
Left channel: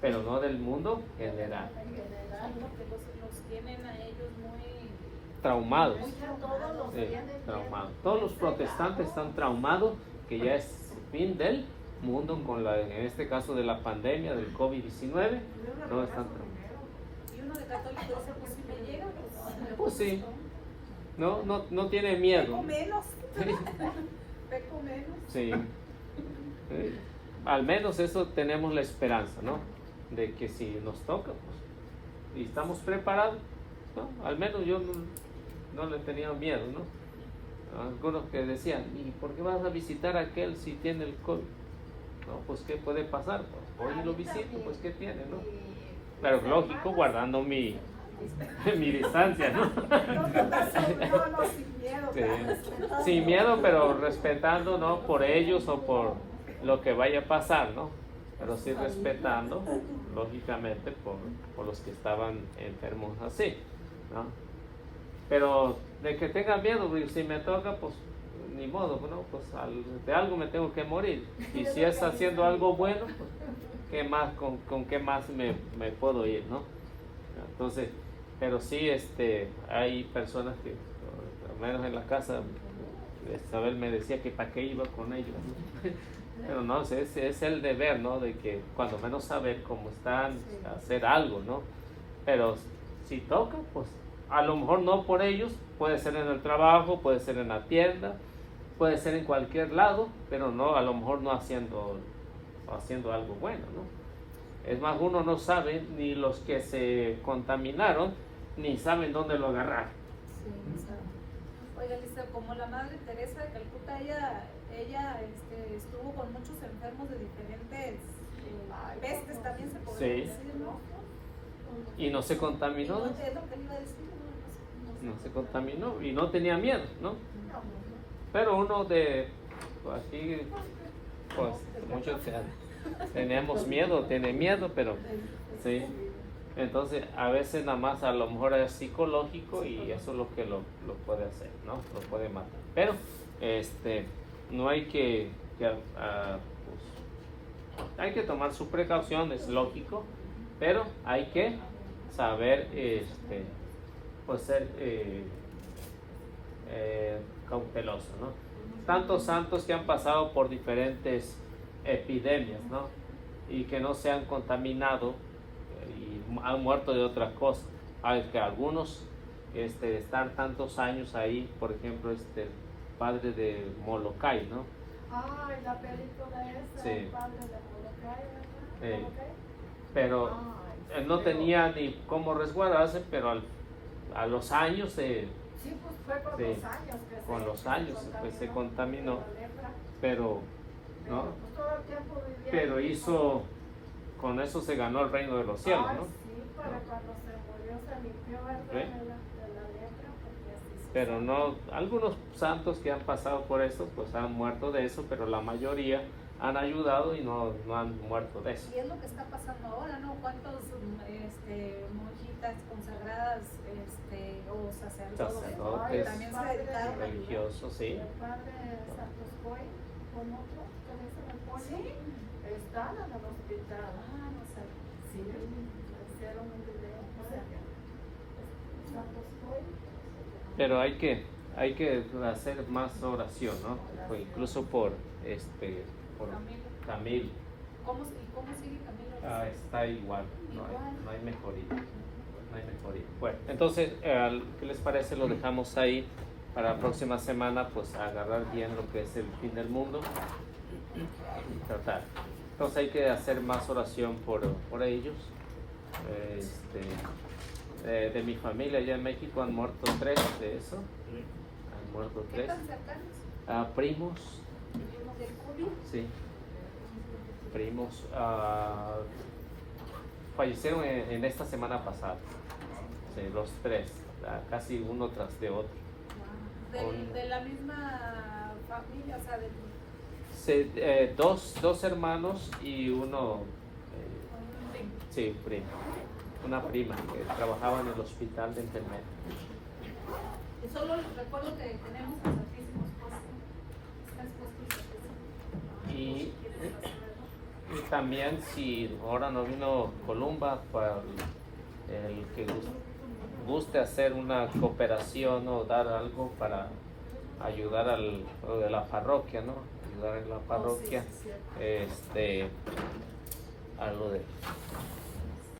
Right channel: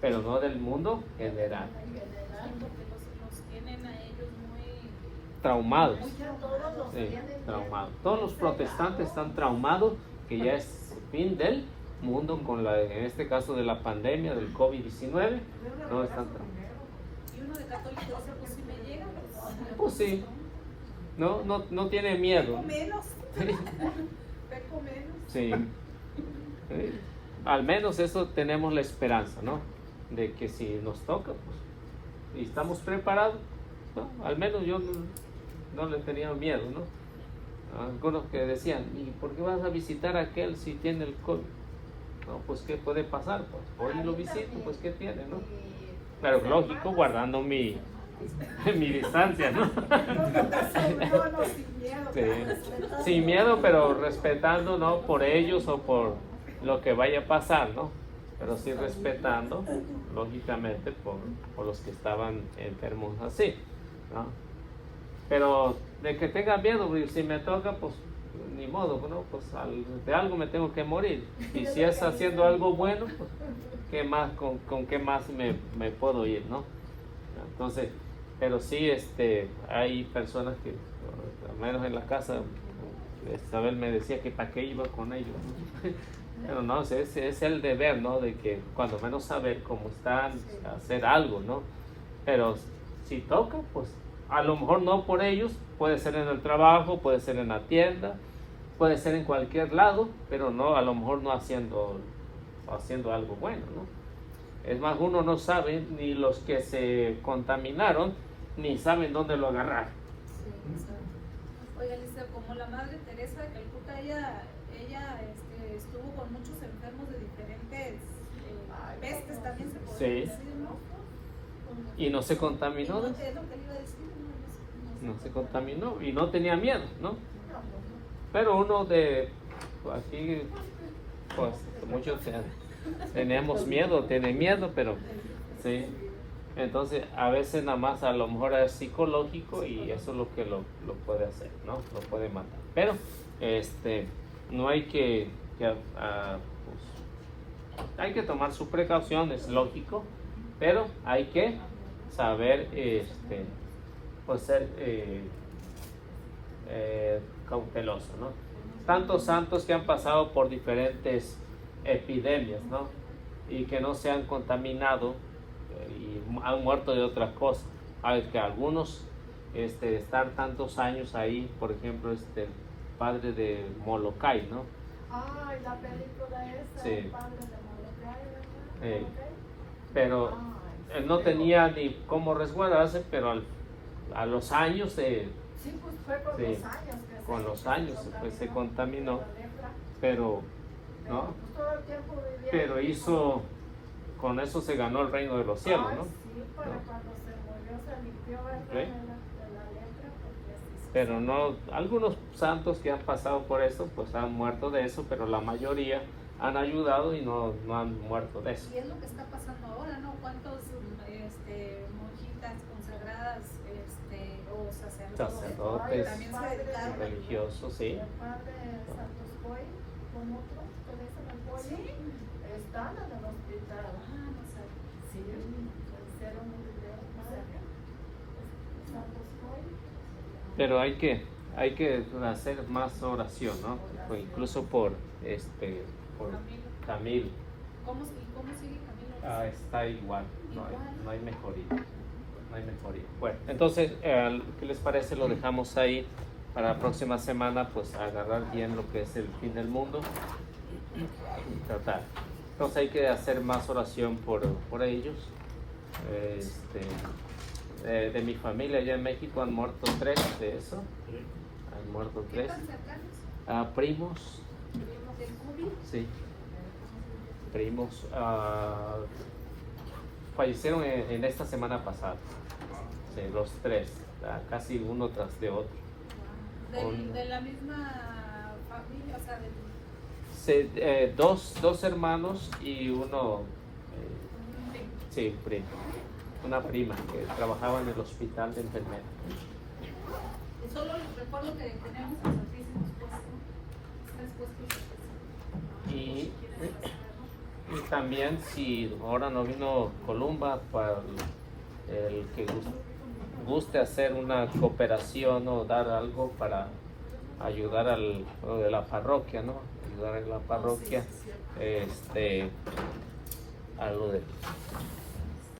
pero no del mundo general. Porque los tienen a ellos muy Traumados. Sí, Traumados. Todos los protestantes están traumados que ya es el fin del mundo, en este caso de la pandemia del COVID-19. No están Y uno de católico dice, pues si me llega, pues sí. No tiene miedo. Peco menos. Peco menos. Sí. Al menos eso tenemos la esperanza, ¿no? De que si nos toca, pues, y estamos preparados, ¿no? Al menos yo no le tenía miedo, ¿no? Algunos que decían, ¿y por qué vas a visitar a aquel si tiene el COVID? No, pues ¿qué puede pasar? Pues hoy lo visito, pues ¿qué tiene, no? Pero lógico, guardando mi distancia, ¿no? Sí. Sin miedo, pero respetando, ¿no? Por ellos o por lo que vaya a pasar, ¿no? Pero sí respetando, lógicamente, por los que estaban enfermos así, ¿no? Pero de que tengan miedo, si me toca, pues ni modo, ¿no? Pues de algo me tengo que morir. Y si es haciendo algo bueno, ¿qué más, con qué más me puedo ir, ¿no? Entonces, pero sí, hay personas que, al menos en la casa, Isabel me decía que para qué iba con ellos, ¿no? Pero no, es el deber, ¿no? De que cuando menos saber cómo están, hacer algo, ¿no? Pero si toca, pues A lo mejor no por ellos, puede ser en el trabajo, puede ser en la tienda, puede ser en cualquier lado, pero no, a lo mejor no haciendo algo bueno, ¿no? Es más, uno no sabe, ni los que se contaminaron, ni saben dónde lo agarrar. Oiga, Liceo, como la Madre Teresa de Calcuta, ella estuvo con muchos enfermos de diferentes pestes, también se podría Sí. decir, ¿no? Y no se contaminó, Es lo que le iba a decir, ¿no? no se contaminó y no tenía miedo, ¿no? Pero uno de aquí, pues muchos tenemos miedo, tiene miedo, pero sí. Entonces a veces nada más a lo mejor es psicológico y eso es lo que lo puede hacer, ¿no? Lo puede matar. Pero no hay que pues, hay que tomar sus precauciones, lógico, pero hay que saber pues ser cauteloso, ¿no? Tantos santos que han pasado por diferentes epidemias, ¿no? Y que no se han contaminado y han muerto de otra cosa. Que algunos están tantos años ahí, por ejemplo, padre de Molokai, ¿no? Ay, la película esa, Sí. el padre de Molokai, ¿verdad? Pero Ay, no tenía ni cómo resguardarse, pero a los años Sí, pues fue con Sí, los años que con los años que se contaminó. con la lepra. pero Pero, ¿no? pues, todo el tiempo vivía Pero ahí. con eso se ganó el reino de los cielos, Ay, ¿no? sí, para cuando se murió se limpió, ¿verdad? Sí. De la lepra, porque así se Pero sabe. no, algunos santos que han pasado por eso, pues han muerto de eso, pero la mayoría han ayudado y no han muerto de eso. Y es lo que está pasando ahora, ¿no? ¿Cuántos monjitas consagradas o sacerdotes Sacerdotes. también se dedicaron a Religiosos, sí. El padre Santos Boy, con otro, que le dicen el Pollo, están en el hospital. Ah, no sabía. Sí, le hicieron un video. Santos Boy. Pero hay que hacer más oración, ¿no? O incluso por Camilo. ¿Cómo sigue Camilo? Está igual, Igual. no hay mejoría. No hay mejoría. Bueno, entonces, ¿qué les parece? Lo dejamos ahí para la próxima semana, pues agarrar bien lo que es el fin del mundo. Tratar. Entonces hay que hacer más oración por ellos. De mi familia allá en México han muerto 3 de eso. Han muerto ¿Qué 3. tan cercanos? Primos, ¿Primos del COVID? sí. Primos. Fallecieron en esta semana pasada. Sí, los 3. Casi uno tras de otro. De la misma familia, o sea, Dos hermanos y uno. Sí, primo. Una prima que trabajaba en el hospital de enfermería. y solo les recuerdo que tenemos los santísimos puestos, están expuestos. Y también, si ahora no vino Columba, para el que guste hacer una cooperación o dar algo para ayudar lo de la parroquia, ¿no? Ayudar a la parroquia, algo de